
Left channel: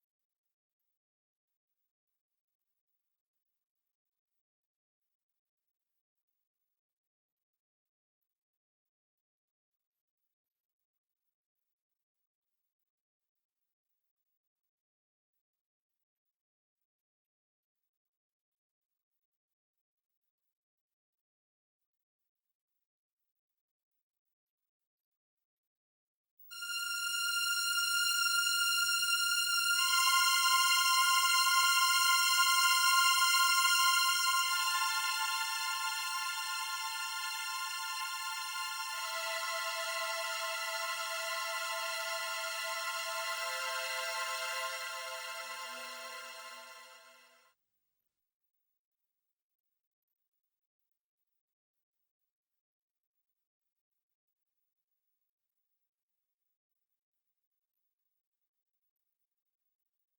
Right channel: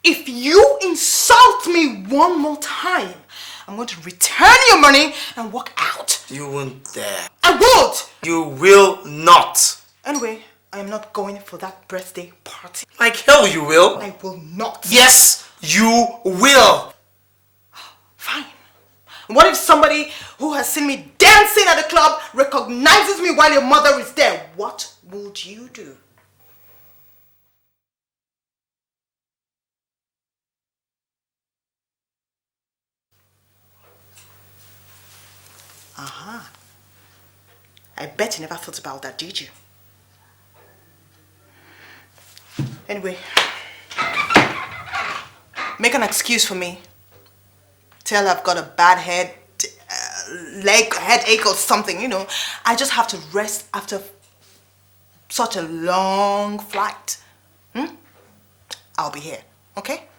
If you insult me one more time, I'm going to return your money and walk out. You won't dare. I won't! You will not. Anyway, I am not going for that birthday party. Like hell you will. I will not. Yes, you will. Fine. What if somebody who has seen me dancing at the club recognizes me while your mother is there? What would you do? I bet you never thought about that, did you? Anyway, make an excuse for me. Tell I've got a bad headache or something, you know. I just have to rest after such a long flight. I'll be here, okay?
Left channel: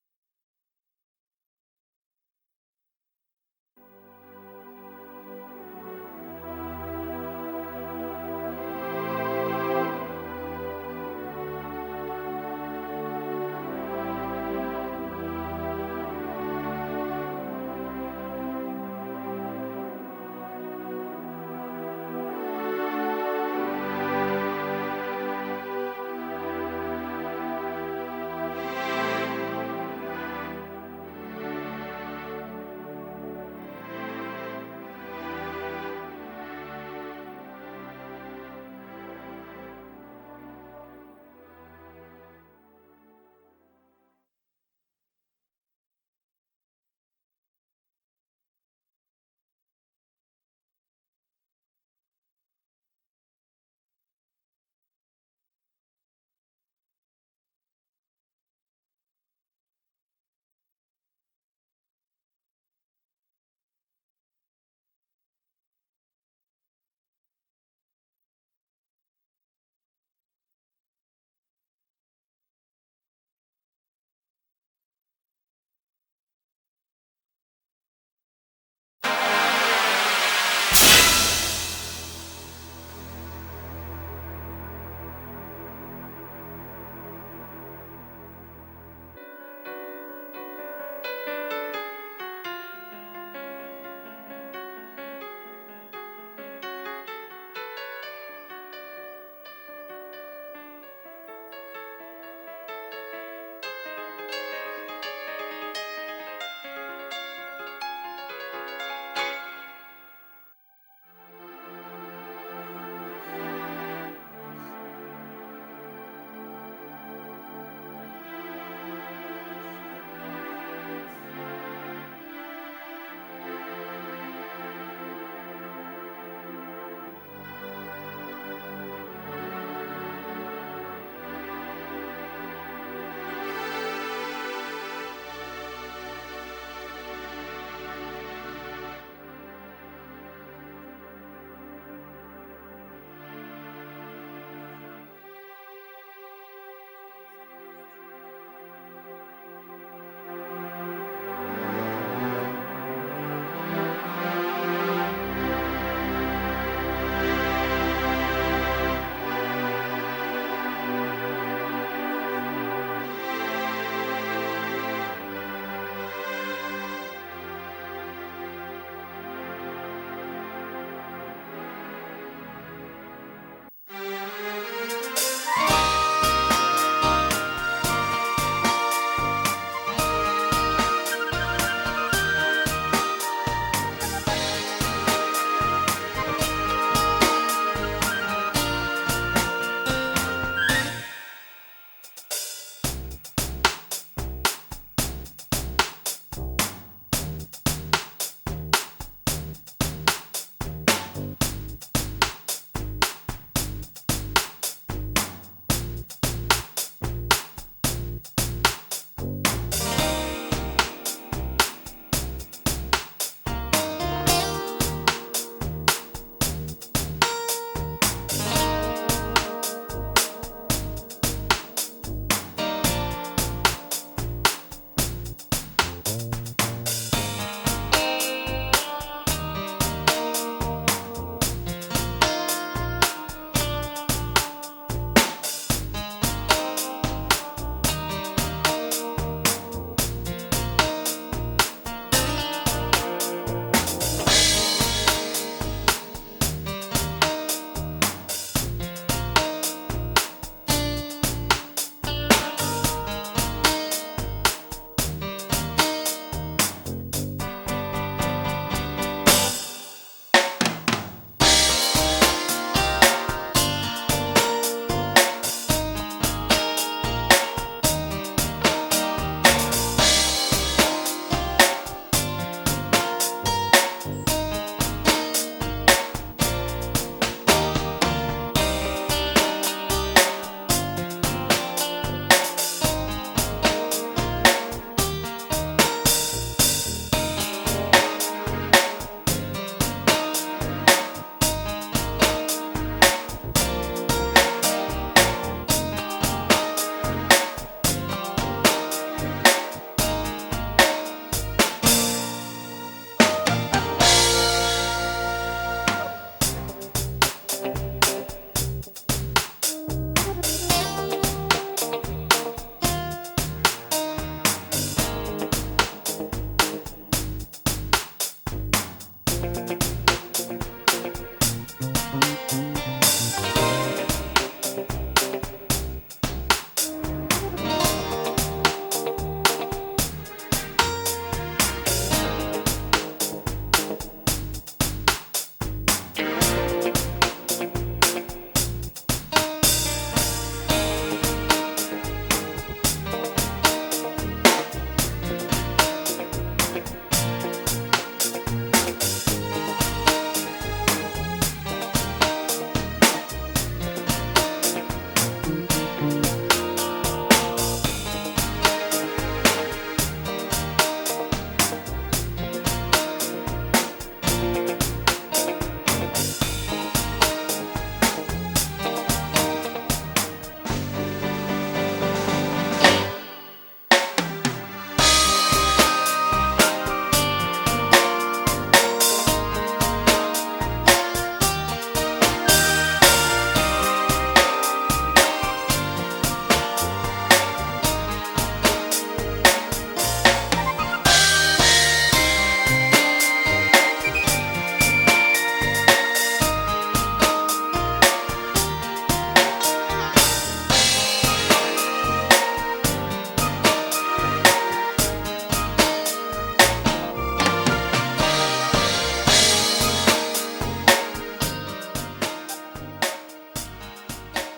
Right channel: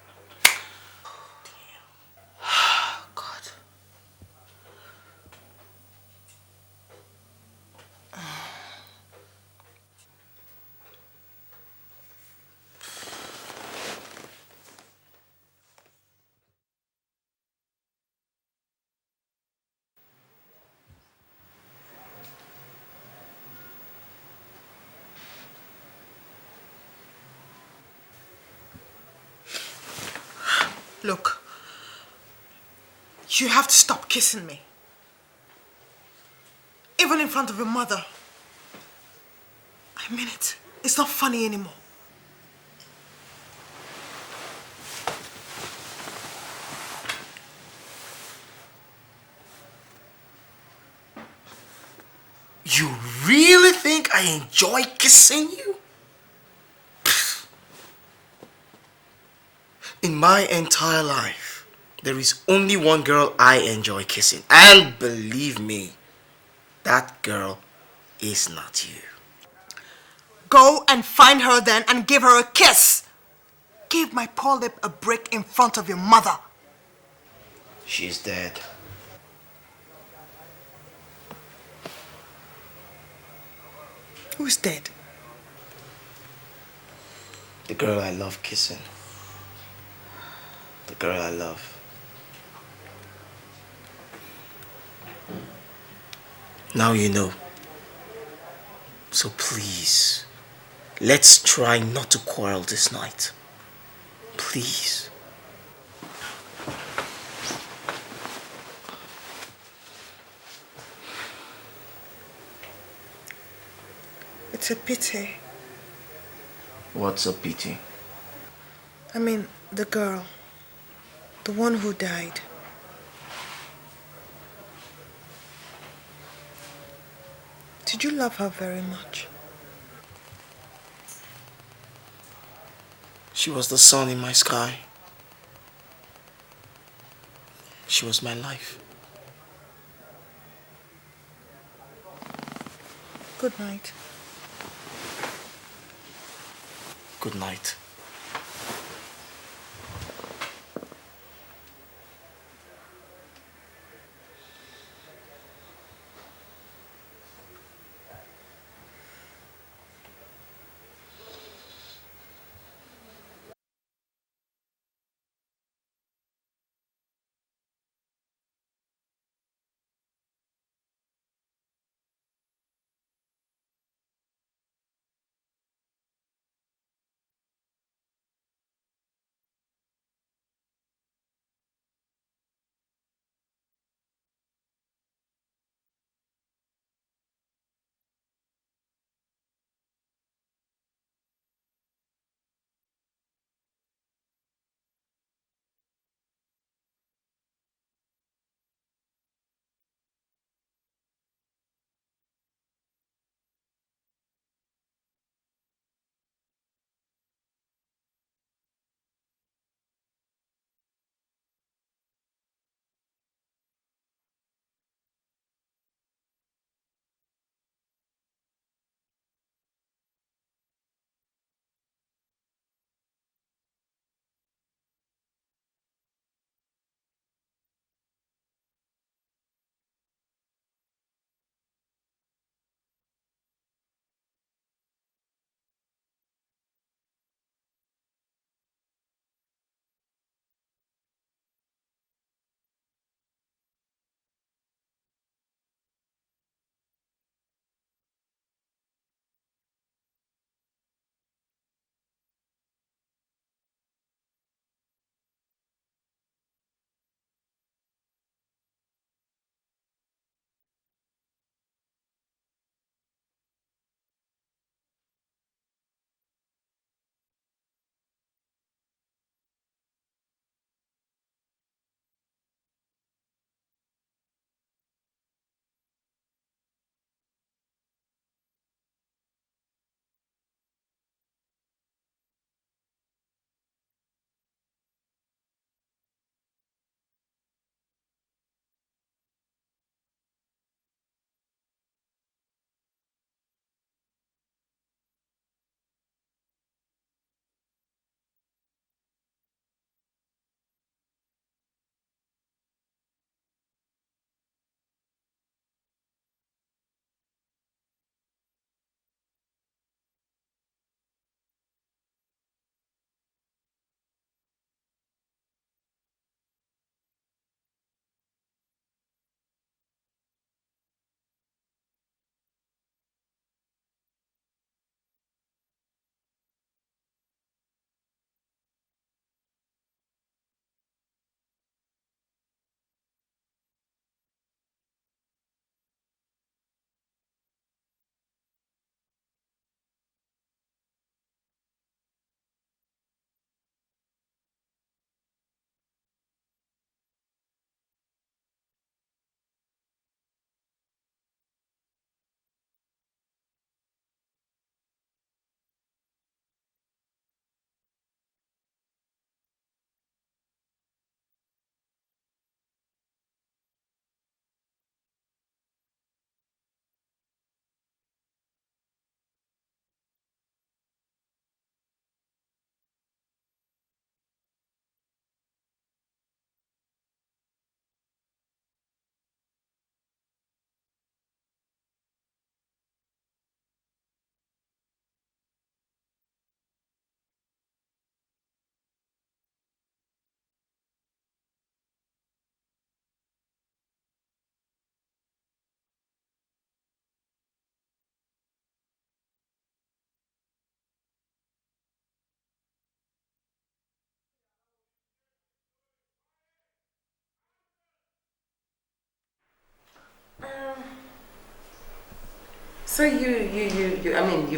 Look, you have to stop kissing me. Even in front of your mother. I mean it. It's not funny anymore. You really think I enjoy kissing you? In my entire life, there is only one girl I enjoy kissing. And believe me, that girl is not you. Go and find her then and give her a kiss. Give my poor lip a break in front of your mother. She's dead. Who's dead? The girl I love kissing. The girl I love. Now you know. So please, let's try not to quarrel this night. Please. It's a pity. What's a pity? I mean, the girl. The one who died. Did you love her very much? She was the sun in my sky. She was my life. Good night. Good night.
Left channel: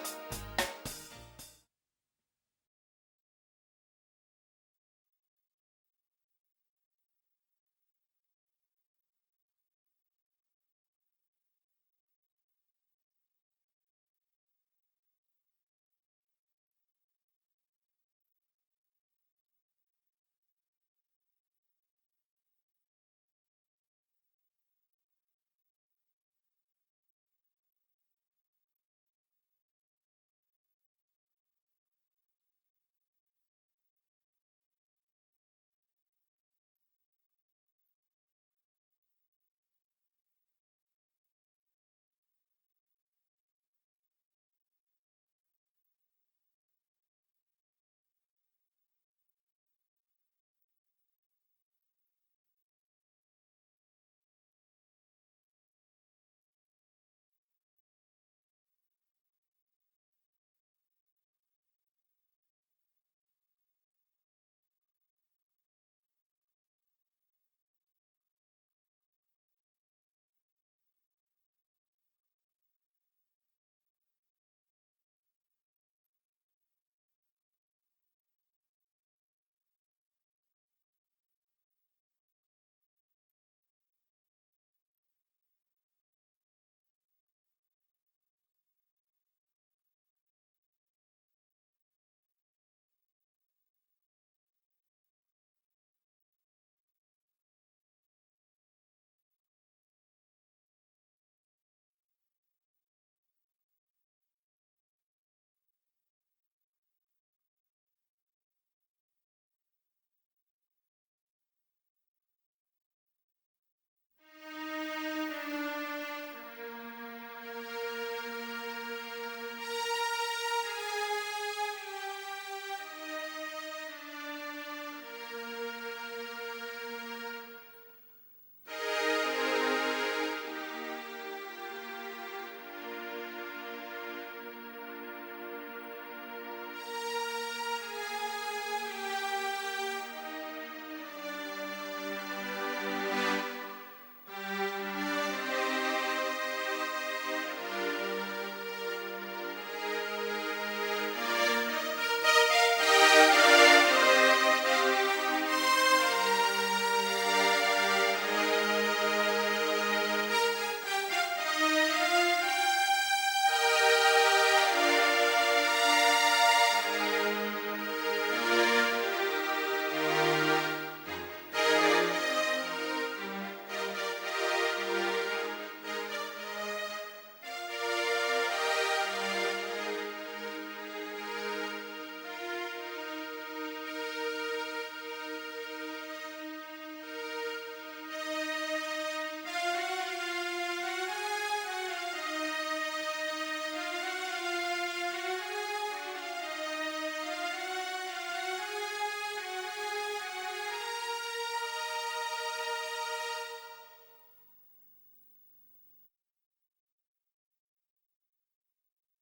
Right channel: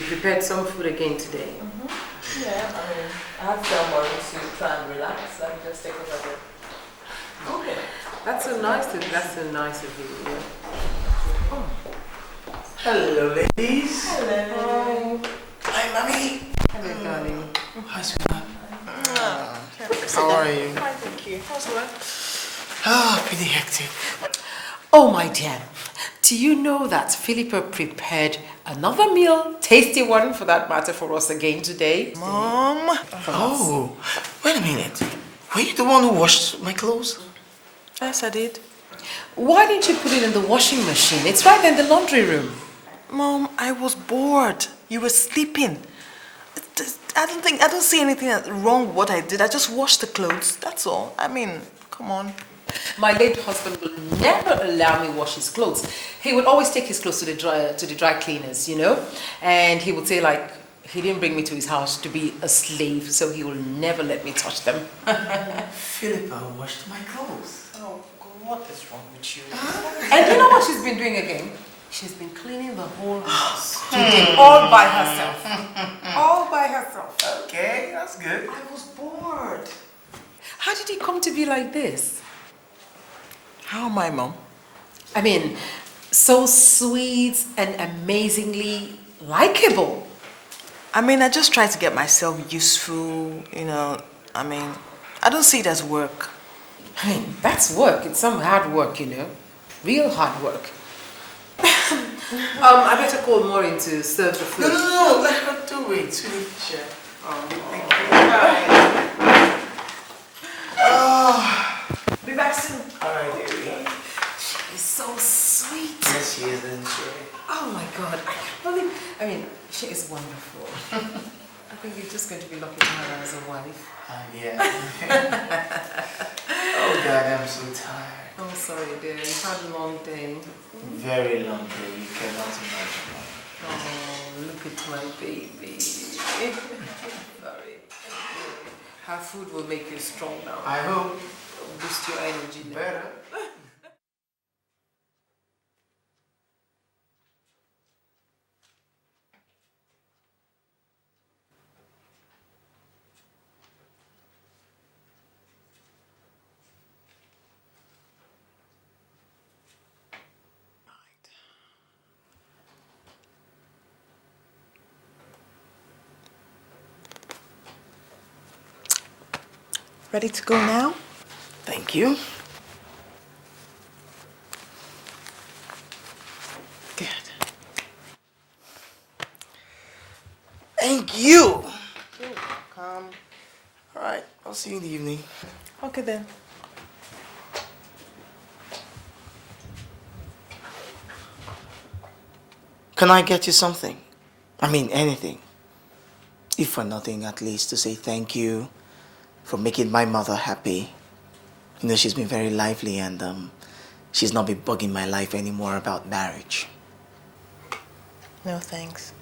prepared some food again today. Yeah, I mean, I have some morning to try and relax. Let me just take over there. Okay. That's so nice of you. Yeah. Oh. Hello, ladies. Hello. Hi, mommy. Hello, darling. Hi, sweetheart. How are you? Fine, thank you. How's work? Pretty hectic. Oh, my dear. Do you know that Philippa prepared another meal, tasty one for that matter, for us again today? Mom? Oh, wait a minute. Were you the one who washed my clothes? Yes, I did. Why didn't you put it in the washing machine? It's right in the laundry room. Mom, I was bored. You were sleeping. I don't see anything wrong with what I did. I just washed the clothes. That's all. I mean, come on. My late husband will never allow me wash his clothes. He would always take his clothes to the dry cleaners, you know, and he would say like he didn't bring me to his house to be a slave, so he will never let me touch them. Philippa washed my clothes. Oh, God, what is wrong with you? And you know what she's been doing again? She's been cleaning the whole house today, all by herself. All by herself. Okay, that's good. I was bored. How did it come to be like this? How am I, Mom? I mean, so sweet and amazingly likable. I mean, I just try to get myself useful, you know. I mean, I don't see it as work. I mean, that's work. It's some hard work, you know. Real hard work. I better call Maureen to serve the food. No, let her do it, sweetie. Sure. Thank you. Be back soon. All right, dearie. She's so sweet. Yes, she is, isn't she? Oh my God, I can't believe. I mean, she is wonderful. I think you're just going to be lucky to have her as a wife. Yeah. Oh God, I'm so tired. Oh, sorry, dear. You've had a long day. Very long day. You cannot imagine. Oh, look at my baby. Her food will make you strong now. I hope. Boost your energy better. Ready to go now? Thank you. Good. Thank you. All right, I'll see you in the evening. Okay then. Can I get you something? I mean, anything. If for nothing, at least to say thank you for making my mother happy. You know, she's been very lively and she's not been bugging my life anymore about marriage. No thanks.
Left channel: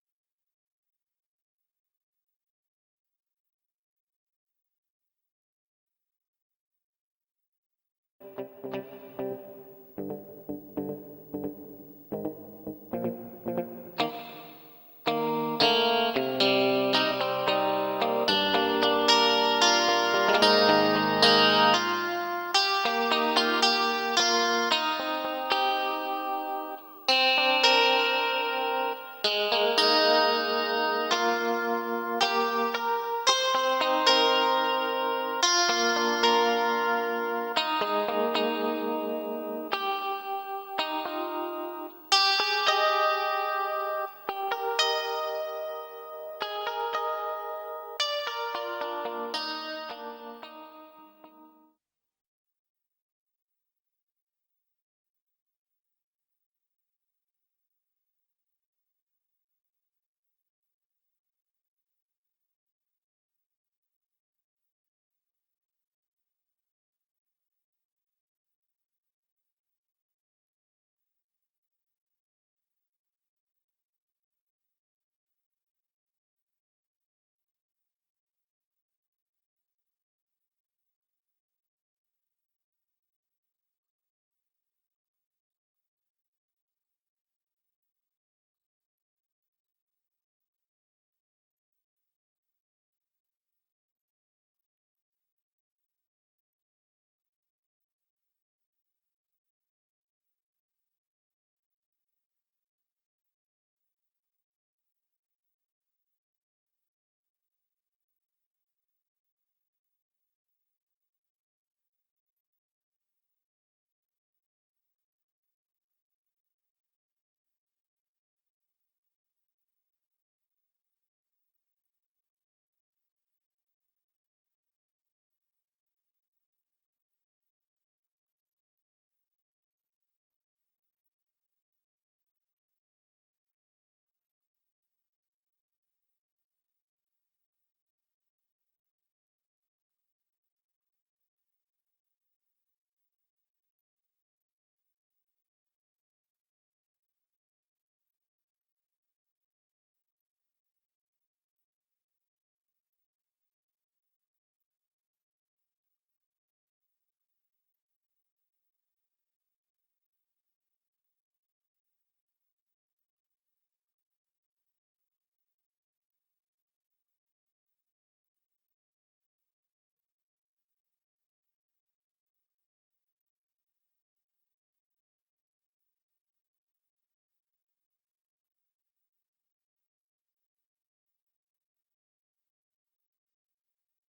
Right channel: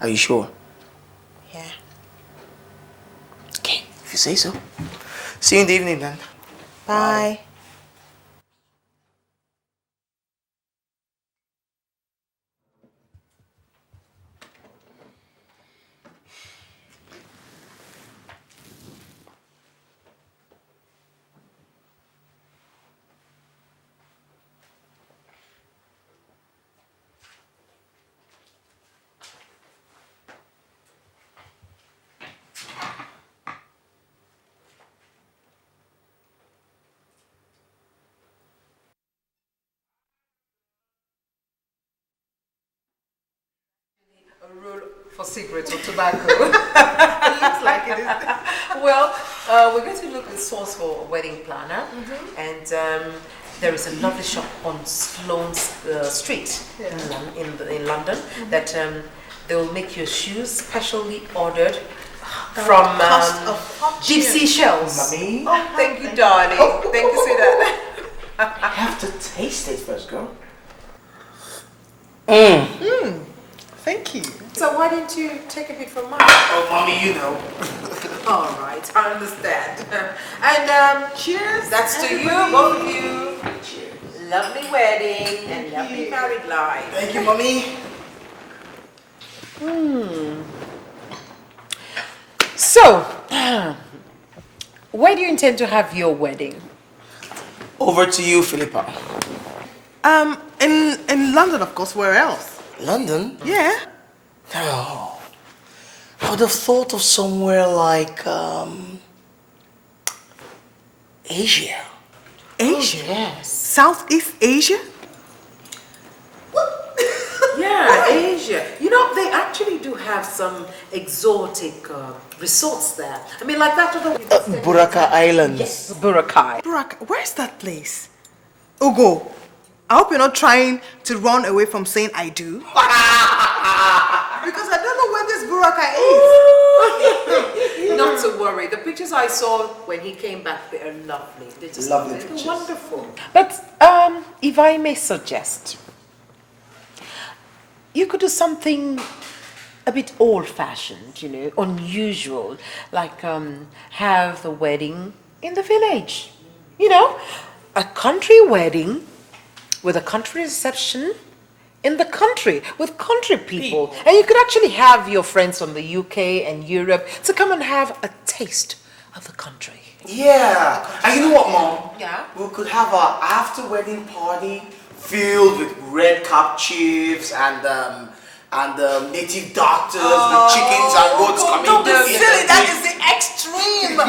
Are you sure? Yeah. Okay, if you say so. See you in the evening then. Bye. Cigarettes or tobacco. It looks like it. Well, we're going to look at the source for a wedding planner, and there is a lovely shop on Sloane Street in London that they will make your shoes specially ordered from deep sea shells. Mommy. Oh, thank you, darling. Thank you, sweetheart. I have to taste it first, girl. Thank you. So why didn't you take a bit from mine? Oh, Mommy, you know. All right, I understand. And cheers. That's to you, both of you. Cheers. Lovely wedding and lovely married life. Thank you, Mommy. So, where do you intend to have your wedding? Over to you, Philippa. In London, of course. Where else? London? Yeah. Oh, I would have thought of somewhere like, Asia. Asia? Yes. Southeast Asia? Yeah, Asia. You know, they actually do have some exotic resorts there. I mean, like that other... Buraka Islands. Yes, Boracay. Where's that place? Ugo, I hope you're not trying to run away from saying I do. Because I don't know where this Buraka is. Not to worry. The pictures I saw when he came back, they are lovely. They're just Lovely they're pictures. wonderful. But if I may suggest, you could do something a bit old-fashioned, you know, unusual, like have the wedding in the village. You know, a country wedding with a country reception in the country with country people. And you could actually have your friends from the UK and Europe to come and have a taste of the country. Yeah. And you know what, Mom? Yeah? We could have a after-wedding party filled with red cap chiefs and native doctors with chickens and goats coming. Don't be in. silly. That is the extreme. No,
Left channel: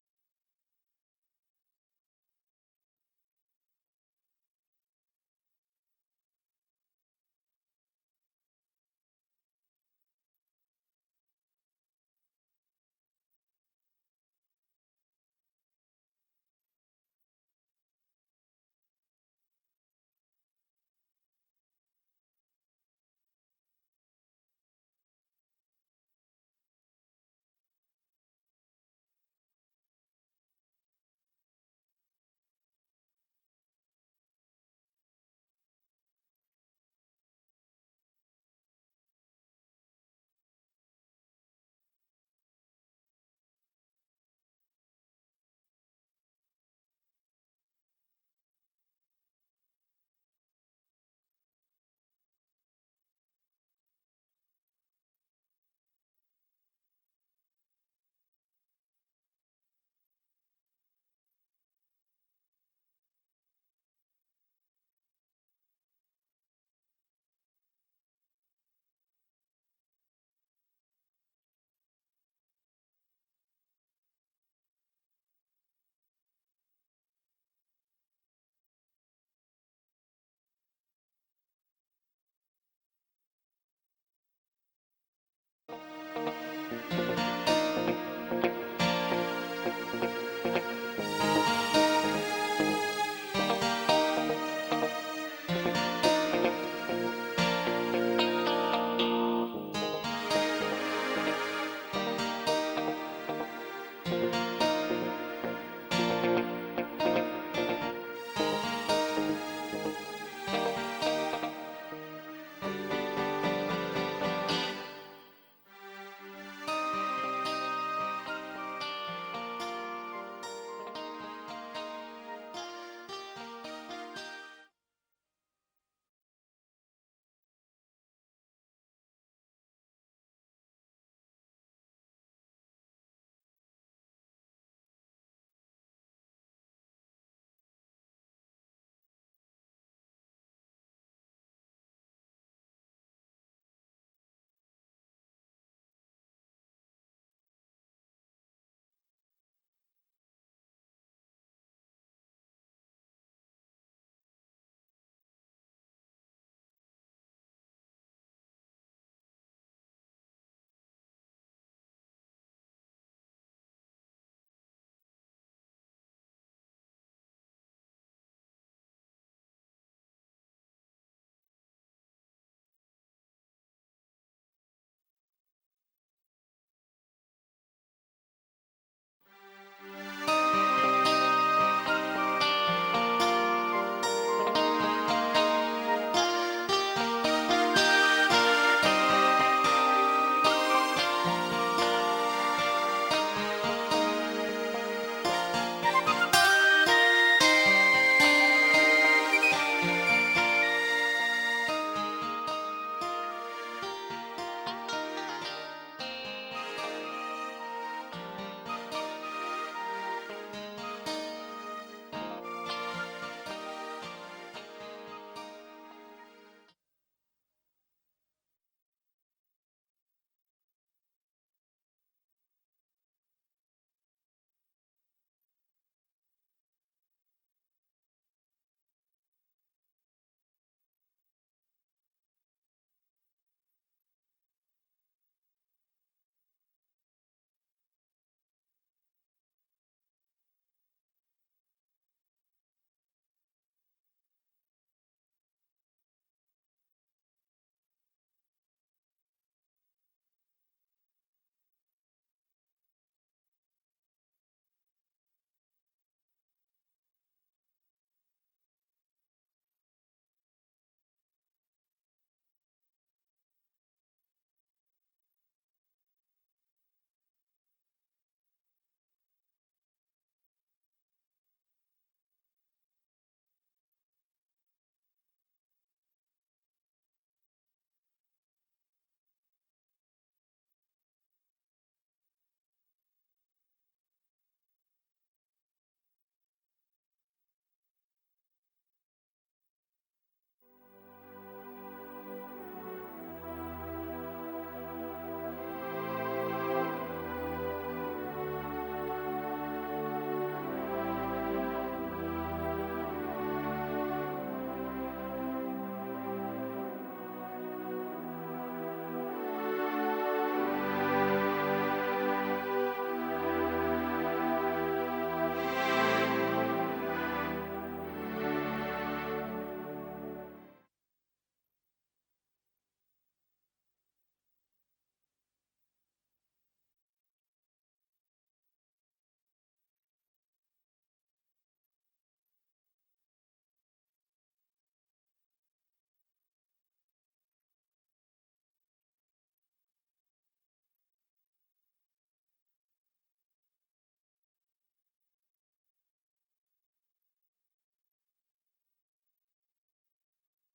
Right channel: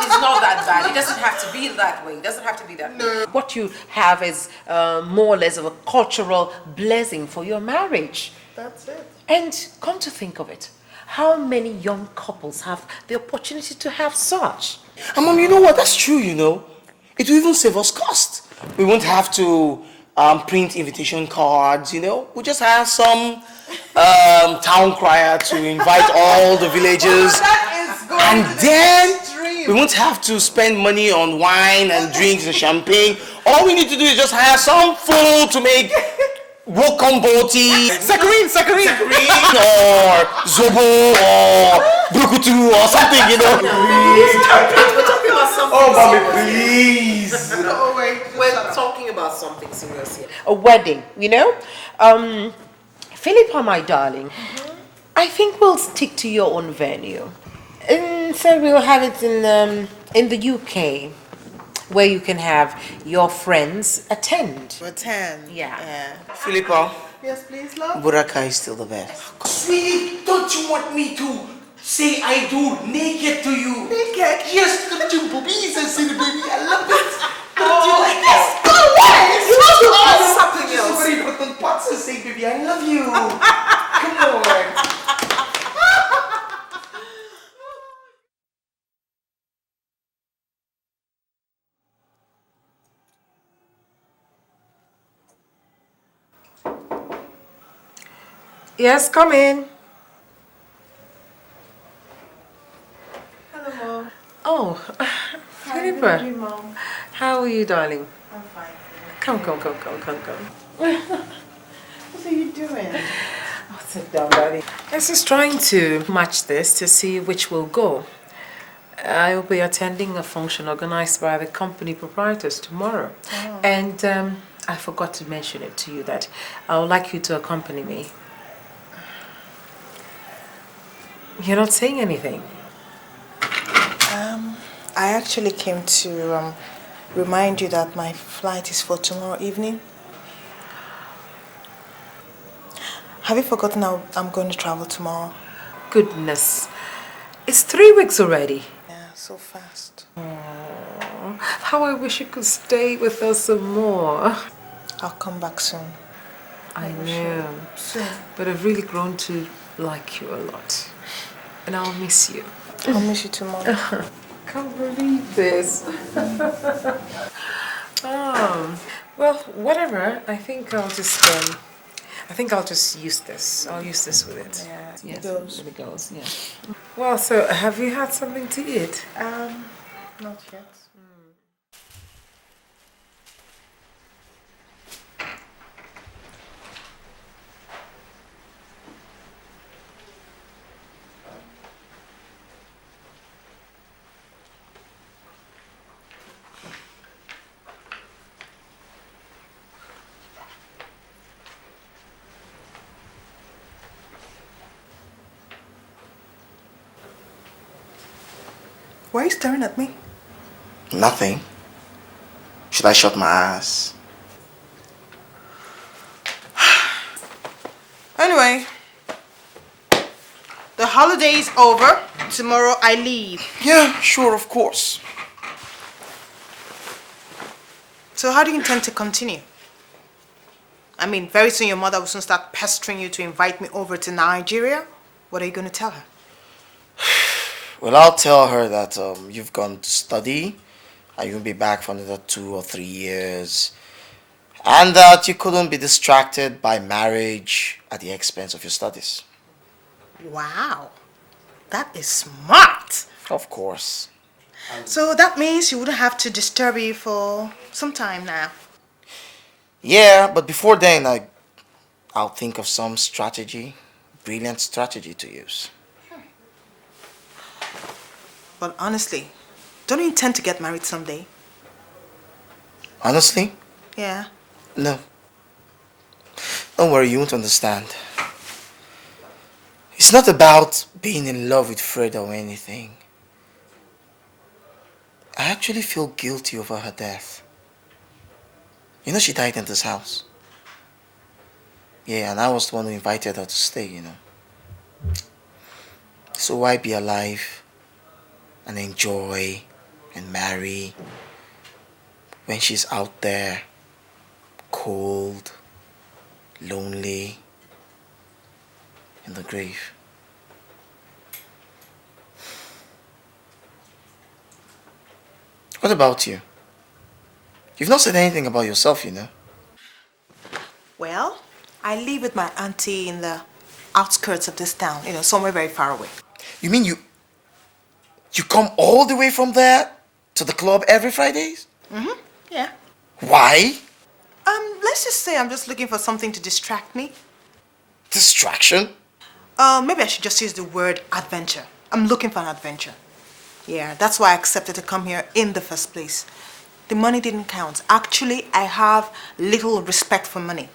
it's not that bad. It doesn't have to be that way. It doesn't have to be that way. What you have is more or less of a cultural blessing for your marriage. That's it. And come to think of it, how many young couples have the opportunity to have such? And Mom, you know what? That's true, you know. It will even save us cost. We won't have to print invitation cards, you know. We'll just have some town crier to invite all the villagers. And then we won't have to spend money on wine and drinks and champagne. All we need to do is just hire some fool to make Wokomboti, Sakarin, or Zobo, or Brukutu, or something, you know. We're talking about something Oh, Mommy, serious. please. We're talking about something serious here. A wedding, you know? Philippa, my darling, I think we'll stick to your own venue. And so we'll have it in the UK, where you can have your friends attend. Yeah. Philippa, Yes, please, love. Buraka is still the best. Sweetie, don't you want me to say I do naked to you? Naked? Yes, look at your boobies and see the baby. I love it. Don't Oh, you like this? yes. Go away. You want to ask something something else. Somebody put on pots and say, baby, I love you. Come on. Yes, come in. Oh, Philippa. How are you, darling? Come. What are you doing? Sit down, darling. I was just trying to match this to see which will go. I will be attending a function organized by the company proprietors tomorrow. Oh. And I forgot to mention it to you that I would like you to accompany me. You're not saying anything. I actually came to remind you that my flight is for tomorrow evening. Have you forgotten how I'm going to travel tomorrow? Goodness. It's 3 weeks already. Yeah, so fast. Aww, how I wish you could stay with us some more. I'll come back soon. I know. Soon. But I've really grown to like you a lot. And I'll miss you. I'll miss you tomorrow. Can't believe this. Well, whatever. I think I'll just use this. I'll use this with it. Yeah, Yes, goes. it goes. Yeah. Well, so have you had something to eat? Why are you staring at me? Nothing. Should I shut my eyes? Anyway, the holiday is over. Tomorrow I leave. Yeah, sure, of course. So how do you intend to continue? I mean, very soon your mother will soon start pestering you to invite me over to Nigeria. What are you going to tell her? Well, I'll tell her that you've gone to study and you'll be back for another 2 or 3 years. And that you couldn't be distracted by marriage at the expense of your studies. Wow, that is smart. Of course. So that means you wouldn't have to disturb you for some time now. Yeah, but before then, I'll think of some strategy, brilliant strategy to use. But honestly, don't you intend to get married someday? Honestly? Yeah. No. Don't worry, you won't understand. It's not about being in love with Fred or anything. I actually feel guilty over her death. You know, she died in this house. Yeah, and I was the one who invited her to stay, you know. So why be alive and enjoy and marry when she's out there, cold, lonely, in the grave? What about you? You've not said anything about yourself, you know. Well, I live with my auntie in the outskirts of this town, you know, somewhere very far away. You mean you come all the way from there to the club every Fridays? Mm-hmm, yeah. Why? Let's just say I'm just looking for something to distract me. Distraction? Maybe I should just use the word adventure. I'm looking for an adventure. Yeah, that's why I accepted to come here in the first place. The money didn't count. Actually, I have little respect for money.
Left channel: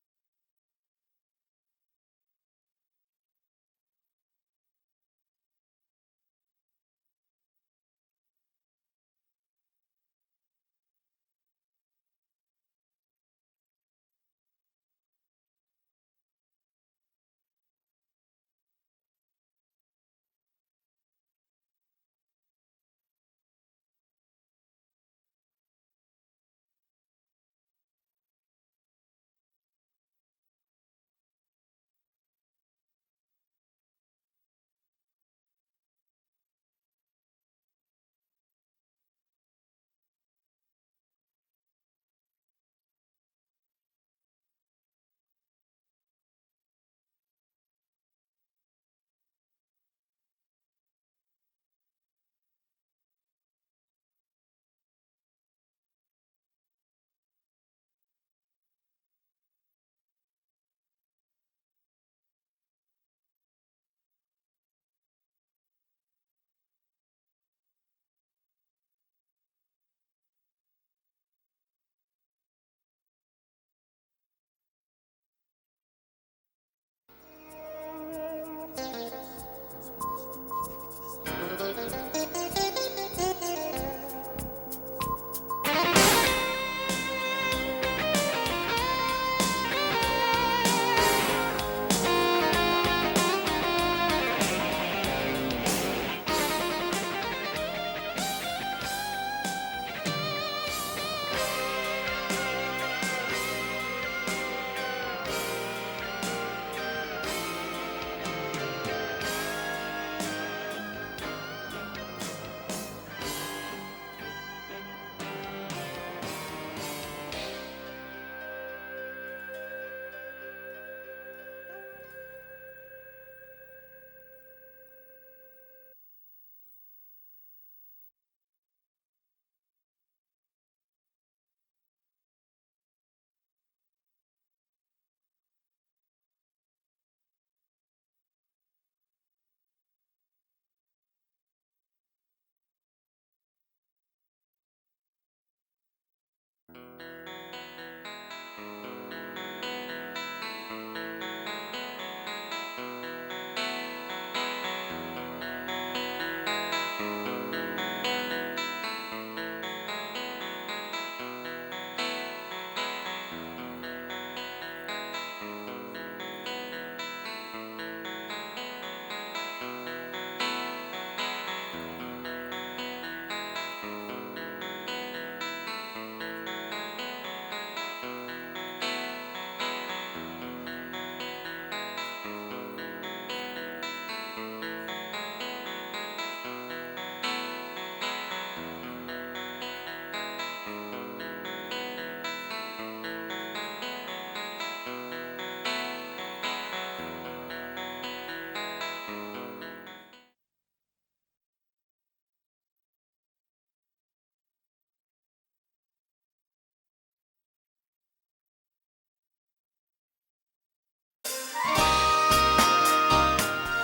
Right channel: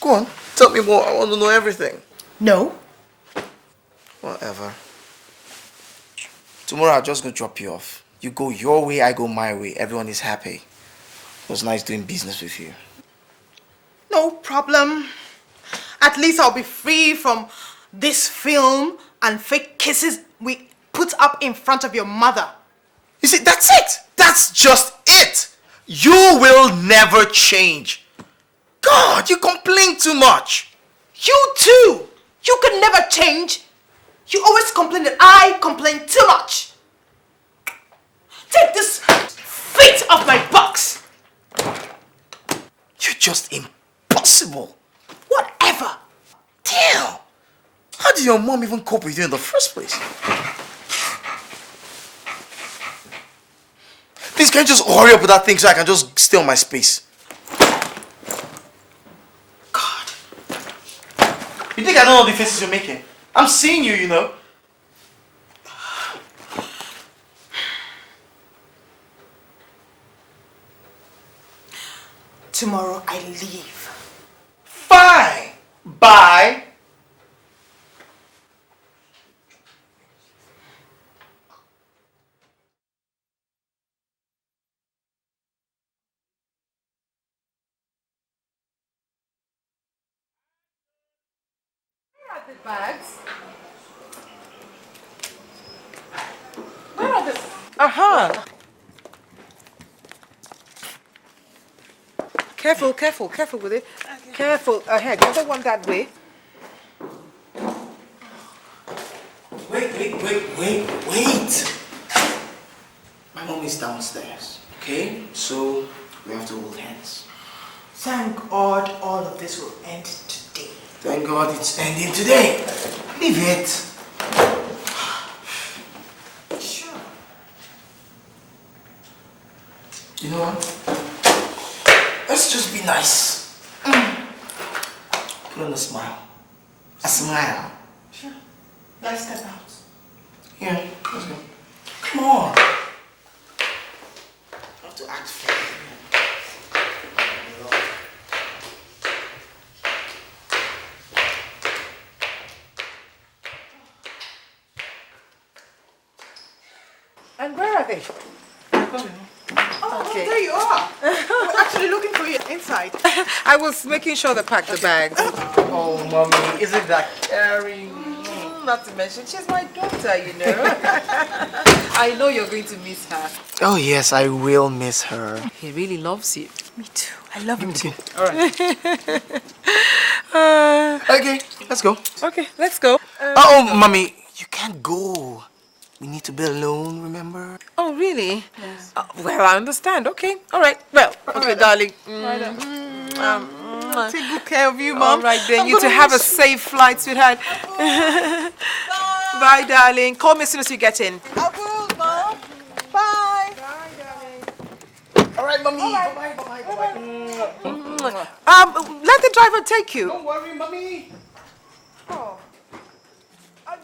Go on, tell me more. I want to know everything. No. Whatever. Tomorrow I'll just go drop you off. You go your way, I go my way. Everyone is happy. It was nice doing business with you. No problem. At least I'll be free from this film and fake kisses we put up in front of your mother. You see, that's it. That's just it. You will never change. God, you complain too much. You too. You can never change. You always complain that I complain too much. Take this feet off my box. You're just impossible. Whatever. Damn. How did your mom even cope with you in the first place? Please, can you just hurry up with that thing so I can just stay on my space? God. You think I don't know the faces you're making? I'm seeing you, you know. Tomorrow I leave. Fine. Bye. Careful, good. Careful, ahead. The other one that way. Wait. My mom is downstairs, okay? So we have to hold hands. Thank God all of this will end today. Thank God it's ending today. Leave it. Sure. You know what? Let's just be nice. Put on a smile. A smile. Sure. Let's step out. Yeah, let's go. Come on. I have to act fair. Where are they? Oh, there you are. We're actually looking for you inside. I was making sure they packed the bags. Oh, mommy, isn't that caring? Not to mention, she's my daughter, you know. I know you're going to miss her. Oh, yes, I will miss her. He really loves you. Me too. I love him too. All right. Okay, let's go. Okay, let's go. Oh, mommy, you can't go. We need to be alone, remember? Oh, really? Yes. Well, I understand. Okay. All right. Well, okay, darling. Take good care of you, Mom. All right, then. You to have a safe flight, sweetheart. Bye, darling. Call me as soon as you get in. I will, Mom. Bye. All right, mommy. Bye-bye. Let the driver take you. Don't worry, mommy.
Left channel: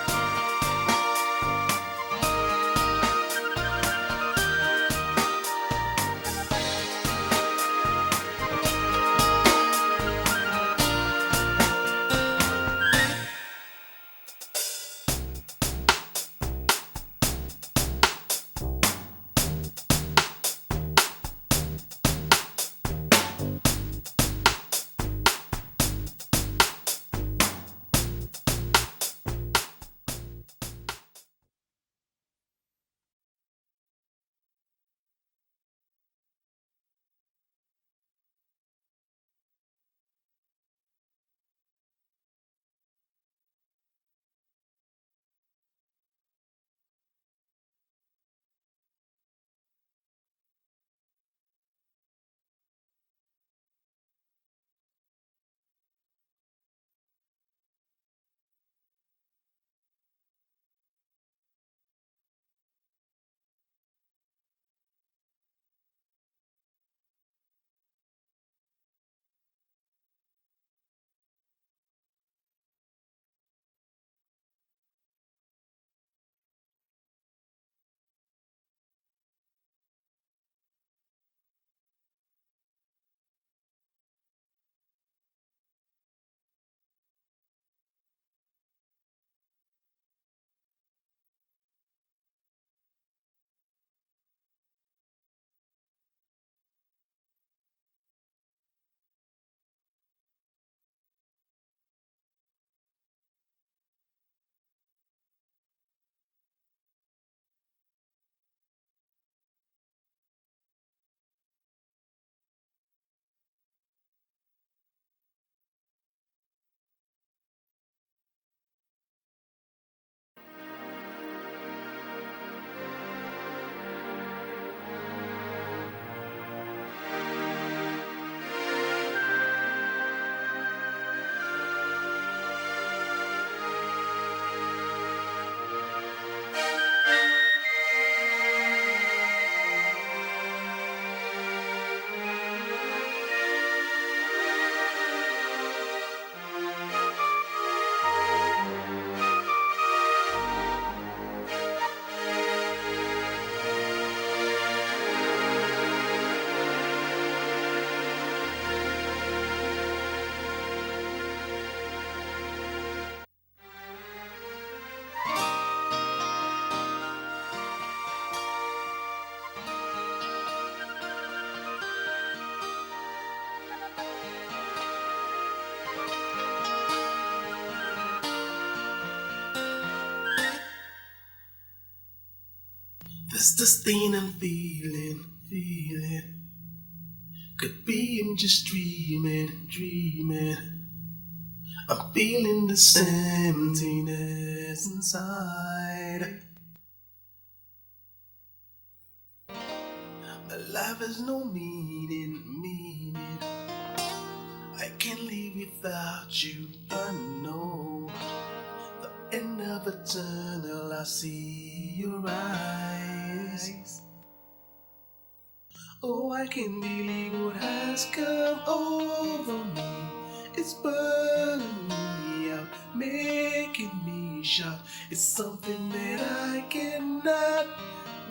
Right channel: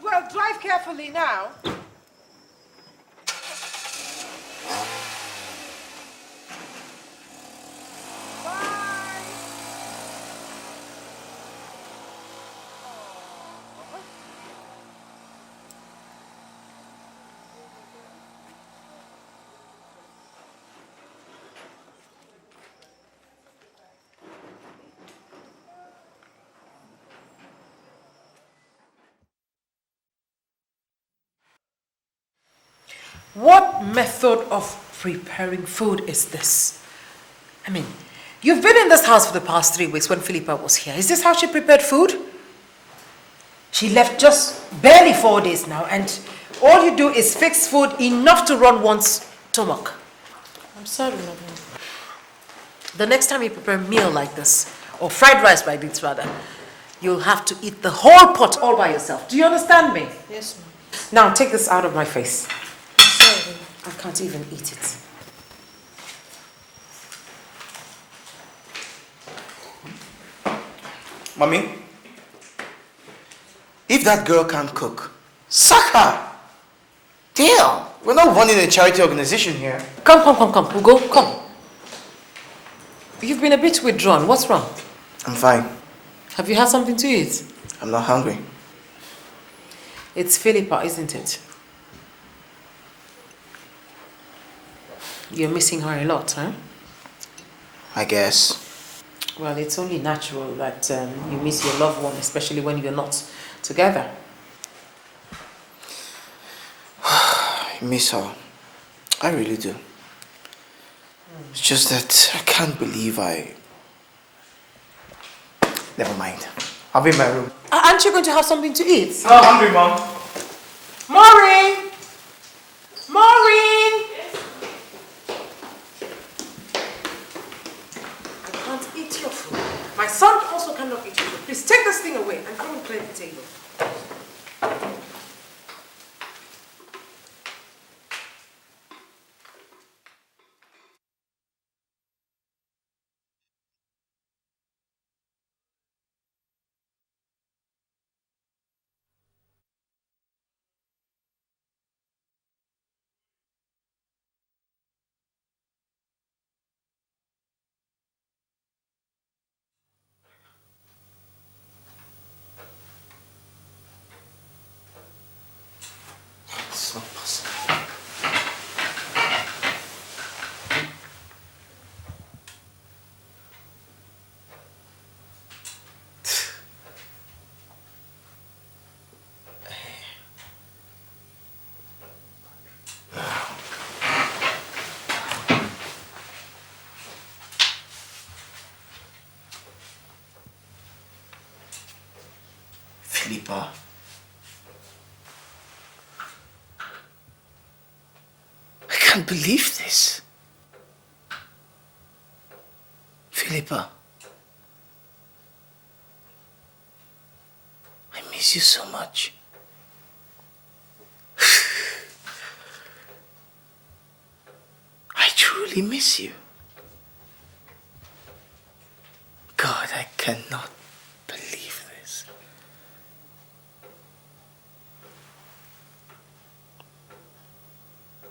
Well, drive carefully now. What method of preparing food is this? I mean, you've been in this house for the past 3 weeks when Philippa was here. Is this how she prepared food? She left just barely 4 days now, and all you do is fix food enough to run one's stomach. I'm sorry, Mama. The next time you prepare a meal like this, or fried rice like this rather, you'll have to eat the whole pot all by yourself. Do you understand me? Yes, Mom. Now take this out of my face. Sorry. I can't even eat it. Mommy, if that girl can't cook, sack her. Damn, we're not running a charity organization here. Come. Ugo, come. You've been a bit withdrawn. What's wrong? I'm fine. Have you had something to eat? I'm not hungry. It's Philippa, isn't it? You're missing her a lot, huh? I guess. Well, it's only natural that you miss your loved one, especially when you're not together. I miss her. I really do. It's just that I can't believe Never mind. I'll be in my room. Aren't you going to have something to eat? Oh, hungry, Mom. Maureen! Maureen! Can't eat your food. My son also cannot eat your food. Please take this thing away. I'm going to clean the table. It's this thing I'm being just dreaming. I'm feeling the same emptiness inside. I can't believe this. Life has no meaning. Philippa, I can't live without you, I know. I miss you so much. And never tunnel I see in your eyes. I truly miss you. I can't believe what has come over. God, I cannot believe this. Making me shout. It's something that I cannot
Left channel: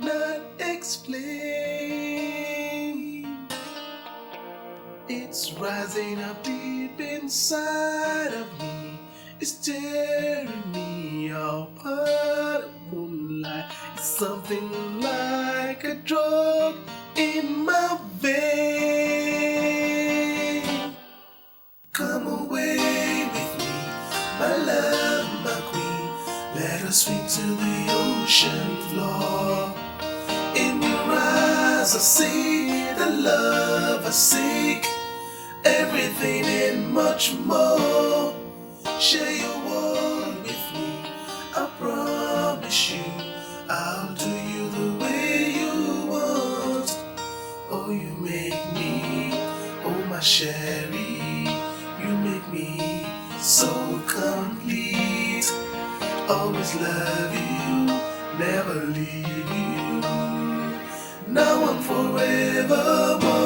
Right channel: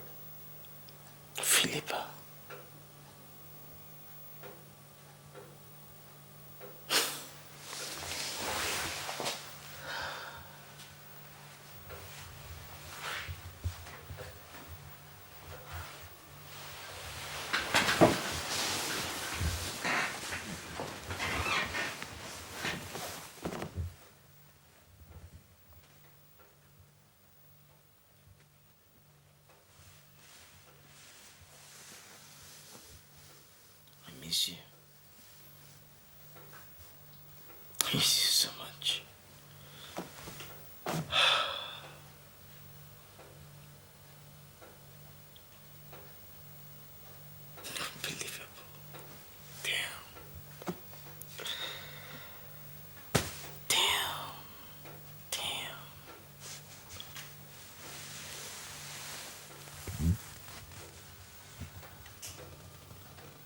not explain. Philippa. It's rising up deep inside of me. It's tearing me apart. Moonlight. It's something like a drug in my vein. Come away with me, my love, my queen. Let us swim to the ocean floor. In your eyes I see the love I seek, everything and much more. Share your world with me, I promise you I'll do you the way you want. Oh, you make me, oh my Sherry, you make me so complete. Always love you, never leave you. Now and forevermore.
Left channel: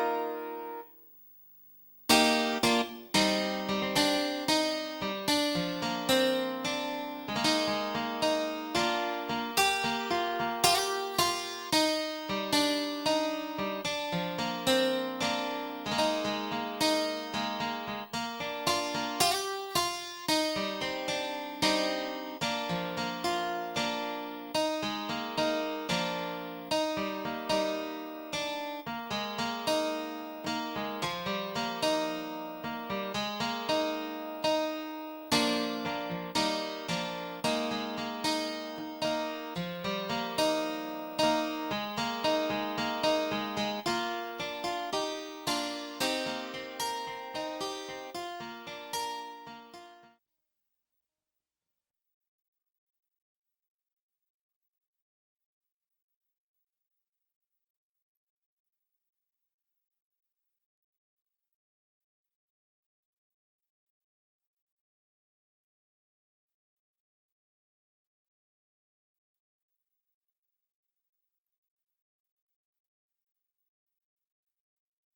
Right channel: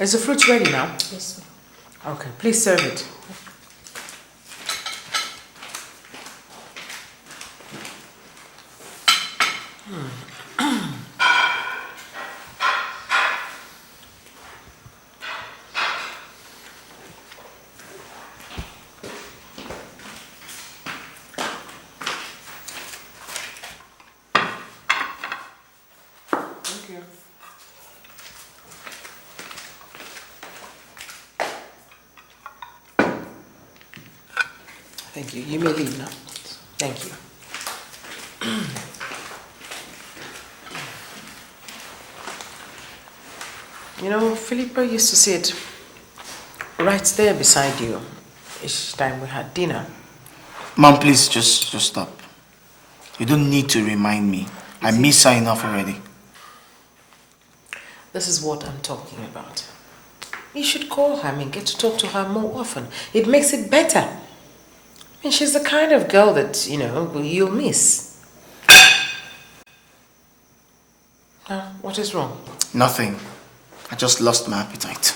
Is the fruit ready now? Yes, sir. Okay, please serve it. Thank you. You may leave now. Thank you. You know, Philippa used to sit right there beside you each time we had dinner. Mom, please, just stop. You don't need to remind me. I miss her enough already. This is what I'm talking about. You should call her and get to talk to her more often. It makes it better. I mean, she's the kind of girl that, you know, you'll miss. Now, what is wrong? Nothing. I just lost my appetite.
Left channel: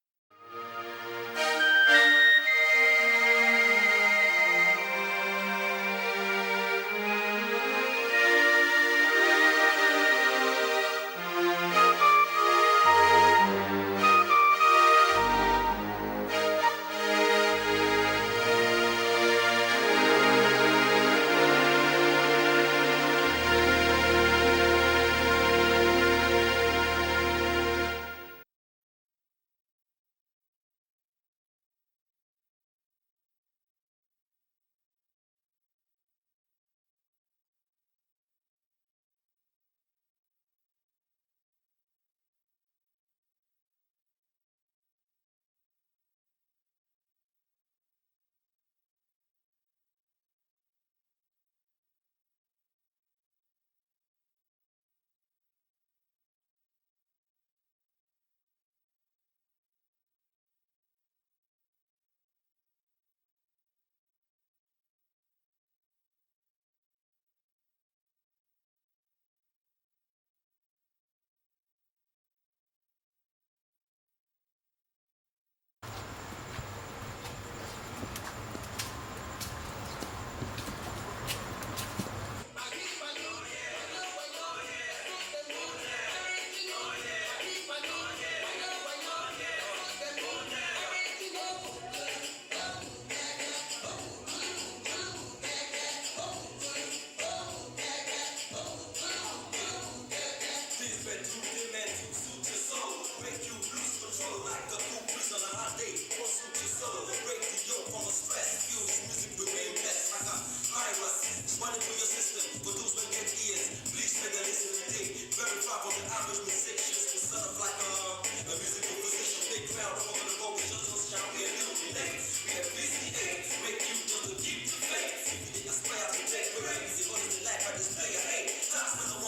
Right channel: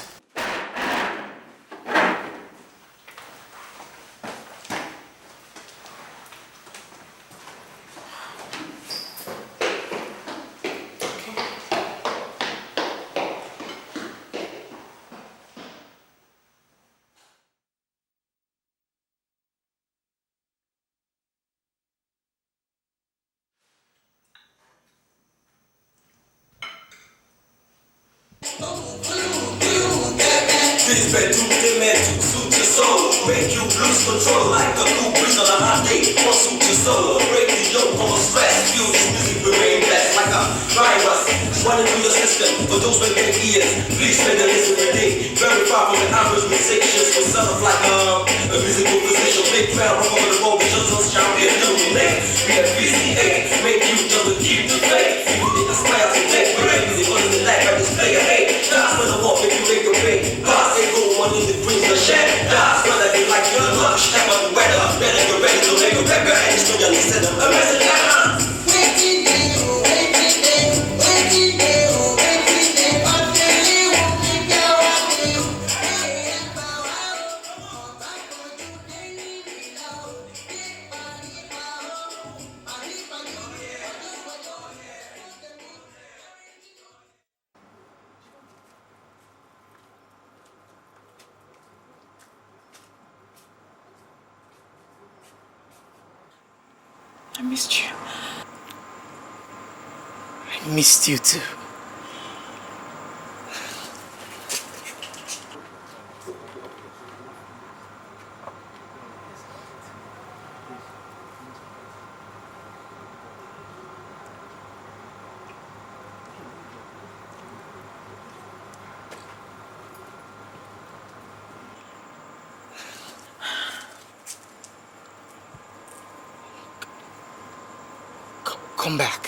This bedroom they meant to suit your soul, make you lose control like a cool breeze on a hot day. Or suit your soul, break the yoke on stress. Feel this music remain blessed like a virus running through your system. For those with big ears, please spend a listen today. Very far from the average musicians, for some of like a musical position. Big crowd rock over the road, we just shall be illuminate. We have VC8, make you just to keep the faith. You think aspire to take break, music on the life, I just play a hate. That's when I walk, make you make a pay. Boss ain't go one in the brings the shed. That's when I be like your lunch, check on the weather. Better get ready to make a pepper, and it's no young instead of a message. I missed you. I missed you too. Come back.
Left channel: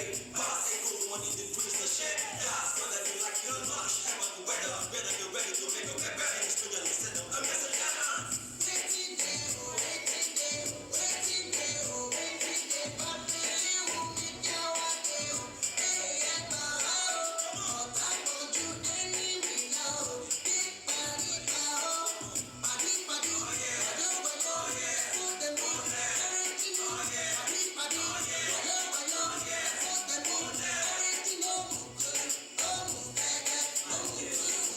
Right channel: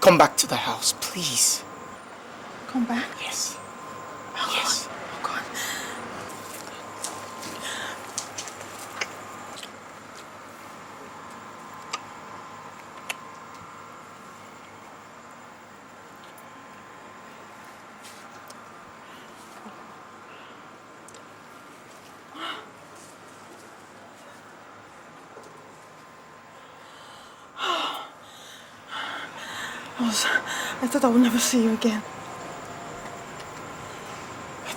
Come back to the house, please. Come back? Yes. Oh, Yes. God. I thought I would never see you again. I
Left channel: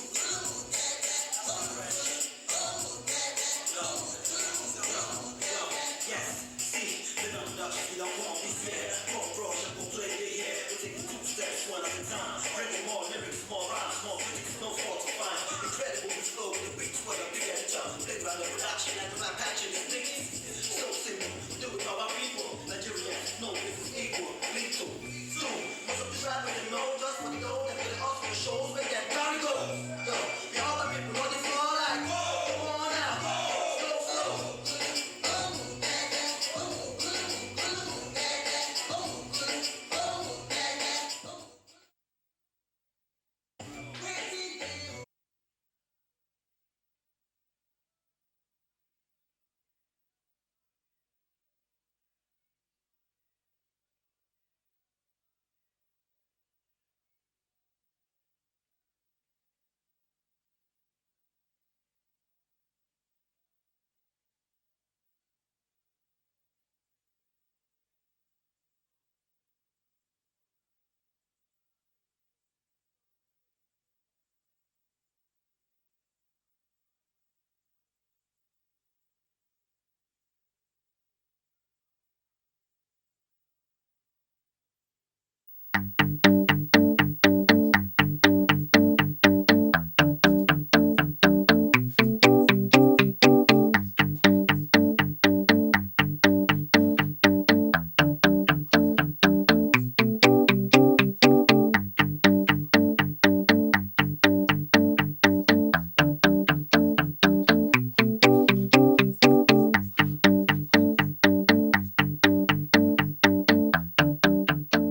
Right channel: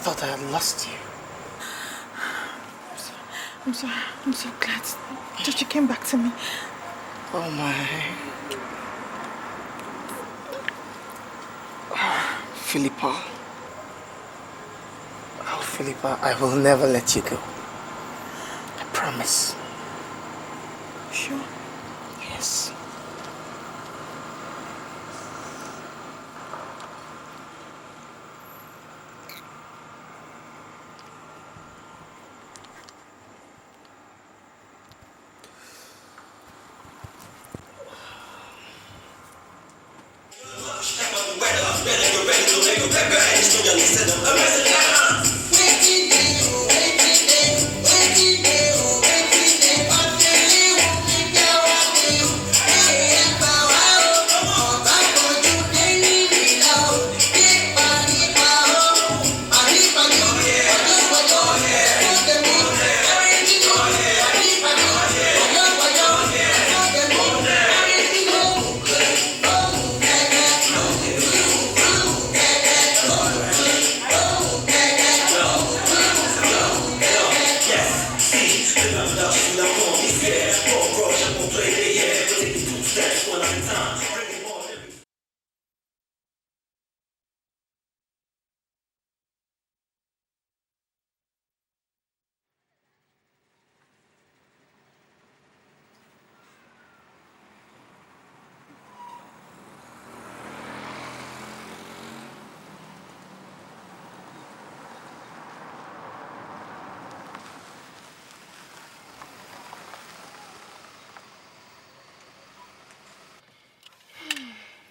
thought I had lost you. I'm so glad that you came back to me. Oh my. Philippa. Oh, Philippa, I will never let you go. I promise. Sure? Yes.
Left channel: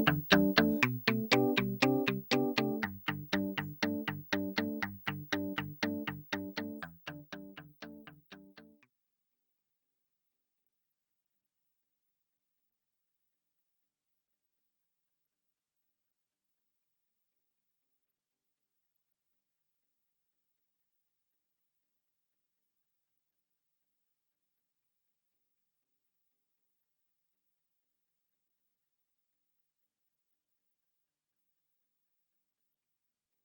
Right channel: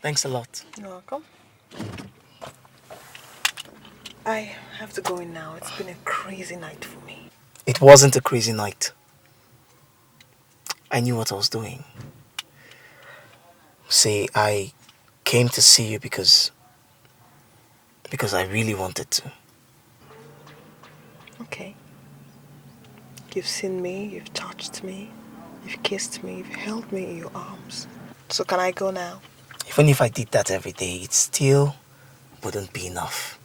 Thanks a lot. You're welcome. I have to go in now. It's been a crazy night for me. It wasn't a crazy night. I knew what I was doing. See, I came to see you because I really wanted to. Okay. You've seen me, you've touched me, you've kissed me, you've held me in your arms. So can I go now? Even if I did that every day, it still wouldn't be enough.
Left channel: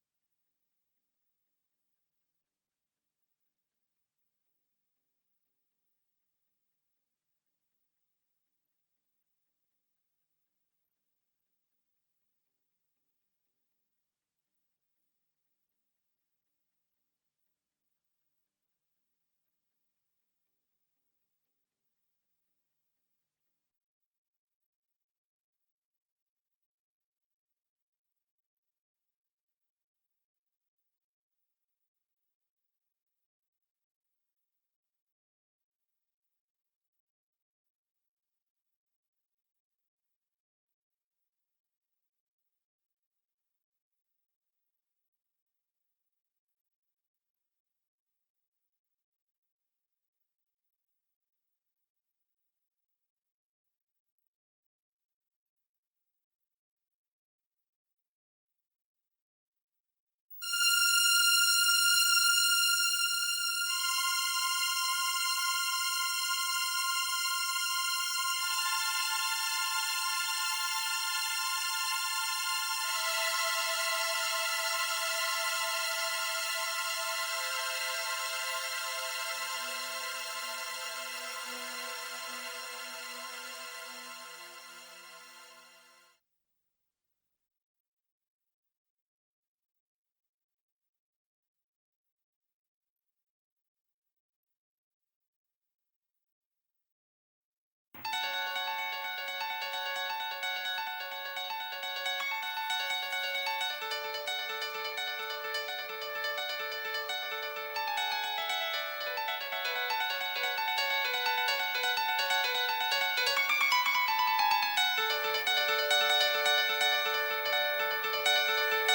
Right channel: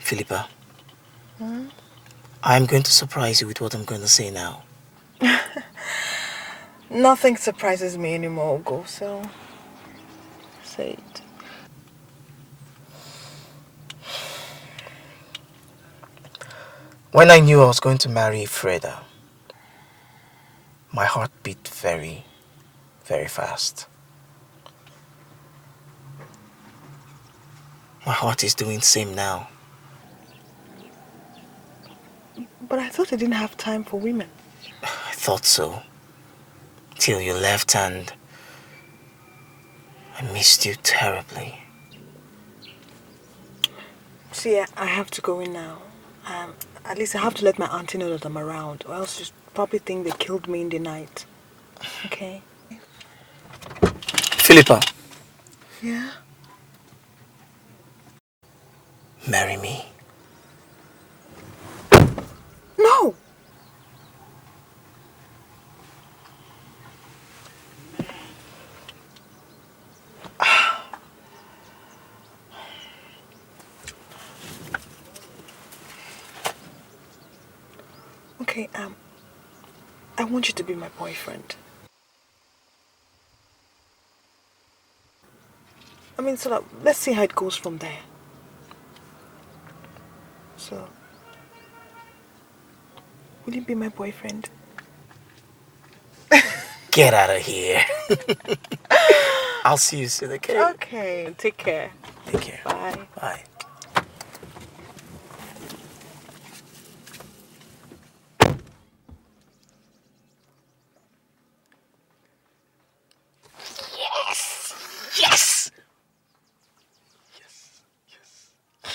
Philippa, I'm going to surprise you with what I'm going to say now. Nothing surprises me anymore, Ugo, so say it. When I knew I was going to marry Freda, my heart beat very, very fast. My heart is doing the same now. But I thought you didn't have time for women. I thought so. Till you left and I missed you terribly. See, I have to go in now. At least I have to let my auntie know that I'm around, or else she'll probably think they killed me in the night. Okay? Philippa, Yeah? marry me. No! Okay, I want you to be my boyfriend. I mean, so let's see how it goes from there. So, will you be my boyfriend? Get out of here. I'll see you soon, okay? Okay, take care. Take care. Bye. Bye. Yes!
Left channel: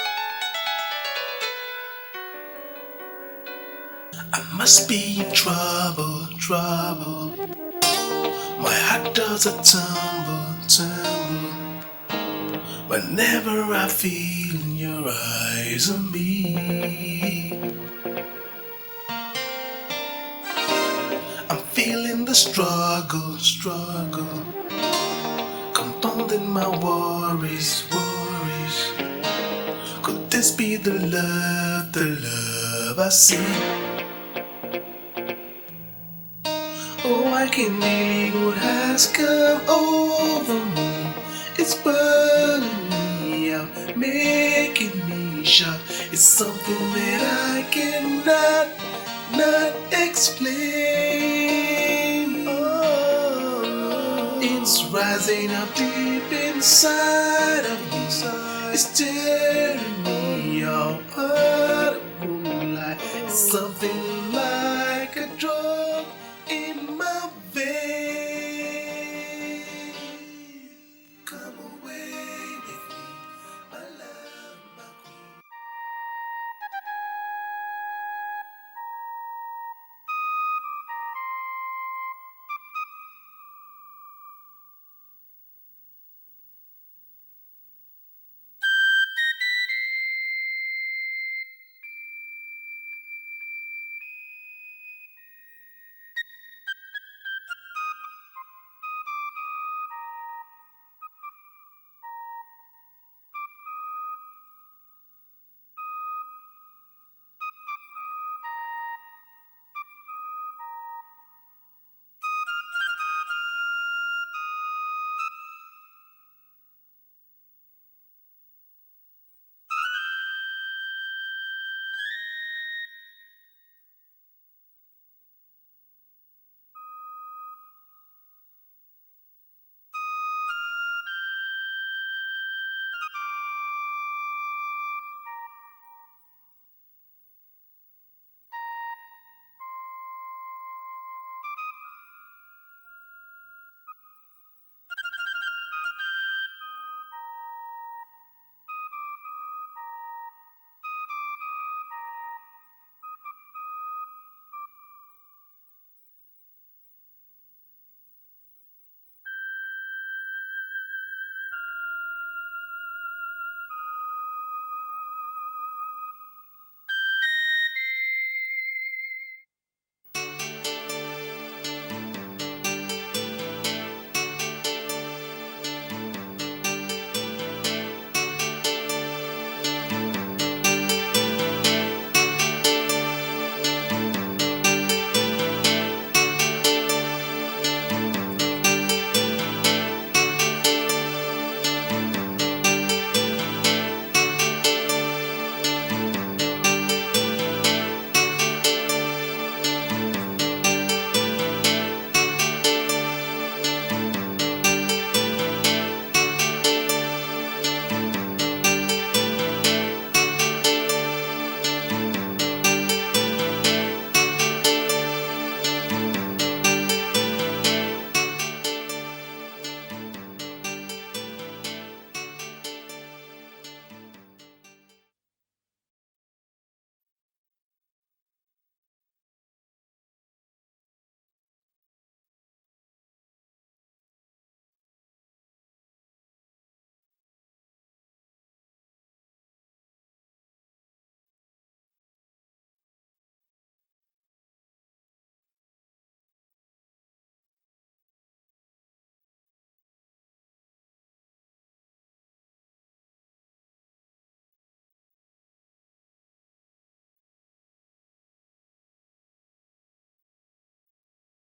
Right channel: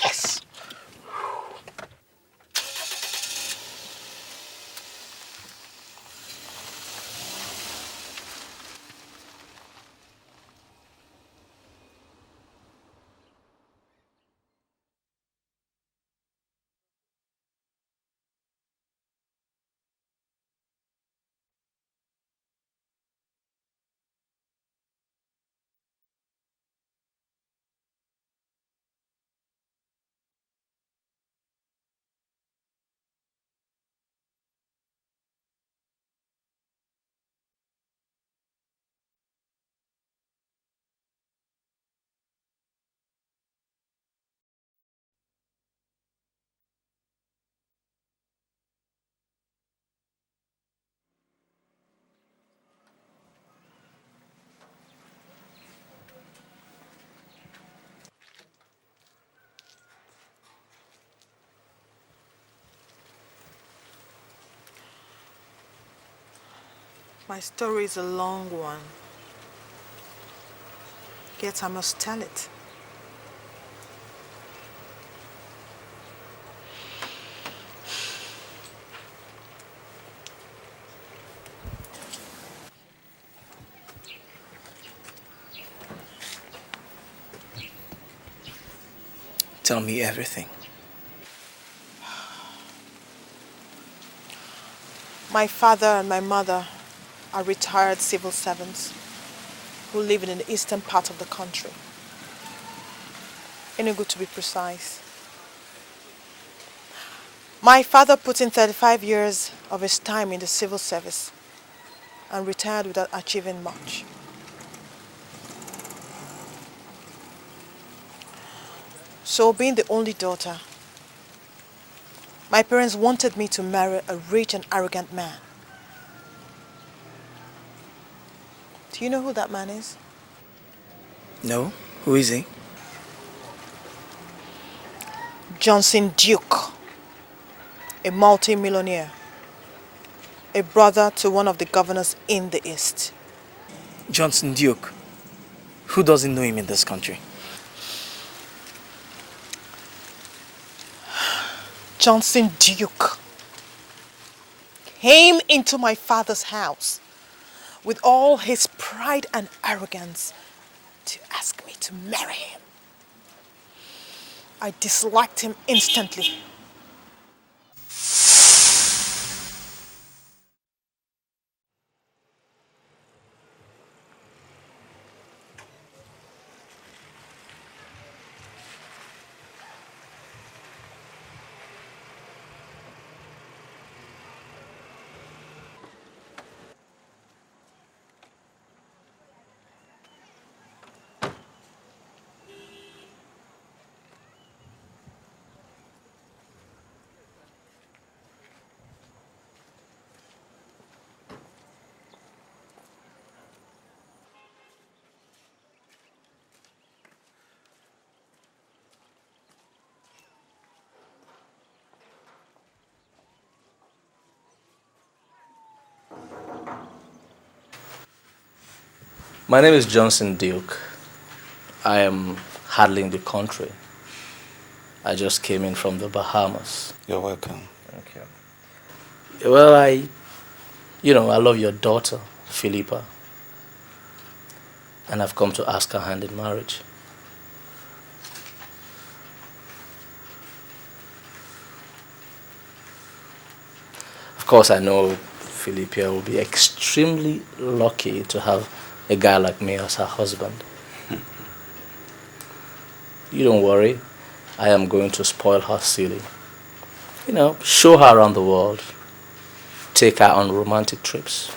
Yes! I must be in trouble, trouble. My heart does a tumble, tumble. Whenever I feel your eyes on me, I'm feeling the struggle, struggle, compounding my worries, worries. Could this be the love I see? Oh, I can't believe what has come over me. It's burning me out, making me shout. It's something that I cannot not explain. Oh, it's rising up deep inside of me. It's tearing me apart. It's something like a drug in my story is a long one. Yet I must tell it. Tell me everything. My father and my mother are retired civil servants who live in the eastern part of the country. Enugu, to be precise. My father put in 35 years of his time in the civil service and retired without achieving much. So, being the only daughter, my parents wanted me to marry a rich and arrogant man. Do you know who that man is? No? Who is he? Johnson Duke, a multi-millionaire, a brother to one of the governors in the East. Johnson Duke. Who doesn't know him in this country? Johnson Duke came into my father's house with all his pride and arrogance to ask me to marry him. I disliked him instantly. My name is Johnson Duke. I am handling the country. I just came in from the Bahamas. You're welcome. Thank you. Well, I love your daughter, Philippa. And I've come to ask her hand in marriage. Of course, I know Philippa will be extremely lucky to have a guy like me as her husband. You don't worry. I am going to spoil her silly. Show her around the world. Take her on romantic trips.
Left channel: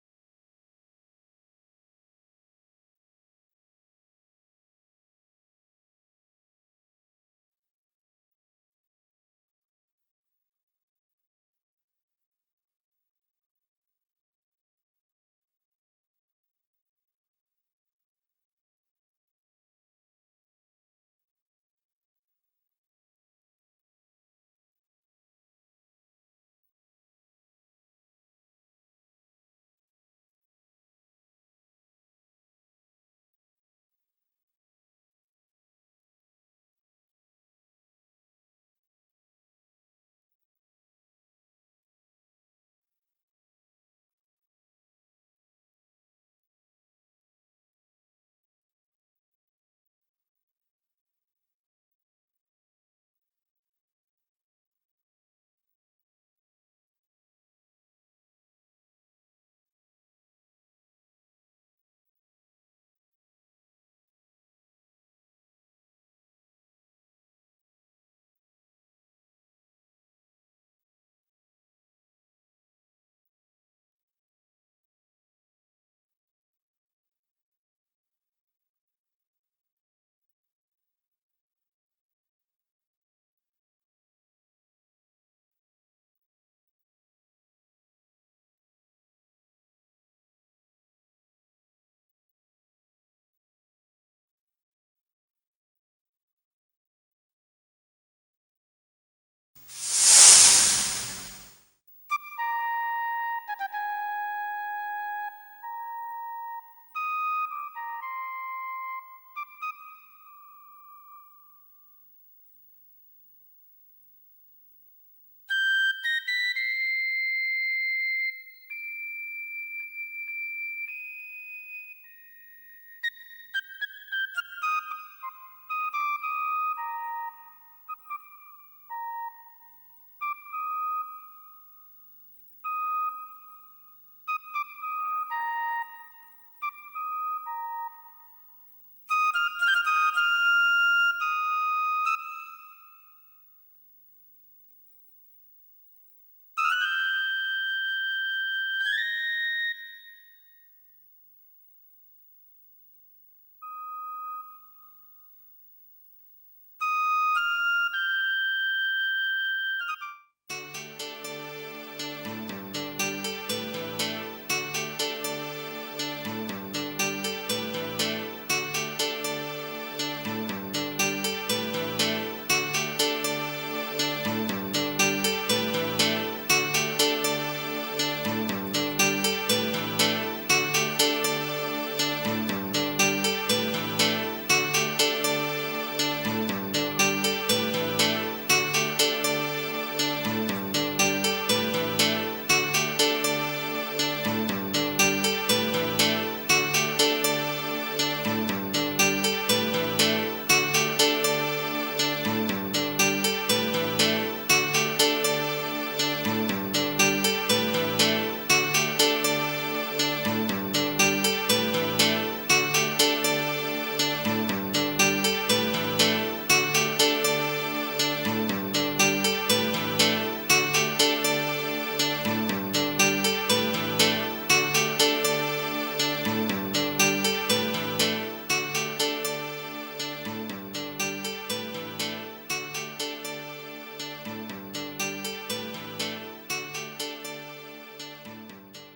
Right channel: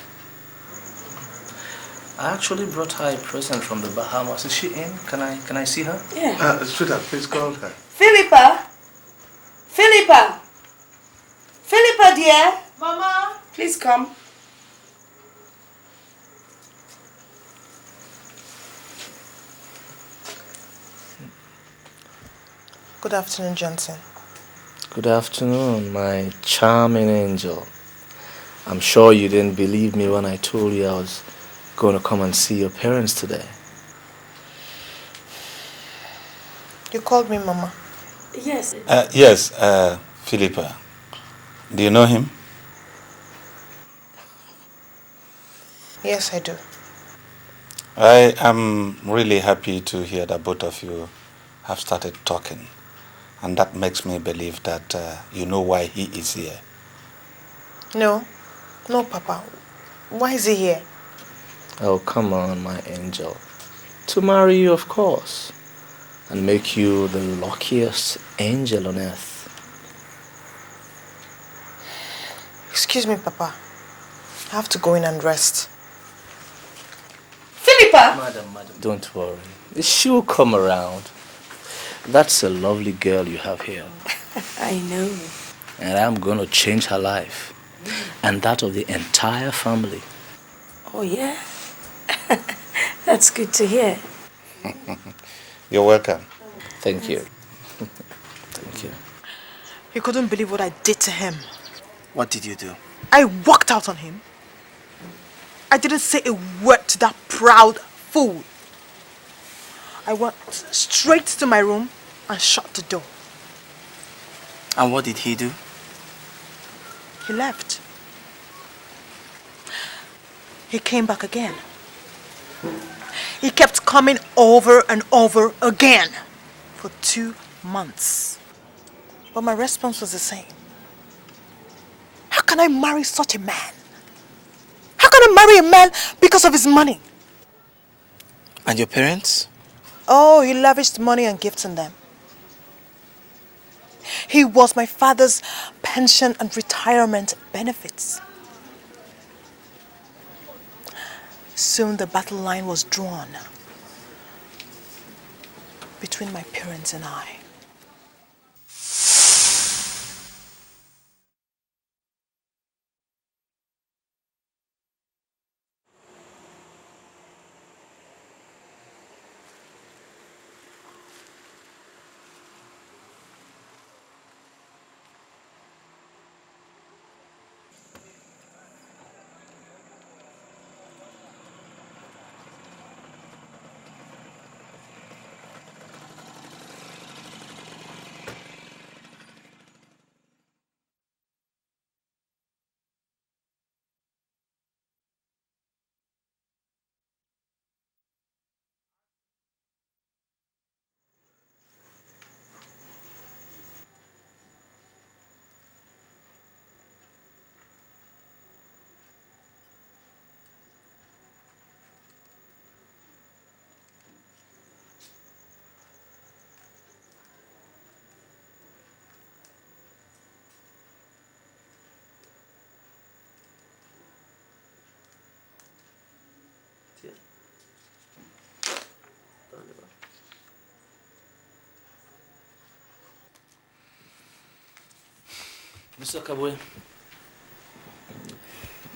I actually brought her a present from the Bahamas. Is she in? Can I see her? Yeah. Sweetheart, please call her. Philippa! Philippa! Philippa, dear! Mama! Please come. Good afternoon, Johnson. Good afternoon, my charming angel. I'm sure you didn't believe me when I told you I was going to come and see your parents today. You called me Mama. Yes. Yes, Philippa. Do you know him? Yes, I do. I am really happy to hear that both of you have started talking. And that makes me believe that you know why he is here. No. No, Papa. Why is he here? Oh, come on, my angel. To marry you, of course. And make you the luckiest angel on earth. Excuse me, Papa. I have to go in and rest. Philippa! Madam, don't worry. She'll come around. That's a lovely girl you have here. I know. And I'm going to change her life. And that of the entire family. Oh, yeah? That's good to hear. You're welcome. Thank you. Thank you. You couldn't believe what I did to him. What did you do? I walked out on him. I didn't say a word to that proud fool. I went straight to my room and shut the door. And what did he do? He left. He came back again. He kept coming over and over again for 2 months. But my response was the same. How can I marry such a man? How can I marry a man because of his money? And your parents? Oh, he lavished money and gifts on them. He was my father's pension and retirement benefits. Soon the battle line was drawn between my parents and I.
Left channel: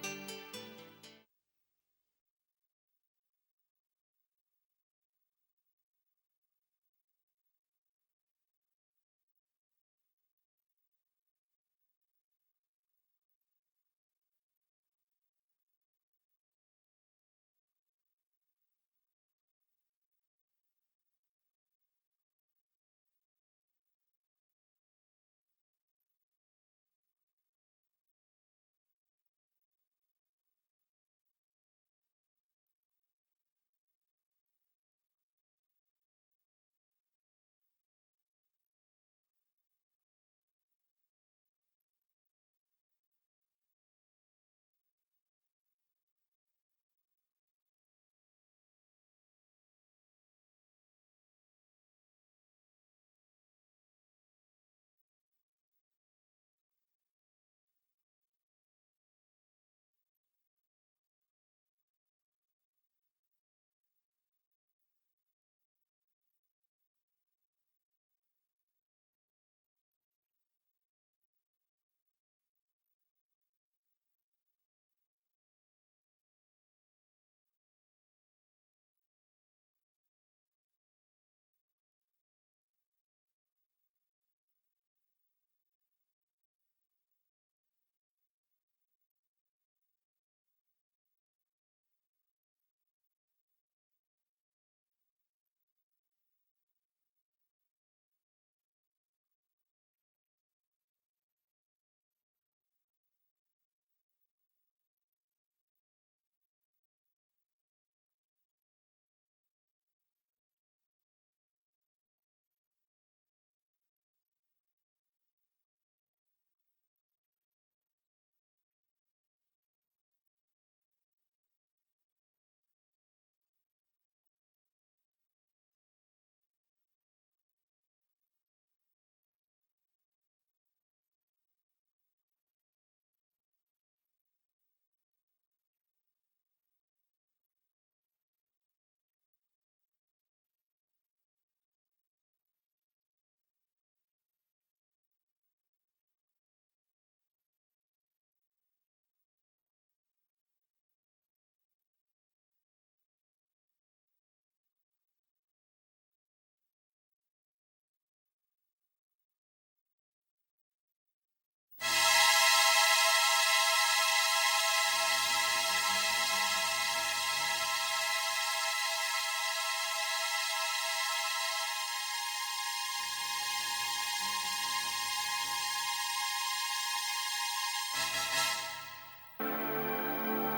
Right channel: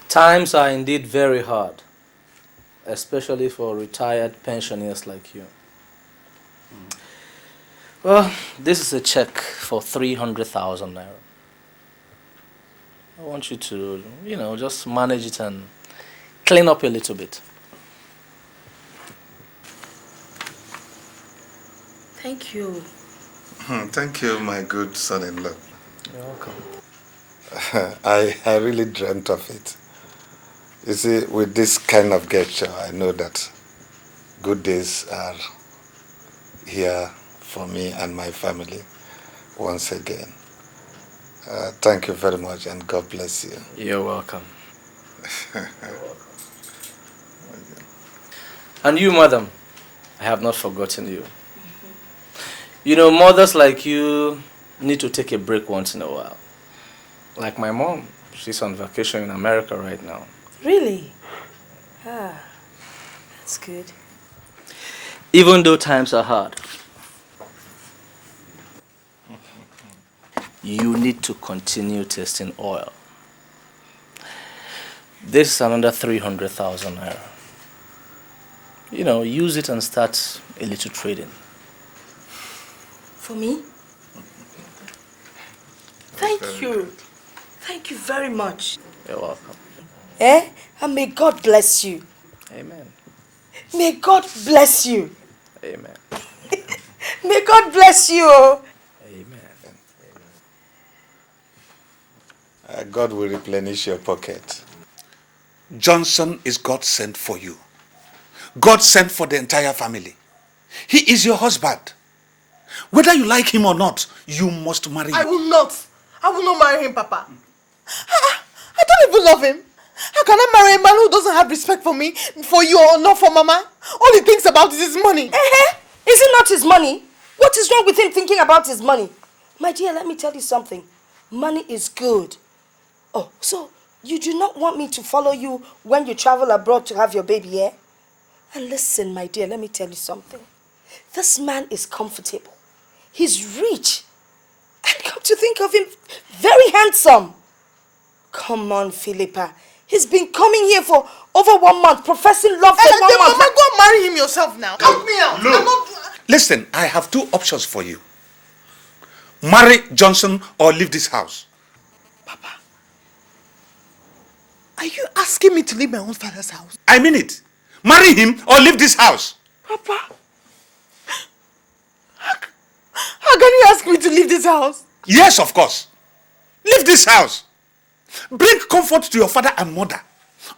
Times are indeed very hard, especially for retired pensioners like you. Well, this is a check for 300,000 naira. I want you to, just manage it and clean up a little bit. Thank you. Thank you, my good son-in-law. You're welcome. I really dreamt of it. You see, with this kind of gesture, I know that good days are here for me and my family once again. Thank you very much, and God bless you. You're welcome. And you, madam, I have not forgotten you. You know, mothers like you need to take a break once in a while. Like my mom, she's on vacation in America right now. Really? Ah, that's good. Even though times are hard, you need to continue testing oil. This is another 300,000 naira. You know, use it and start a little trading. For me? Thank you. Thank you very much. You're welcome. And may God bless you. Amen. May God bless you. Amen. May God bless you. God will replenish your pocket. Johnson is God sent for you. God sent for the entire family. He is your husband. Whether you like him or not, you must marry him. I will not. I will not marry him, Papa. I don't even love him. How can I marry a man who doesn't have respect for me, for you, or not for Mama? All he thinks about is his money. Is it not his money? What is wrong with him thinking about his money? My dear, let me tell you something. Money is good. Oh, so you do not want me to follow you when you travel abroad to have your baby, eh? And listen, my dear, let me tell you something. This man is comfortable. He's rich. And come to think of him, very handsome. Come on, Philippa. He's been coming here for over 1 month, professing love for 1 month. Mama, go and marry him yourself now. Help me out. Look. Listen, I have 2 options for you. Marry Johnson or leave this house. Are you asking me to leave my own father's house? I mean it. Marry him or leave this house. Papa, how can you ask me to leave this house? Yes, of course. Leave this house. Bring comfort to your father and mother.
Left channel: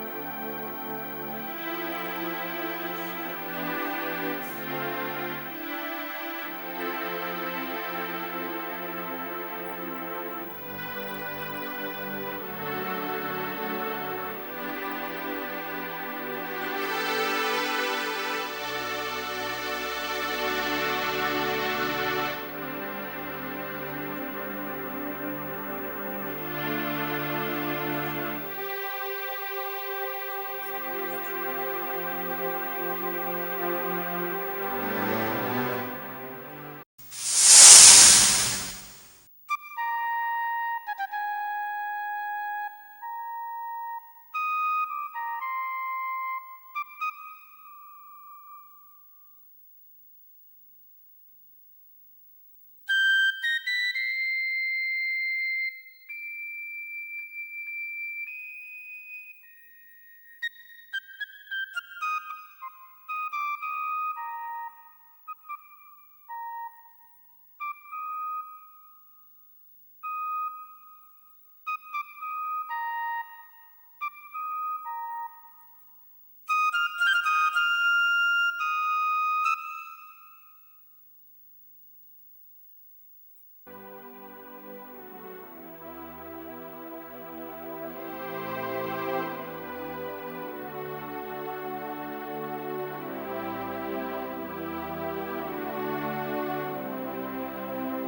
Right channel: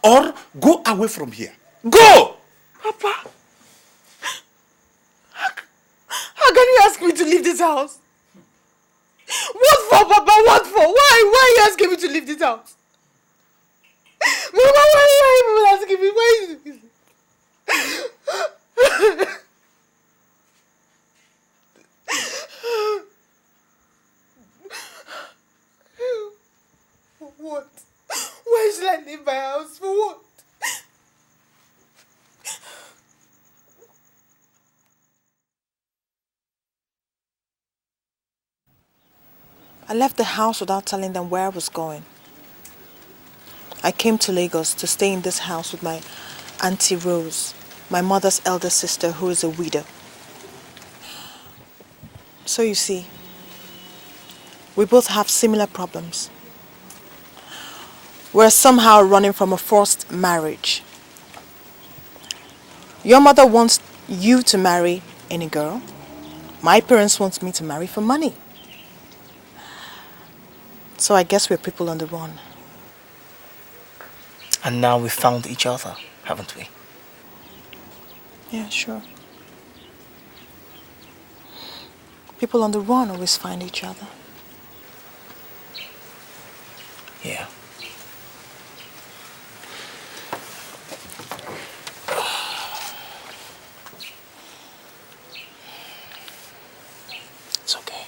Or go away from here. Go! Papa, how can you ask me to leave this house? What for, Papa? What for? Why are you asking me to leave this house? Mama, why are you asking me? Why? Why should I leave my house? For what? I left the house without telling them where I was going. I came to Lagos to stay in this house with my Auntie Rose, my mother's elder sister who is a widow. So you see, we both have similar problems. We're somehow running from a forced marriage. Your mother wants you to marry any girl. My parents want me to marry for money. So I guess we're people on the run. And now we've found each other, haven't we? Yeah, sure. People on the run always find each other. Yeah. It's okay.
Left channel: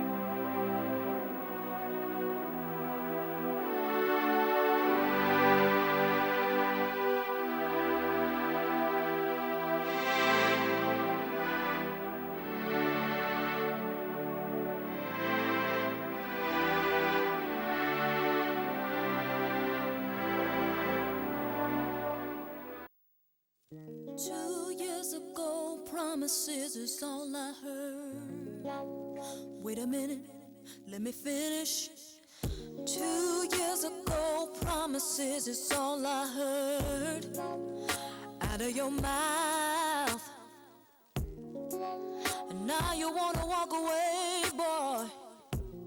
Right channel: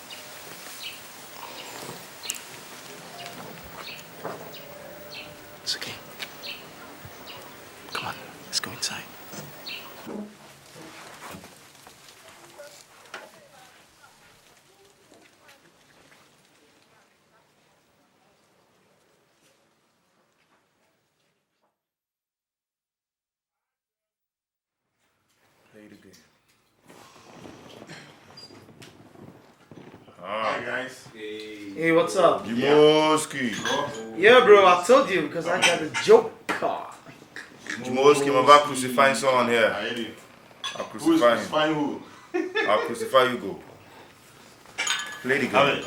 It's okay. Come on, let's go inside. Promises is all I heard. Wait a minute. Hey, what's up? Jimoski. Yeah, bro, I told you because I got a joke card. Jimoski, I'm about to crucify someone here. I'll crucify him. Who? I'll crucify you, bro. Play the game.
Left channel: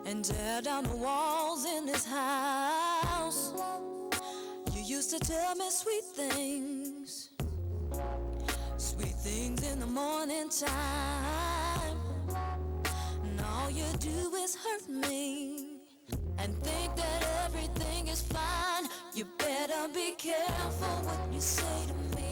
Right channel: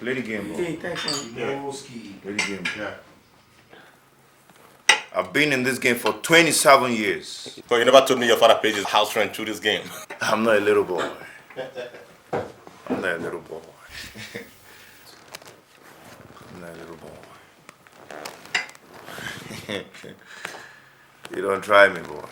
Play the game. Play the game. I've been in this game for 27 years. So you never told me your father paid his house rent through this game. I'm not a little boy. I'm not a little boy. You don't try me, boy.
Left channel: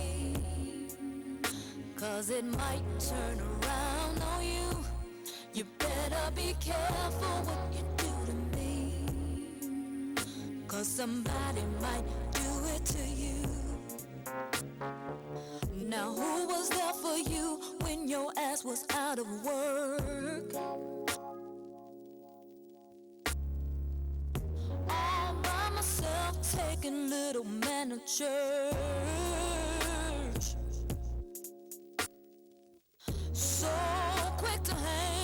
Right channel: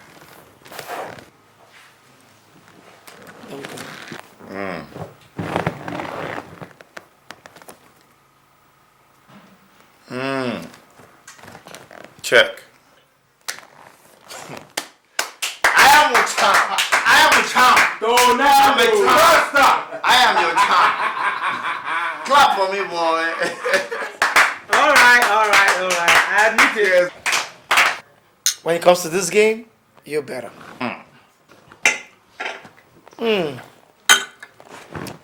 Check. I am your champ. I am your champ. I'm a champ. I am your champ. Clap for me, boy. All right. I admit it. When it comes to this game, you're better.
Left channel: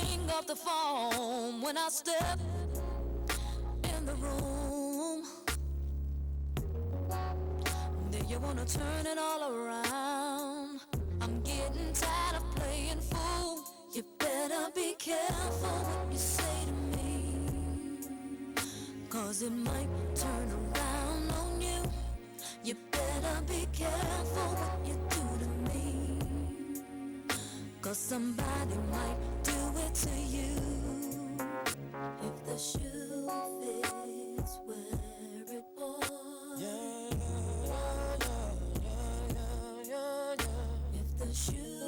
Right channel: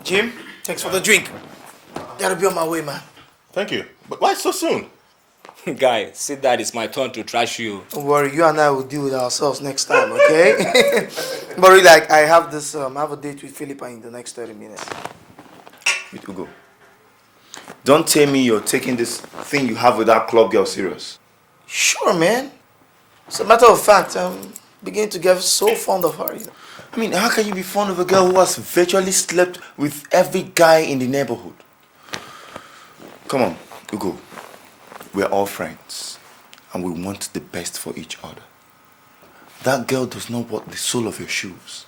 Jim, thanks for the drink. Gotta be on my way, man. Thank you. But why so soon? Guy, see that it's my turn to trash you. Don't worry, you and I will deal with ourselves next time, okay? But really, like, I have this, I have a date with Philippa in the next 30 minutes. It will go. Don't tell me you're taking this thing you have with that club girl serious. Sure, man. As a matter of fact, I'm beginning to get so fond of her. I mean, how can you be fond of a girl who has virtually slept with every guy in the neighborhood? Come on, Google. We're all friends, and we want the best for each other. That girl does not want the sole of your shoes.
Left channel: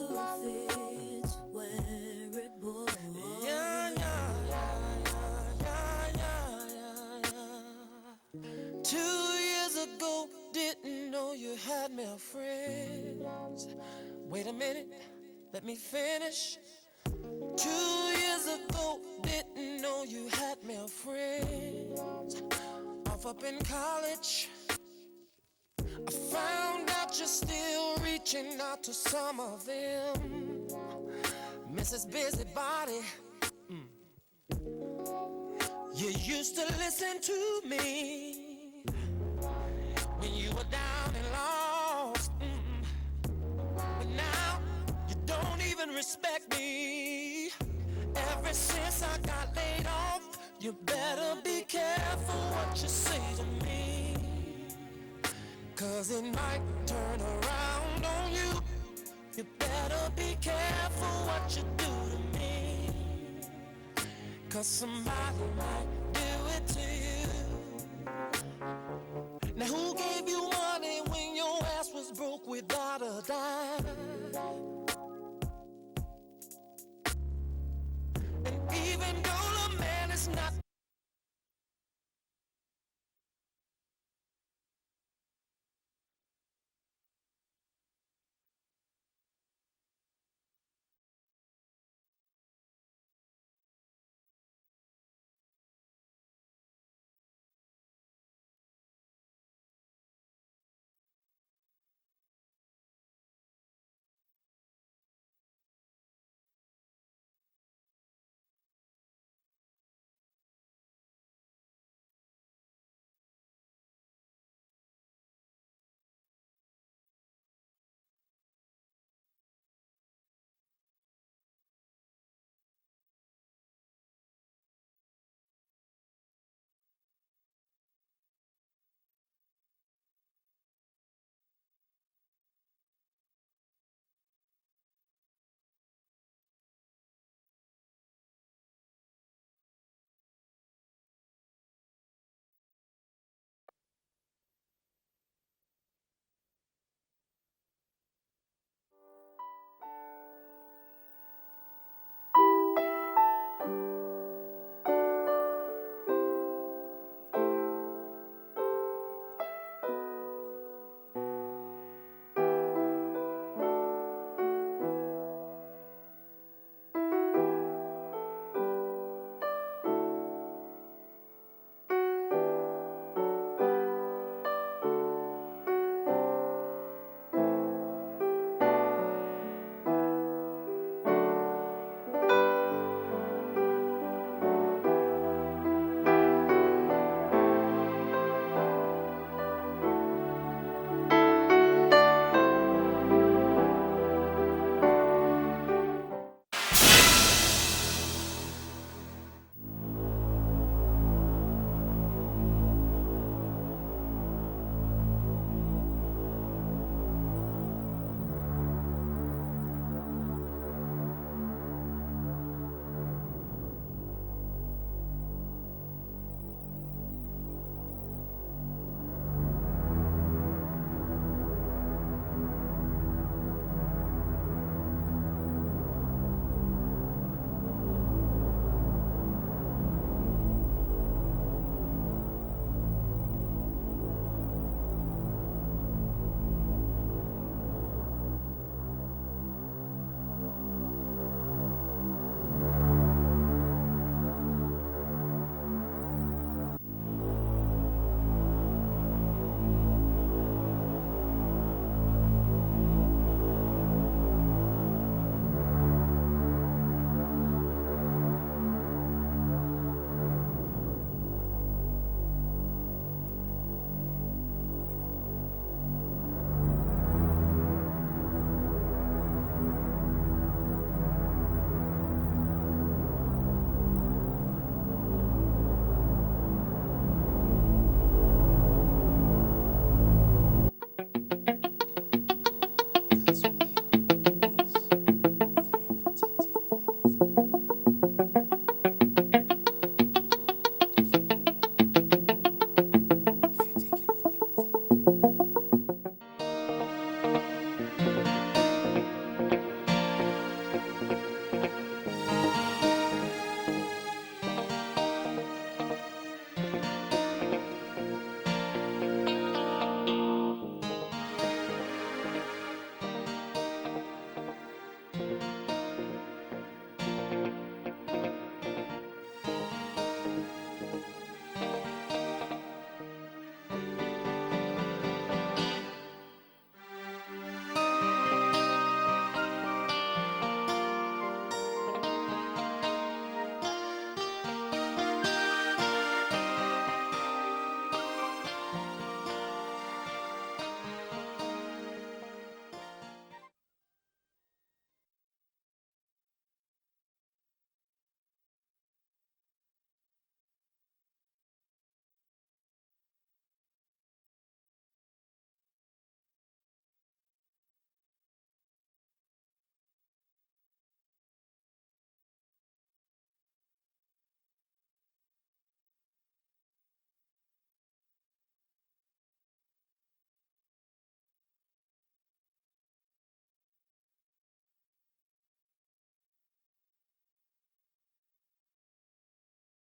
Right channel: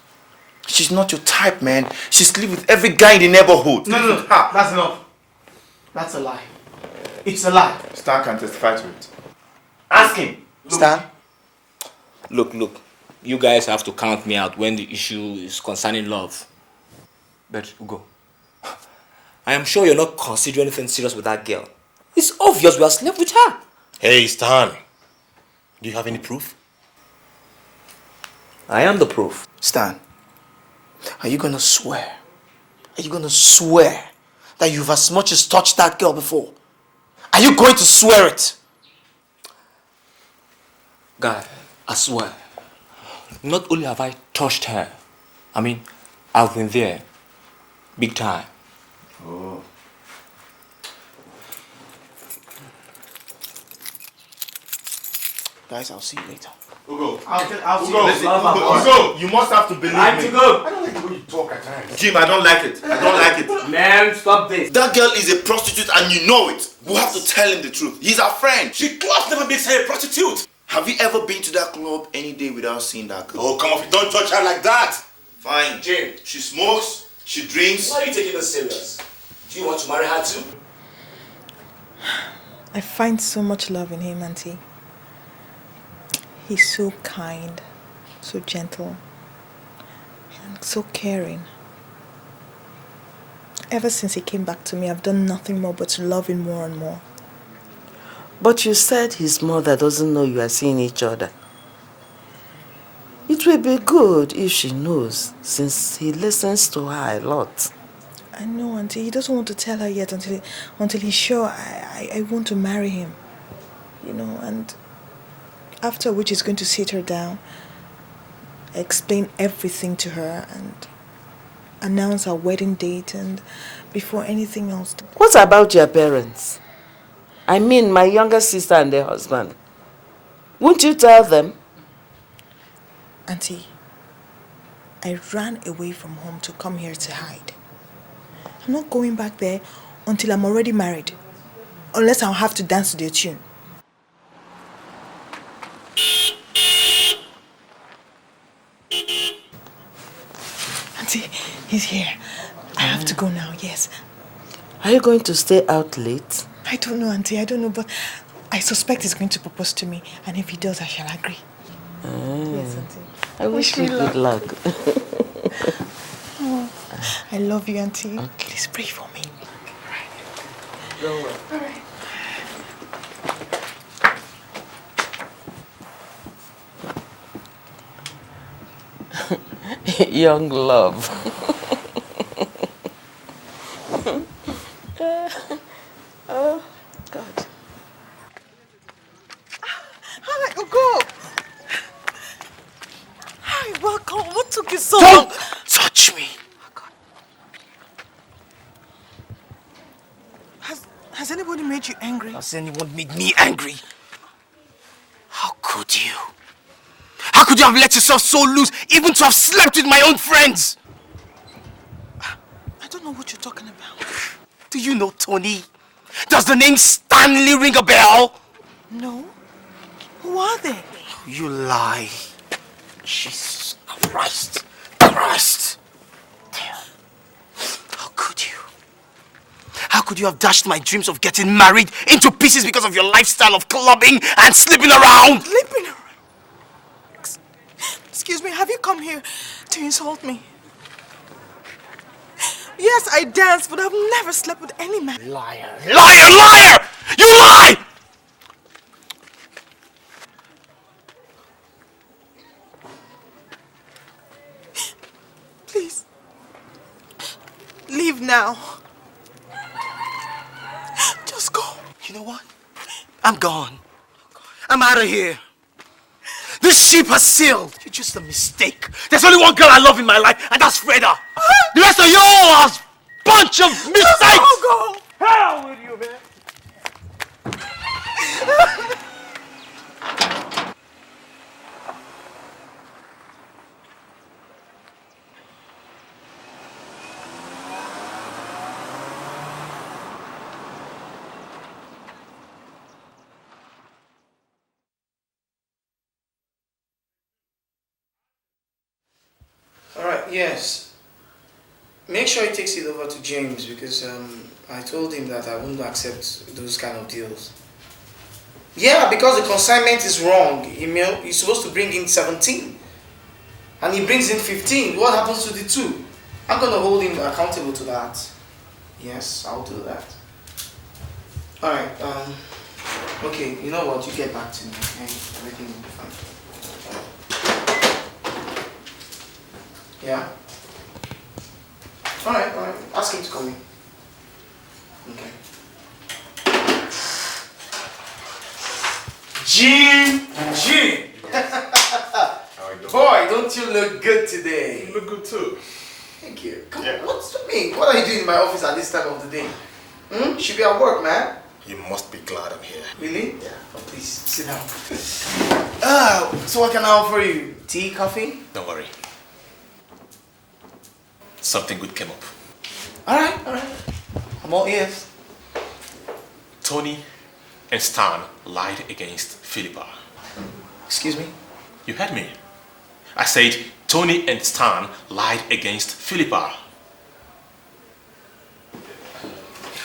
She's not your type, man. She sleeps with every guy in the neighborhood. No, that's enough. That's a lie. It's a lie. Stan can testify to it. Ask him. Stan? Look. You guys have to count me out when the issue is concerning love. But go. I am sure you're not considering anything serious with that girl. It's obvious we have slept with her. Hey, Stan. Do you have any proof? I am the proof. Stan, are you gonna swear? Are you gonna swear that you've as much as touched that girl before? Are you going to swear it? Guy, I swear. Not only have I touched her, I mean, I've been there. Big time. Oh. Guys, I'll see you later. Ugo, Ugo, you must have to believe me. Jim, I don't like it. Man, stop this. That girl is a prostitute and you know it. We have to tell him the truth. He's our friend. She clubs never makes her a prostitute. Have you ever been to that club any day without seeing that girl? Oh, come on, don't touch her like that. Fine. Jim. She smokes, she drinks. Why are you taking this serious? Do you want to marry her too? I find so much love in him, Auntie. He's so kind, so gentle, and so caring. Ever since he came back to me, I've done nothing more but to love him more and more. But you said his mother doesn't know you are seeing each other. It will be good if she knows, since he listens to her a lot. I know, Auntie. He doesn't want to tell her yet until he's sure I want to marry him. You know, and after which he's going to sit her down, explain everything to her, and announce our wedding date, and before anything else. What about your parents? I mean, my younger sister and their husband. Won't you tell them? Auntie, I ran away from home to come here to hide. I'm not going back there until I'm already married, unless I'll have to dance to their tune. Auntie, he's here. I have to go now, yes. Are you going to stay out late? I don't know, Auntie, I don't know, but I suspect he's going to propose to me, and if he does, I shall agree. Yes, Auntie. I wish you good luck. Oh, I love you, Auntie. Please pray for me. Right. Don't worry. All right. Young love. Hi, Ugo. Hi, welcome. What took you so long? Don't touch me. Has anybody made you angry? Has anyone made me angry? How could you? How could you have let yourself so loose, even to have slept with my own friends? I don't know what you're talking about. Do you know Tony? Does the name Stanley ring a bell? No. Who are they? You lie. Jesus Christ. Christ. How could you? How could you have dashed my dreams of getting married into pieces because of your lifestyle of clubbing and sleeping around? Sleeping around? Excuse me, have you come here to insult me? Yes, I dance, but I've never slept with any man. Liar! Liar! Liar! You lie! Please, leave now. Just go. You know what? I'm gone. I'm out of here. This ship has sailed. You're just a mistake. There's only one girl I love in my life, and that's Freda. The rest of you all are a bunch of mistakes. Go! Hell with you, man! Alright, yes. Make sure he takes it over to James because I told him that I wouldn't accept those kind of deals. Yeah, because the consignment is wrong. He's supposed to bring in 17 and he brings in 15. What happens to the 2? I'm gonna hold him accountable to that. Yes, I'll do that. Alright, okay, you know what? You get back to me. Okay? Yeah? Alright. Ask him to come in. Jim! Boy, don't you look good today? You look good too. Thank you. Come on, what's the mean? What are you doing in my office at this time of the day? Should be at work, man. You must be glad I'm here. Really? Yeah. Oh, please, sit down. So what can I offer you? Tea, coffee? Don't worry. Something good came up. Alright. I'm all ears. Tony and Stan lied against Philippa. Excuse me? You heard me. I said Tony and Stan lied against Philippa.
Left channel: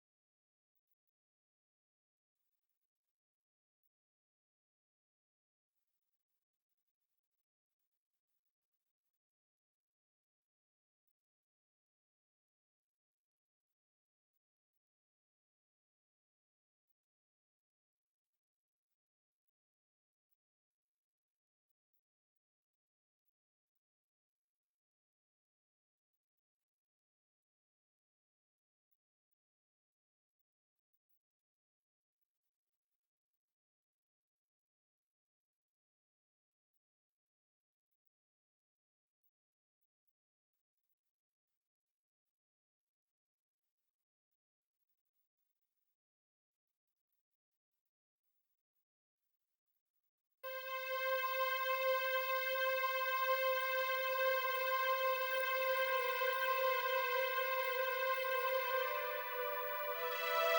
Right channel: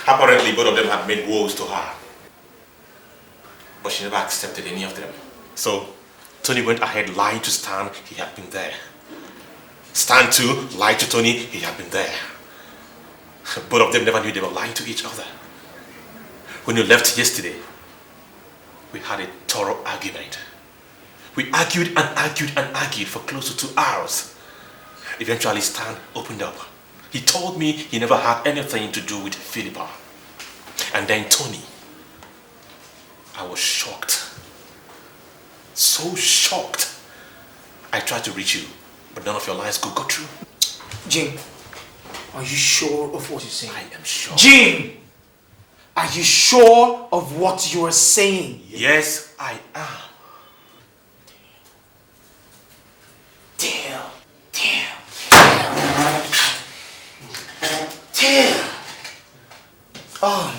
Apparently both of them had made vows to her. But she never accepted any of them. So Tony went ahead lying to Stan he had been there. Stan too lied to Tony he had been there. Both of them never knew they were lying to each other. When you left yesterday, we had a thorough argument. We argued for close to 2 hours. Eventually Stan opened up. He told me he never had anything to do with Philippa. And then Tony. I was shocked. So shocked. I tried to reach you, but none of your lines could go through. Jim, are you sure of what you're saying? I am sure. Jim! Are you sure of what you are saying? Yes, I am. Damn. Oh,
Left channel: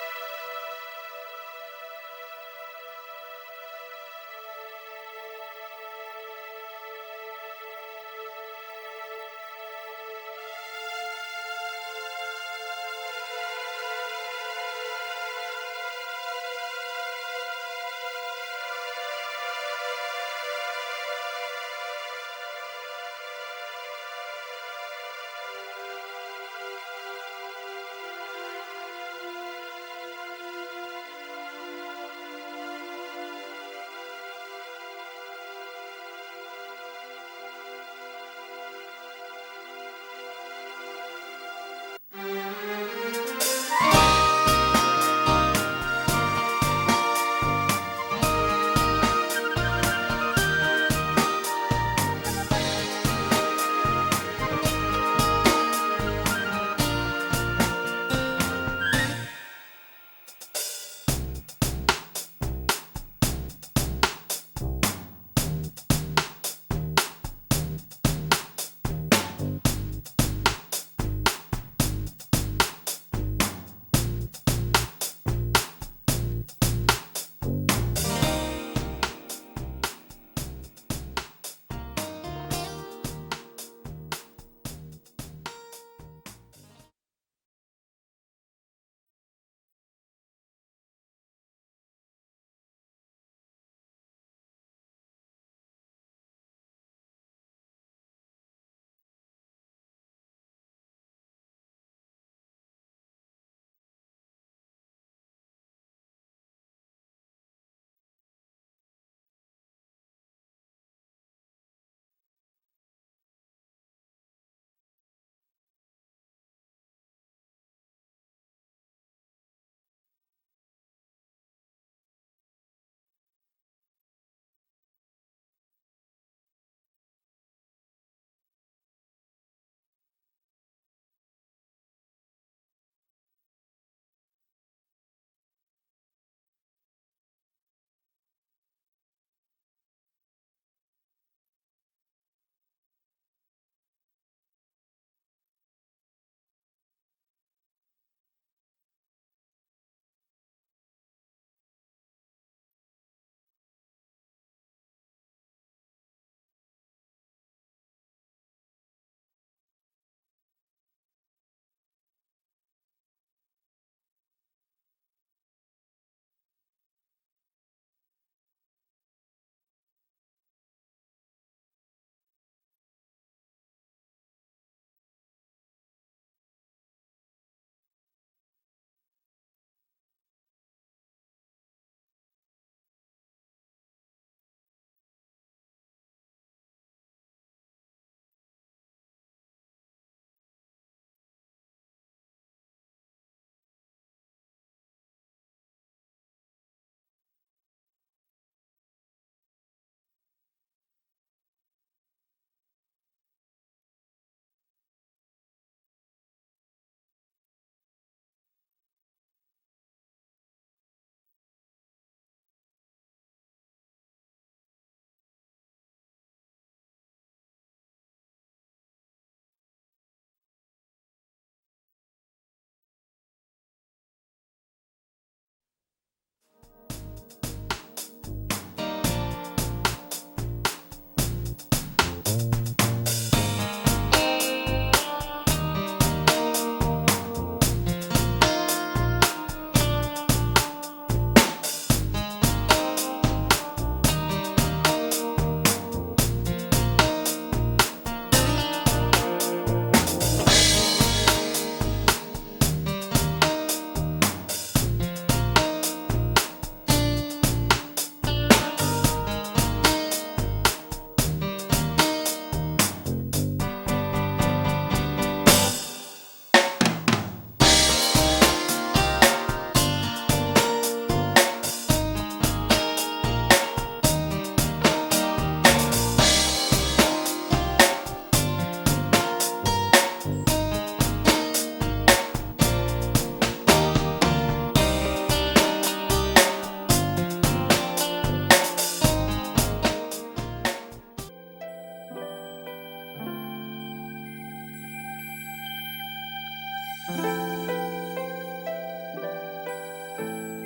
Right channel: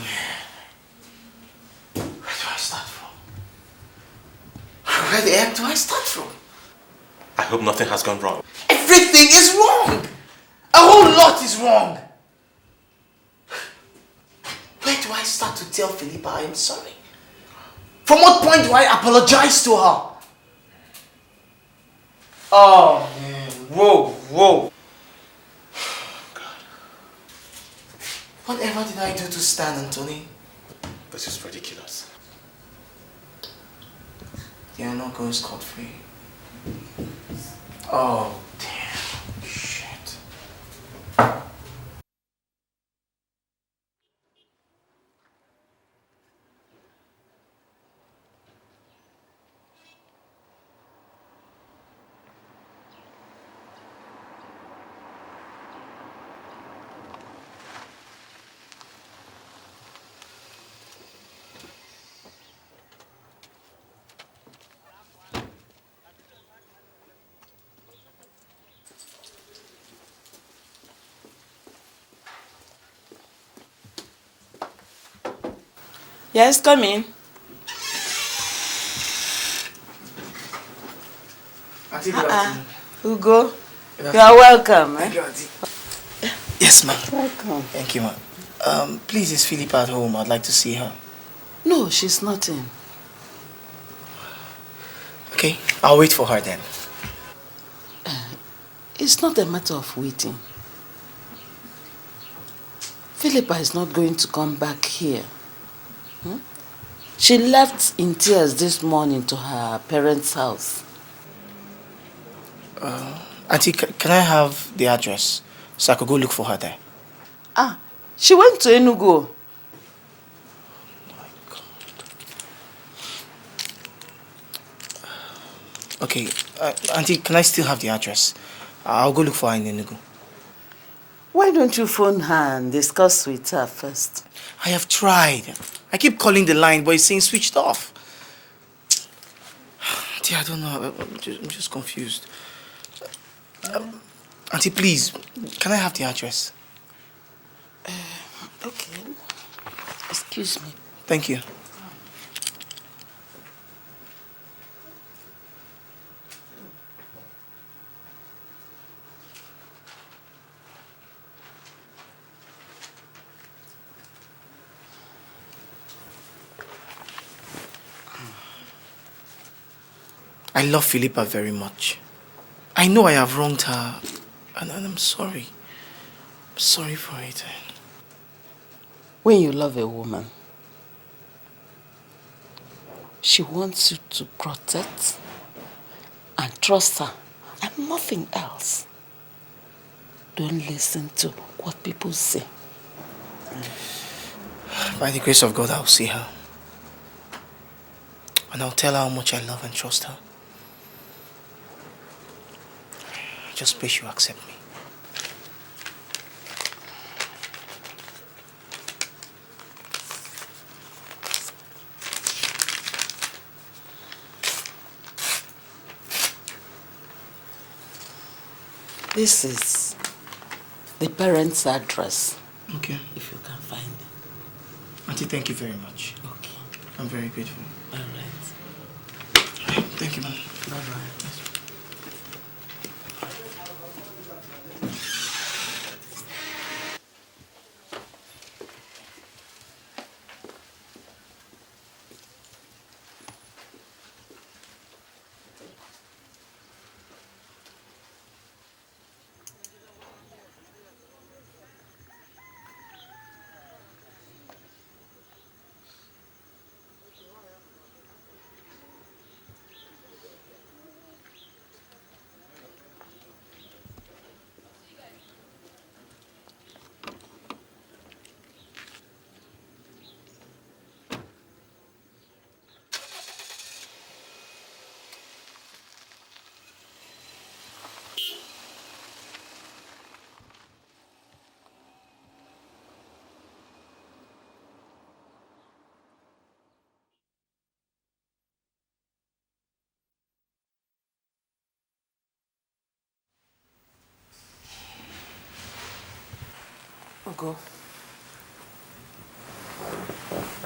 man. Where do I start from? Where the heck do I start from? I hope nothing has gone wrong. Everything is wrong. A whole lot is wrong. Where do I start to tell Philippa I am sorry? From what point do I apologize to her? Oh, man. Whoa. Whatever did I do to Stan, Anthony? This is ridiculous. You're not going scot-free. Oh, damn. Shit. Yes, come in. Ugo, you are welcome. Yes, ma'am. Welcome. Thank you, ma'am. Please, is Philippa at home? I'd like to see her. No, she's not in. Okay, I'll wait for her then. It's not a matter of waiting. Philippa is not going to come back here. She left in tears this morning to her parents' house. Auntie, can I have the address so I could go look for her there? She went to Enugu. Okay, Auntie, can I still have the address? I'll go look for her in Enugu. Why don't you phone her and discuss with her first? I have tried. I keep calling the line, but it's saying switched off. Auntie, I don't know. I'm just confused. Auntie, please, can I have the address? Okay. Excuse me. Thank you. I love Philippa very much. I know I have wronged her, and I'm sorry. I'm sorry for it. When you love a woman, she wants you to protect and trust her, and nothing else. Don't listen to what people say. By the grace of God, I'll see her. And I'll tell her how much I love and trust her. I just pray she'll accept me. This is the parents' address. Okay. If you can find it. Auntie, thank you very much. Okay. I'm very grateful. All right. Thank you, Mama.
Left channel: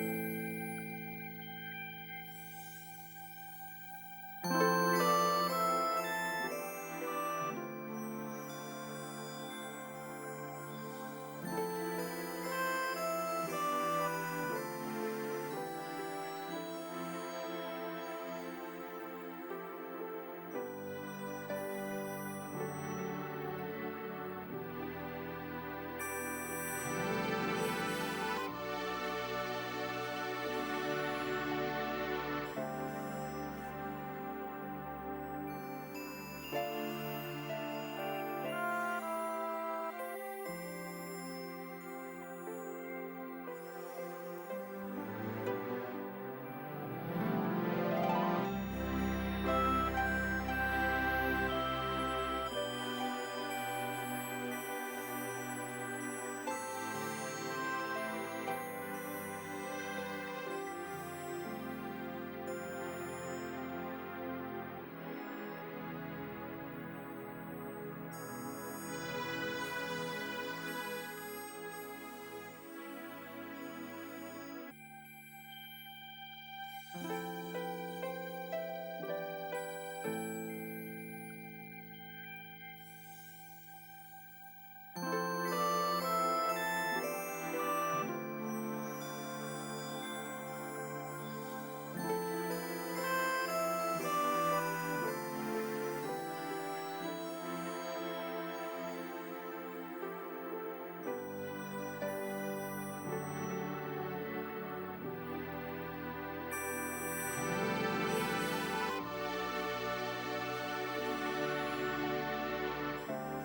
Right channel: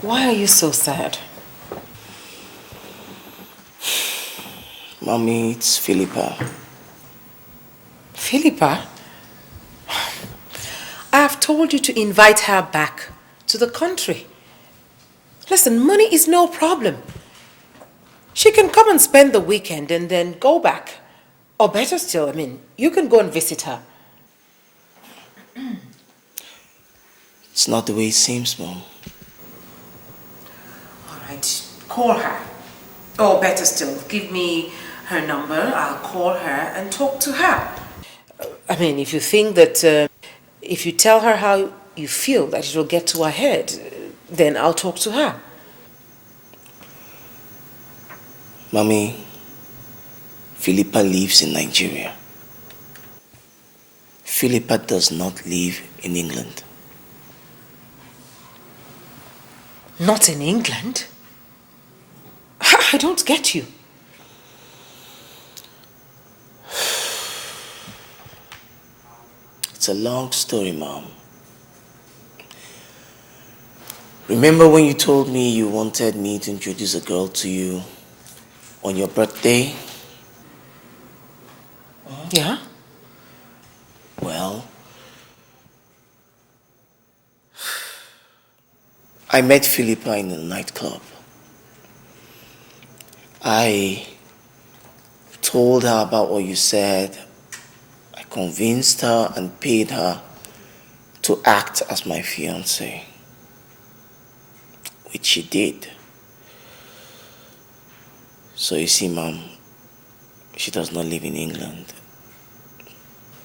Why are you so sad? Mommy, it's Philippa. Philippa? I have told you to invite her back to the country. Listen, money is no problem. She can come and spend the weekend and then go back. Or better still, I mean, you can go and visit her. It's not the way it seems, Mom. Alright, call her. Or better still, give me her number, I'll call her and talk to her. I mean, if you think that if you tell her how you feel that it will get to her head, then I'll talk to her. Mommy, Philippa lives in Nigeria. Philippa does not live in England. Not in England? I don't get you. It's a long story, Mom. Remember when you told me you wanted me to introduce a girl to you on your birthday? Yeah? Well, I met Philippa in a nightclub. I told her about what you said. I convinced her and paid her to act as my fiancé, which she did. So you see, Mom, she does not live in England.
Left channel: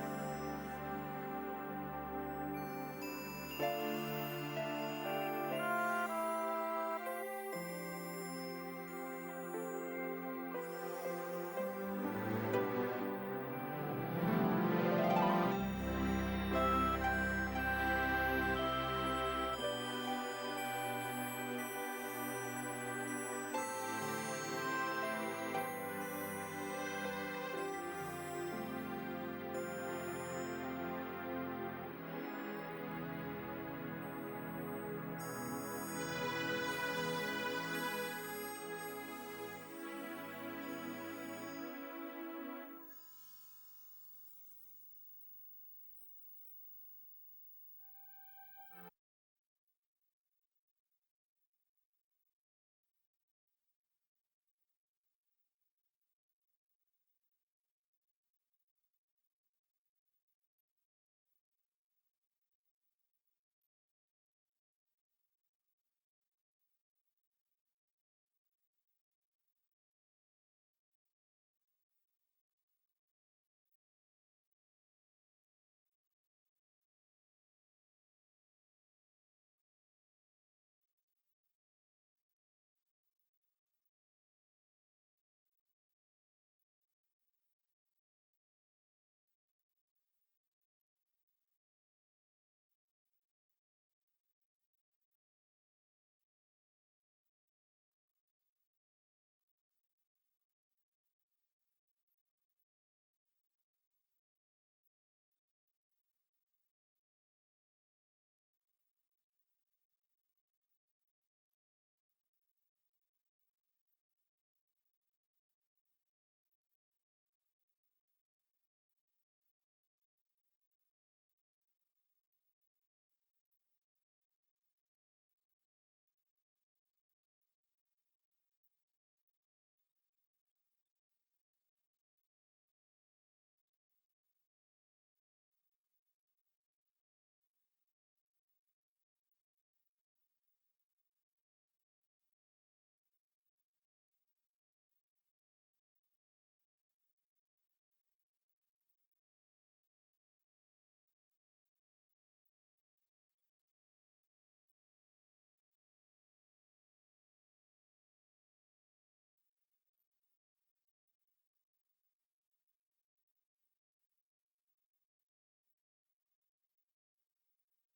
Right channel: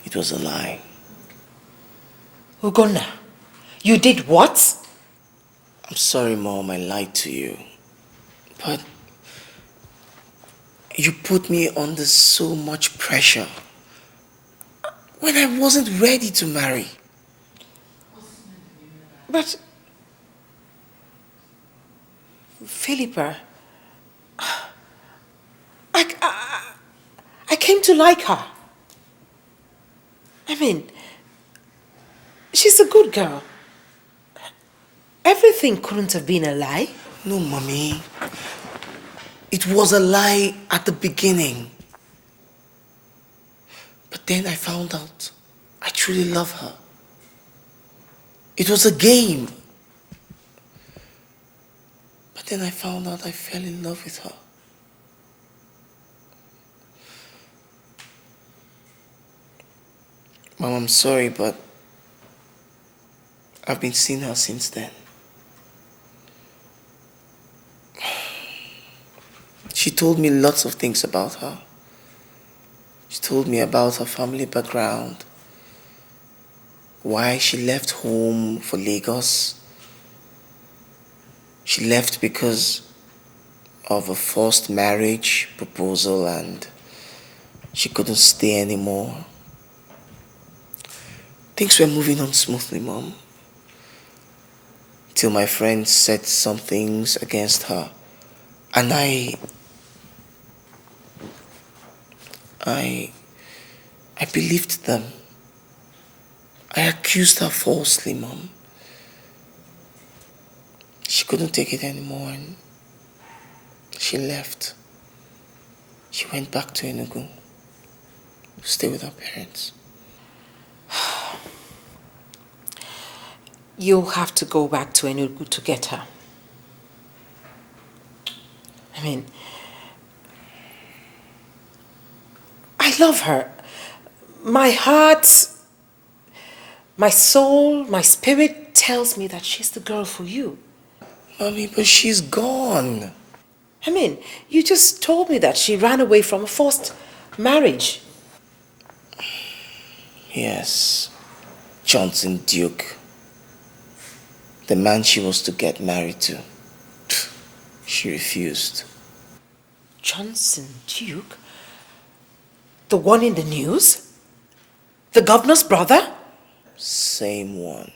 It was a lie. Ugonna, you did what? I'm sorry, Mom, I lied to you. But You put me under so much pressure when I wasn't ready to marry. But, Philippa, I came to like her. I mean, she's a good girl. Everything couldn't have been a lie. No, Mommy. It was a lie at the beginning. But then I found out I truly love her. It was a game. But then I found out I fell in love with her. Mom, I'm sorry, but I've been seeing her since then. She told me lots of things about her. She told me about her family background, why she left home for Lagos. She left because of a forced marriage proposal and she couldn't stay anymore. Things were moving on smoothly, Mom. Till my friend said some things against her. And I believed them. I accused her falsely, Mom. She couldn't take it anymore and she left. She went back to Enugu to stay with her parents. You'll have to go back to Enugu to get her. I mean, I love her. My heart, my soul, my spirit tells me that she's the girl for you. Mommy, but she's gone. I mean, you just told me that she ran away from a forced marriage. Yes, Johnson Duke. The man she was to get married to. She refused. Johnson Duke? The one in the news? The governor's brother? Same one.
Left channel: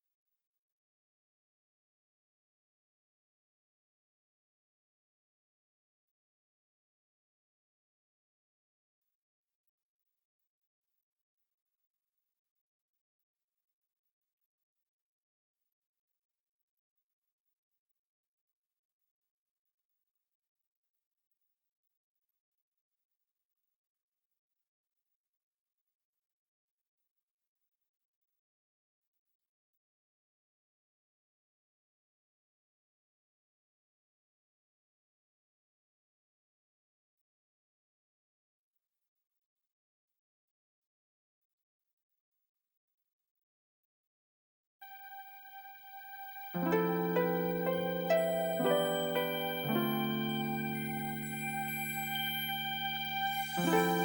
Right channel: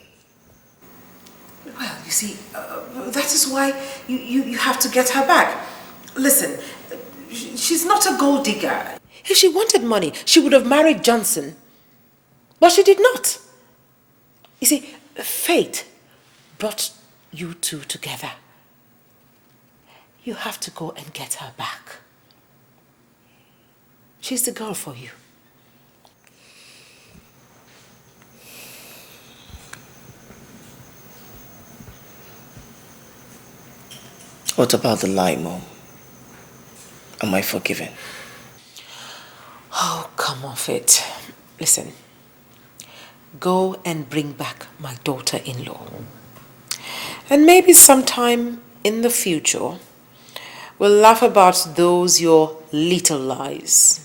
Well, you see, that is why you have to get her back. Listen, she's not a gold digger. If she wanted money, she would have married Johnson. But she did not. You see, fate brought you two together. You have to go and get her back. She's the girl for you. What about the lie, Mom? Am I forgiven? Oh, come off it. Listen, go and bring back my daughter-in-law. And maybe sometime in the future, we'll laugh about those your little lies.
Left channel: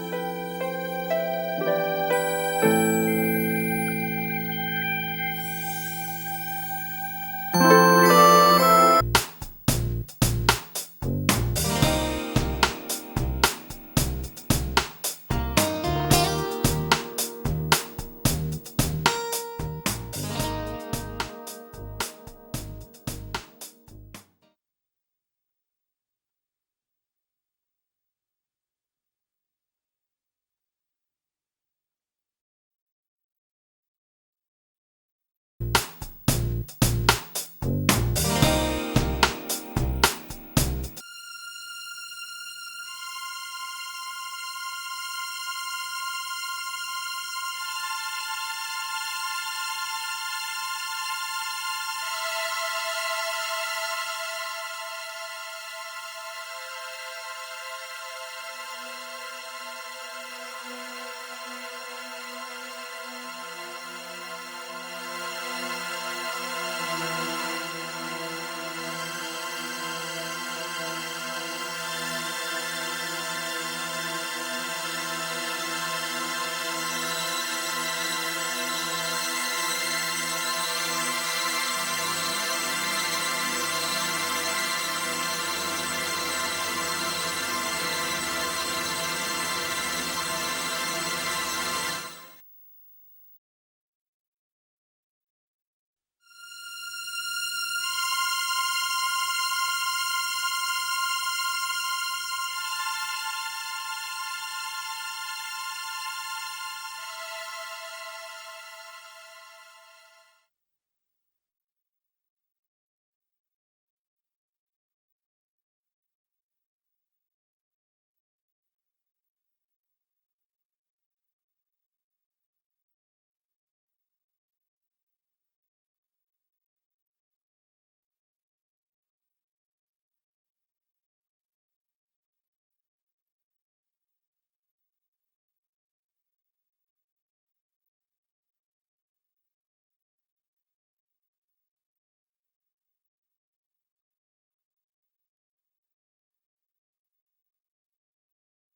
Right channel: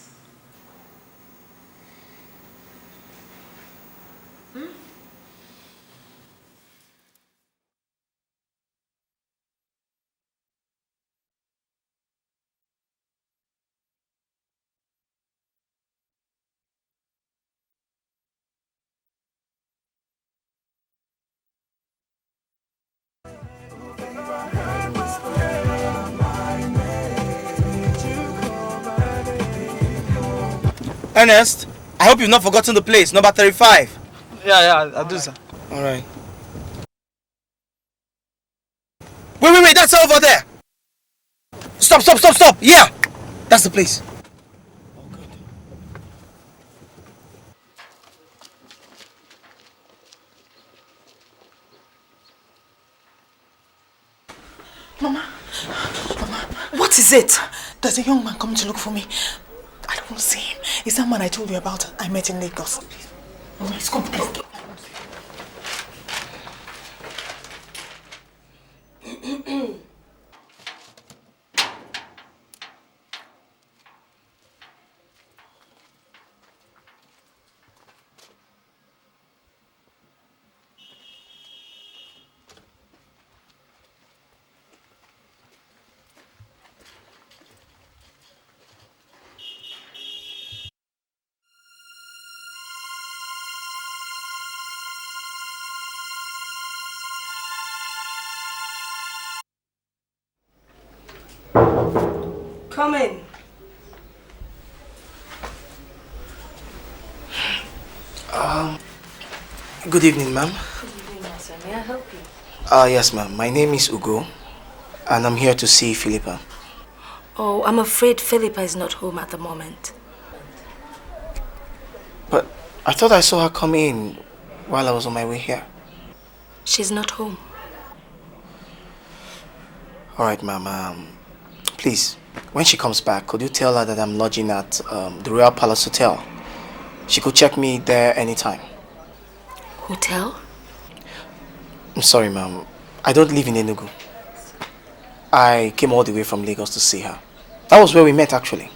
Ernest, I hope you've not forgotten the place, number 35. Yeah, I'll do, sir. All right. Wait, that's over there. Stop. Yeah, that's the place. Mama, what is it? There's a young man coming to look for me. I don't want to see him. It's that man I told you about. I met in Lagos. Mama, let's come, please. Come in. Good evening, ma'am. Good evening, my son. May I help you? Yes, ma'am. My name is Ugo, and I'm here to see Philippa. Oh, I'm afraid Philippa is not home at the moment. But I thought I saw her come in while I was on my way here. She's not home. All right, ma'am. Please, when she comes back, could you tell her that I'm lodging at the Royal Palace Hotel? She could check me there anytime. Hotel? I'm sorry, ma'am. I don't live in Enugu. I came all the way from Lagos to see her. That was where we met, actually.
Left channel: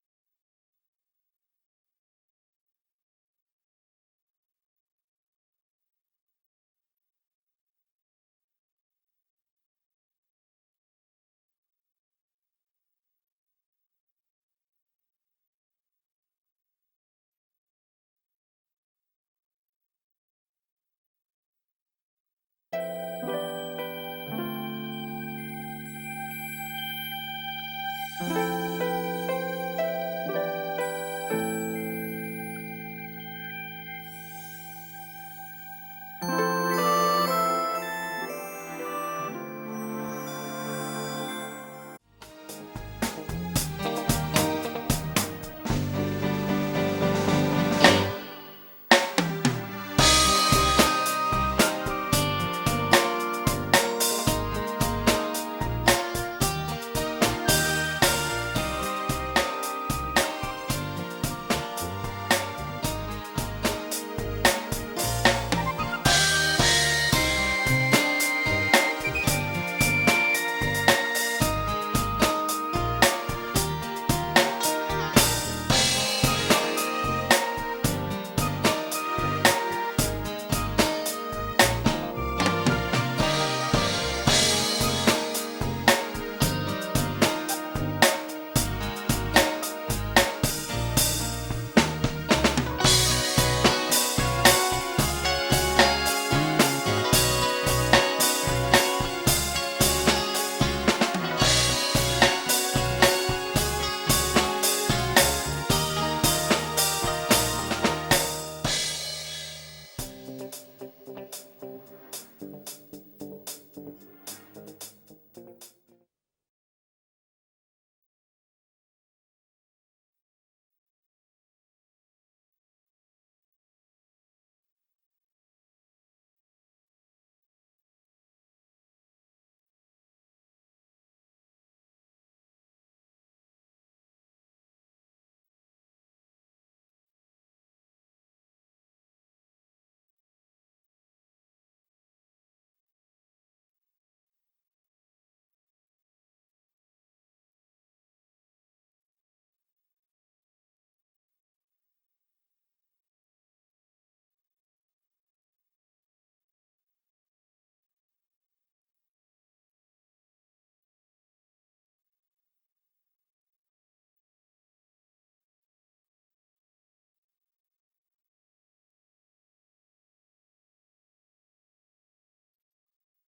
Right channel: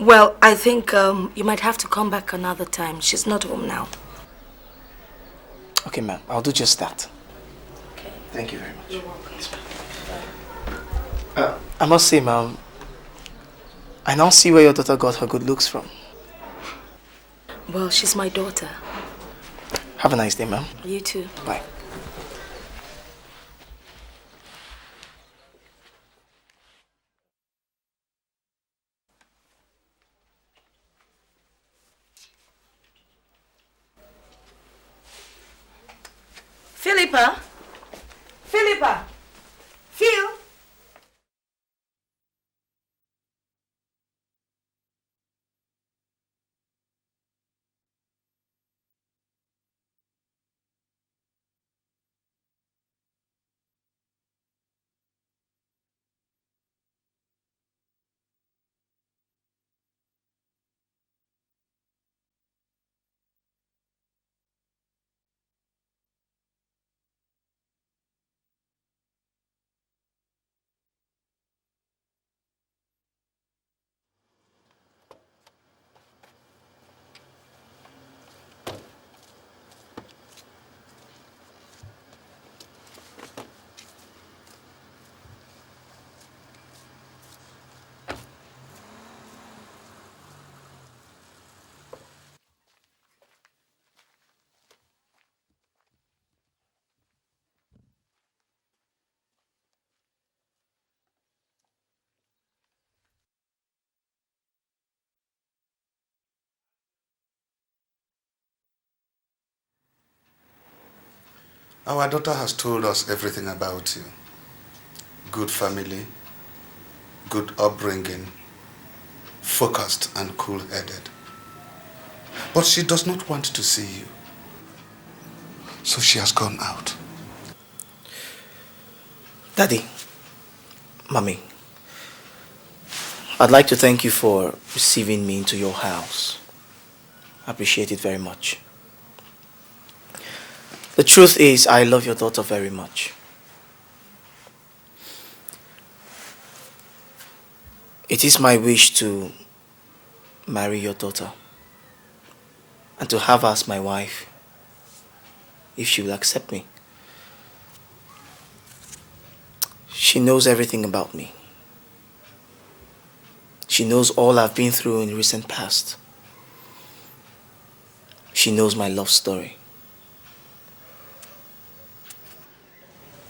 Well, I think you might have to come back another time. She's not home now. Okay, ma'am. I'll do just that. Okay. Thank you very much. You're welcome. I must say, ma'am, I now see where your daughter got her good looks from. Well, she's my daughter. Have a nice day, ma'am. You too. Bye. Philippa? Philippa? Phil? Our daughter has told us everything about you. Good family, good upbringing, focused and cool-headed. But she does not want to see you. So she has gone out. Daddy, Mommy, I'd like to thank you for receiving me into your house. I appreciate it very much. The truth is, I love your daughter very much. It is my wish to marry your daughter and to have her as my wife, if she will accept me. She knows everything about me. She knows all I've been through in recent past. She knows my love story.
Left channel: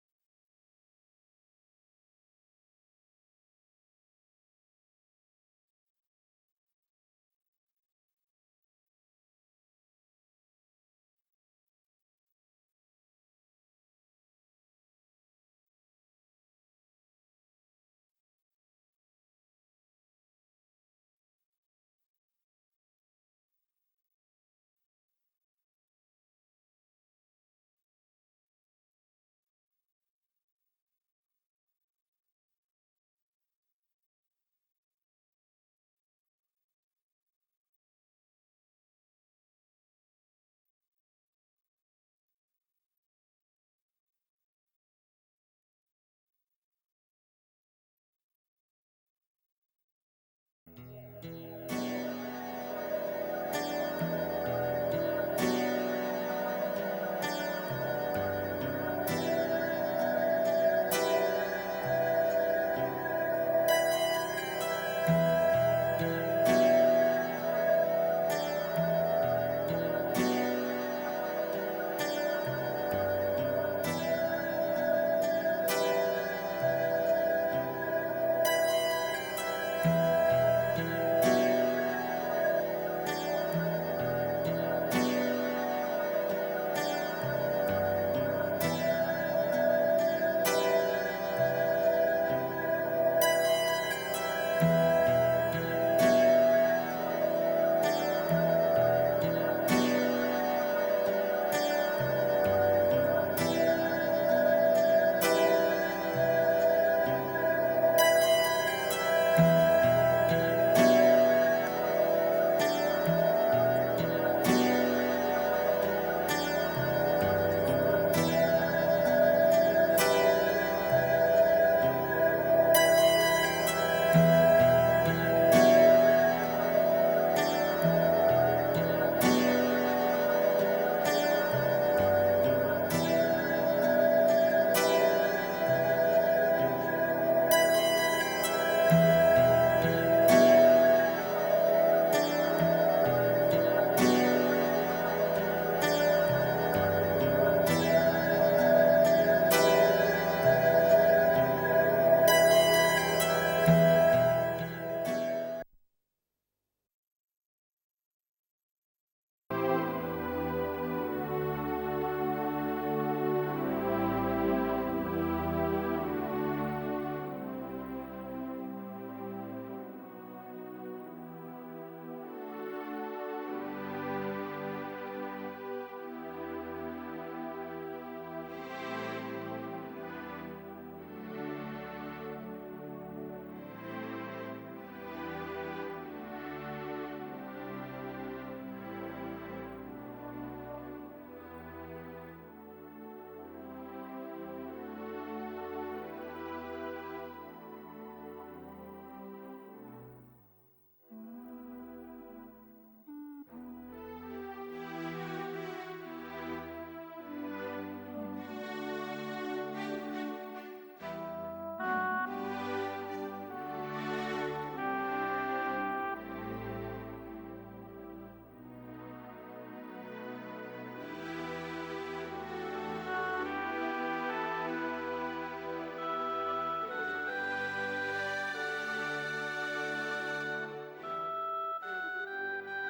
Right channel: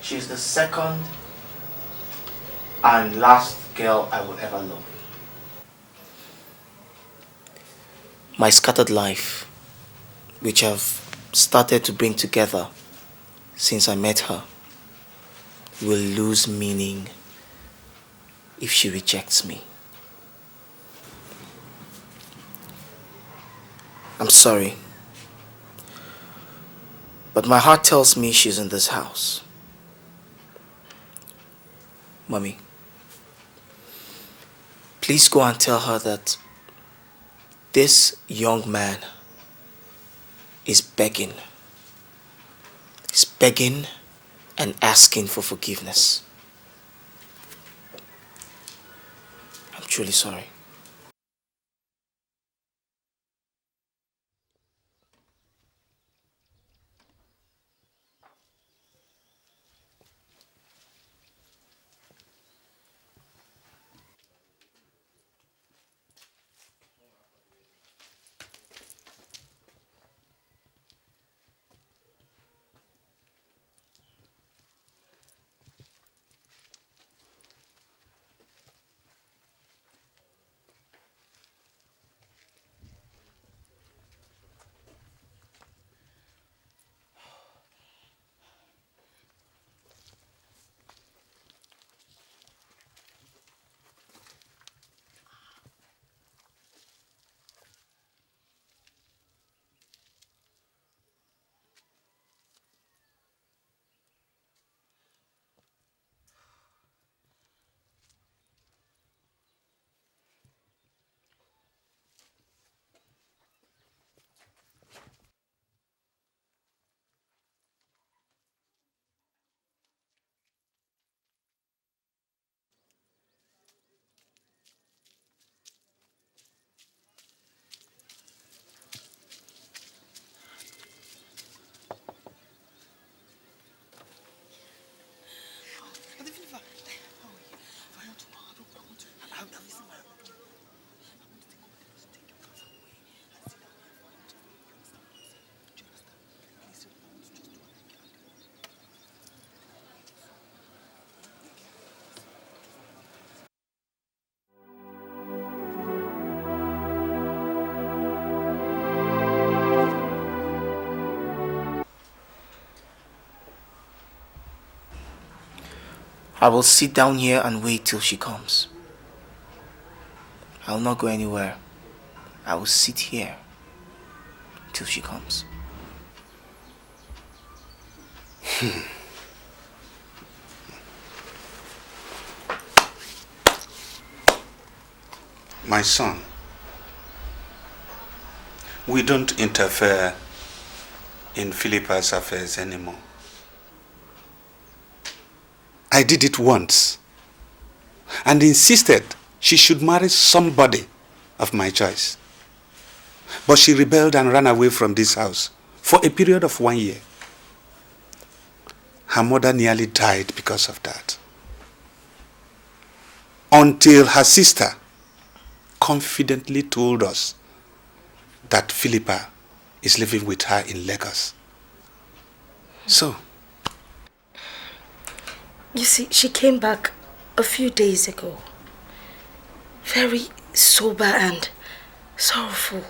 She's the second and last girl I would ever love. My scattered life, which I've started to bring together since I met her, will lose meaning if she rejects me. I'm sorry, but my heart tells me she's in this house. Mommy, please go and tell her that this young man is begging. He's begging and asking for forgiveness. I'm truly sorry. I will sit down here and wait till she comes. I will not go anywhere. I will sit here till she comes. My son, we don't interfere in Philippa's affairs anymore. I did it once and insisted she should marry somebody of my choice. But she rebelled and ran away from this house for a period of 1 year. Her mother nearly died because of that. Until her sister confidently told us that Philippa is living with her in Lagos. So, you see, she came back a few days ago. Very sober and sorrowful.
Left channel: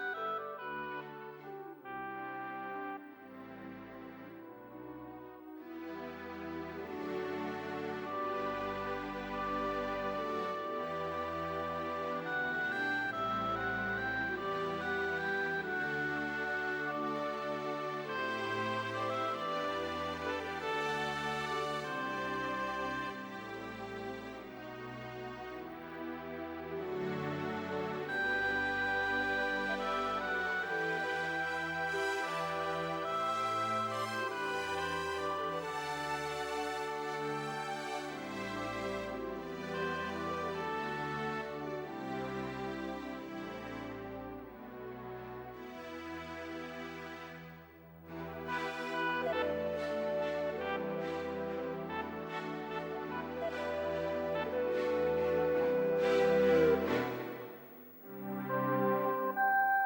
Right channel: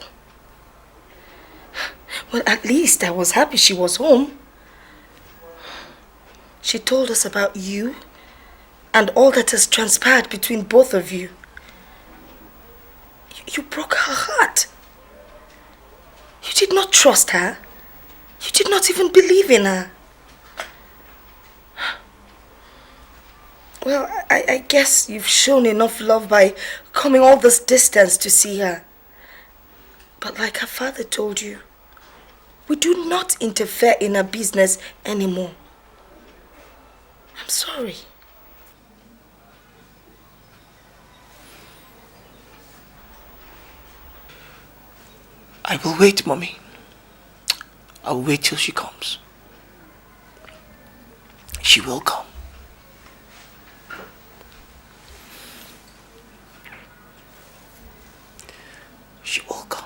Well, at least I was happy she was home. She told us about you and all that has transpired between both of you. You broke her heart. You did not trust her. You did not even believe in her. Well, I guess you've shown enough love by coming all this distance to see her. But like her father told you, we do not interfere in her business anymore. I'm sorry. I will wait, Mommy. I will wait till she comes. She will come. She will come.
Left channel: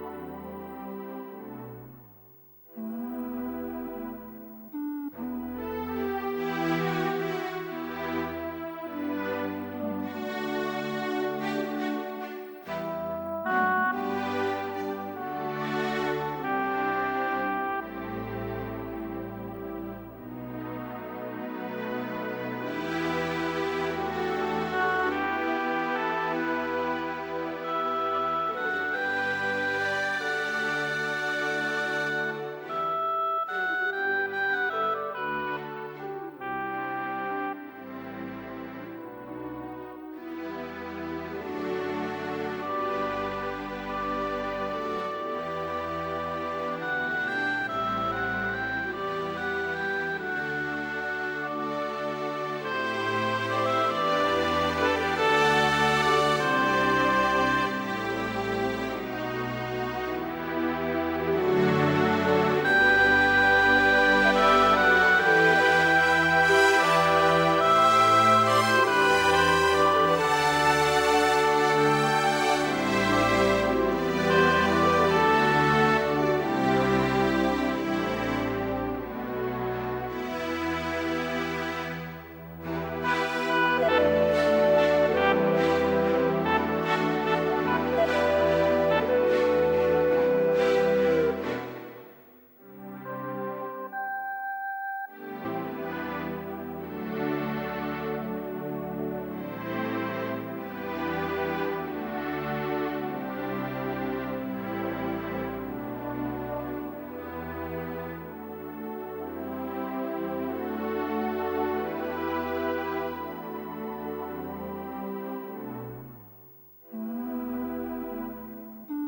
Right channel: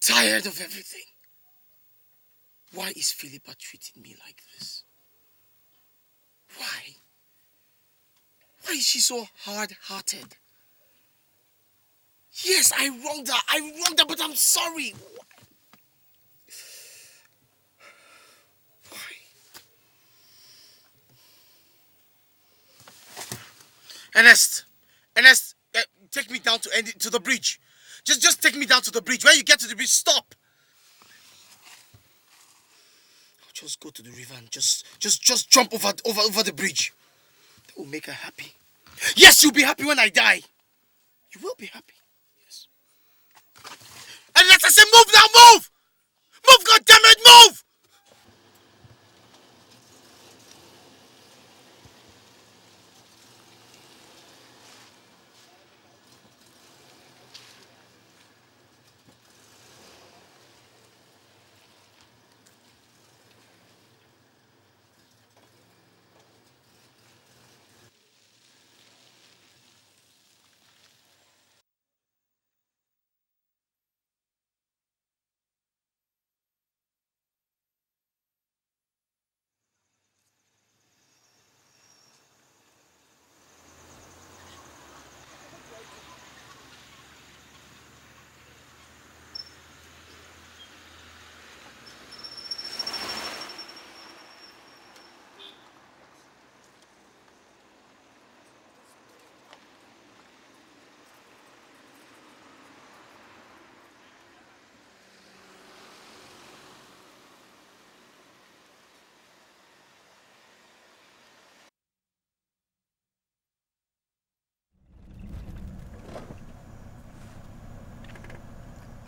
Tired of everything. Why is Philippa treating me like this? Why? Why is she so hard-hearted? Yes, I wronged her, but I'm sorry. Ernest, take me down to the bridge. Just take me down to the bridge. When you get to the bridge, stop. Just go to the river and just jump over the bridge. That will make her happy. Yes, you'll be happy when I die. You will be happy. And let us say, move now, move! Move, goddammit, move!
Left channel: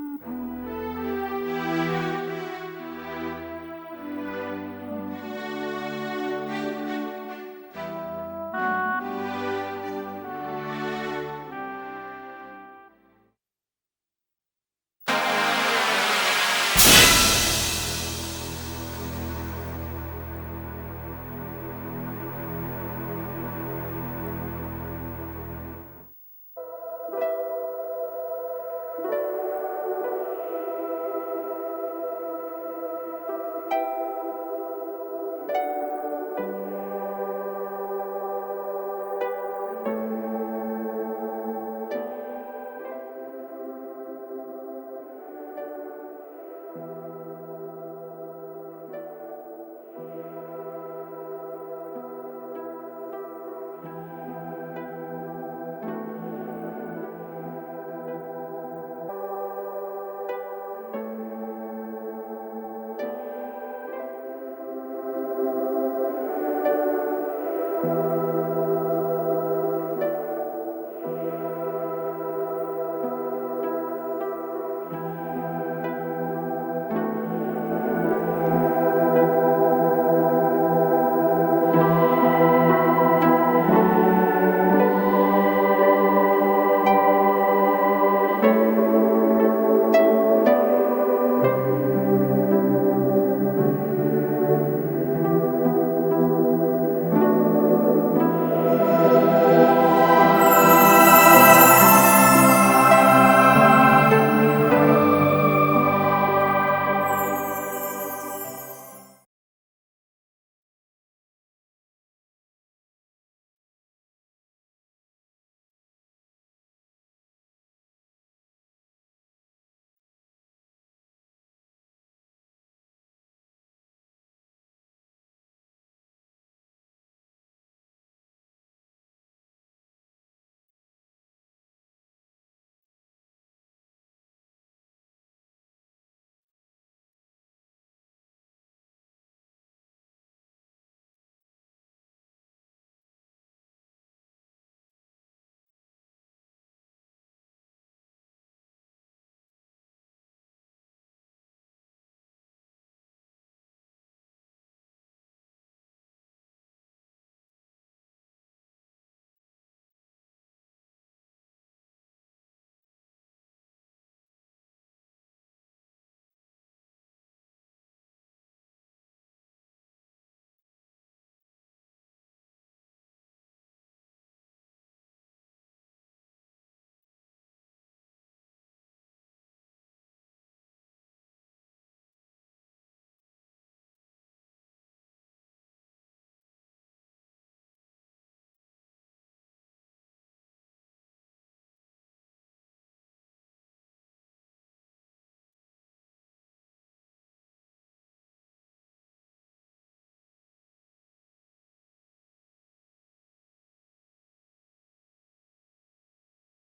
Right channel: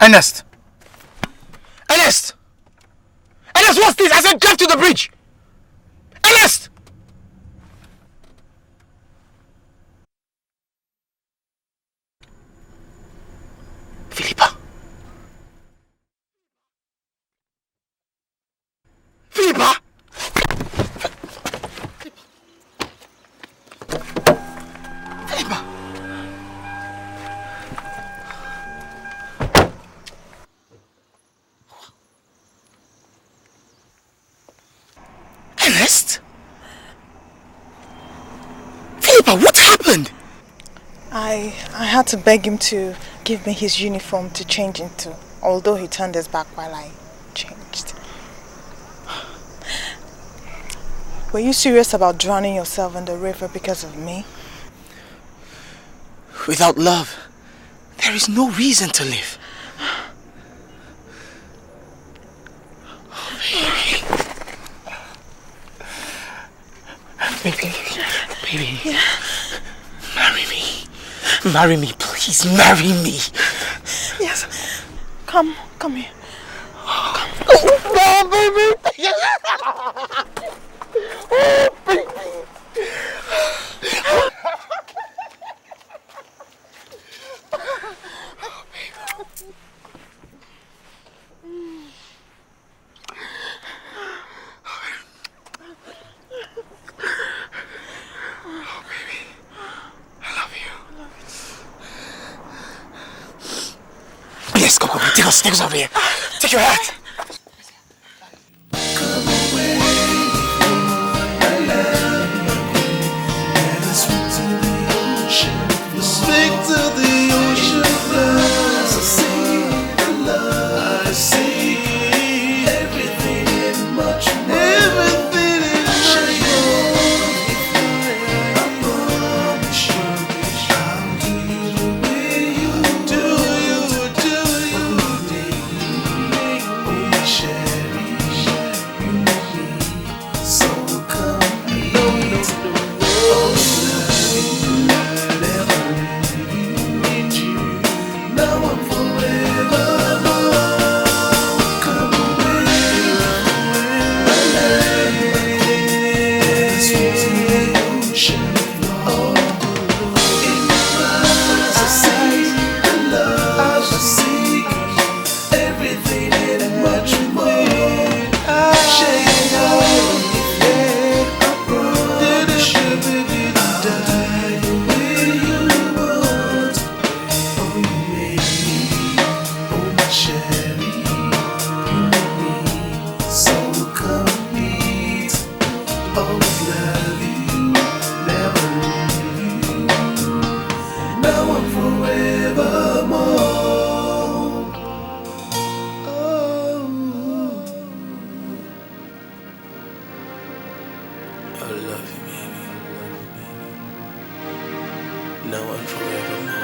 Ernest! Ernest! Ernest, what's this? I said drive to the bridge! Ernest! Philippa! Philippa! Philippa! Ernest? Philippa, what happened? I had to beg him to give me his uniform to change into, although he turned his back while I changed. Were you serious about drowning yourself in the river because of me? Without love, there is no reason to live. Baby, marry me. Marry me, please, marry me. Yes. Come here. No, baby. Yes, come on, take us out of here. Take your hat. Now and forevermore.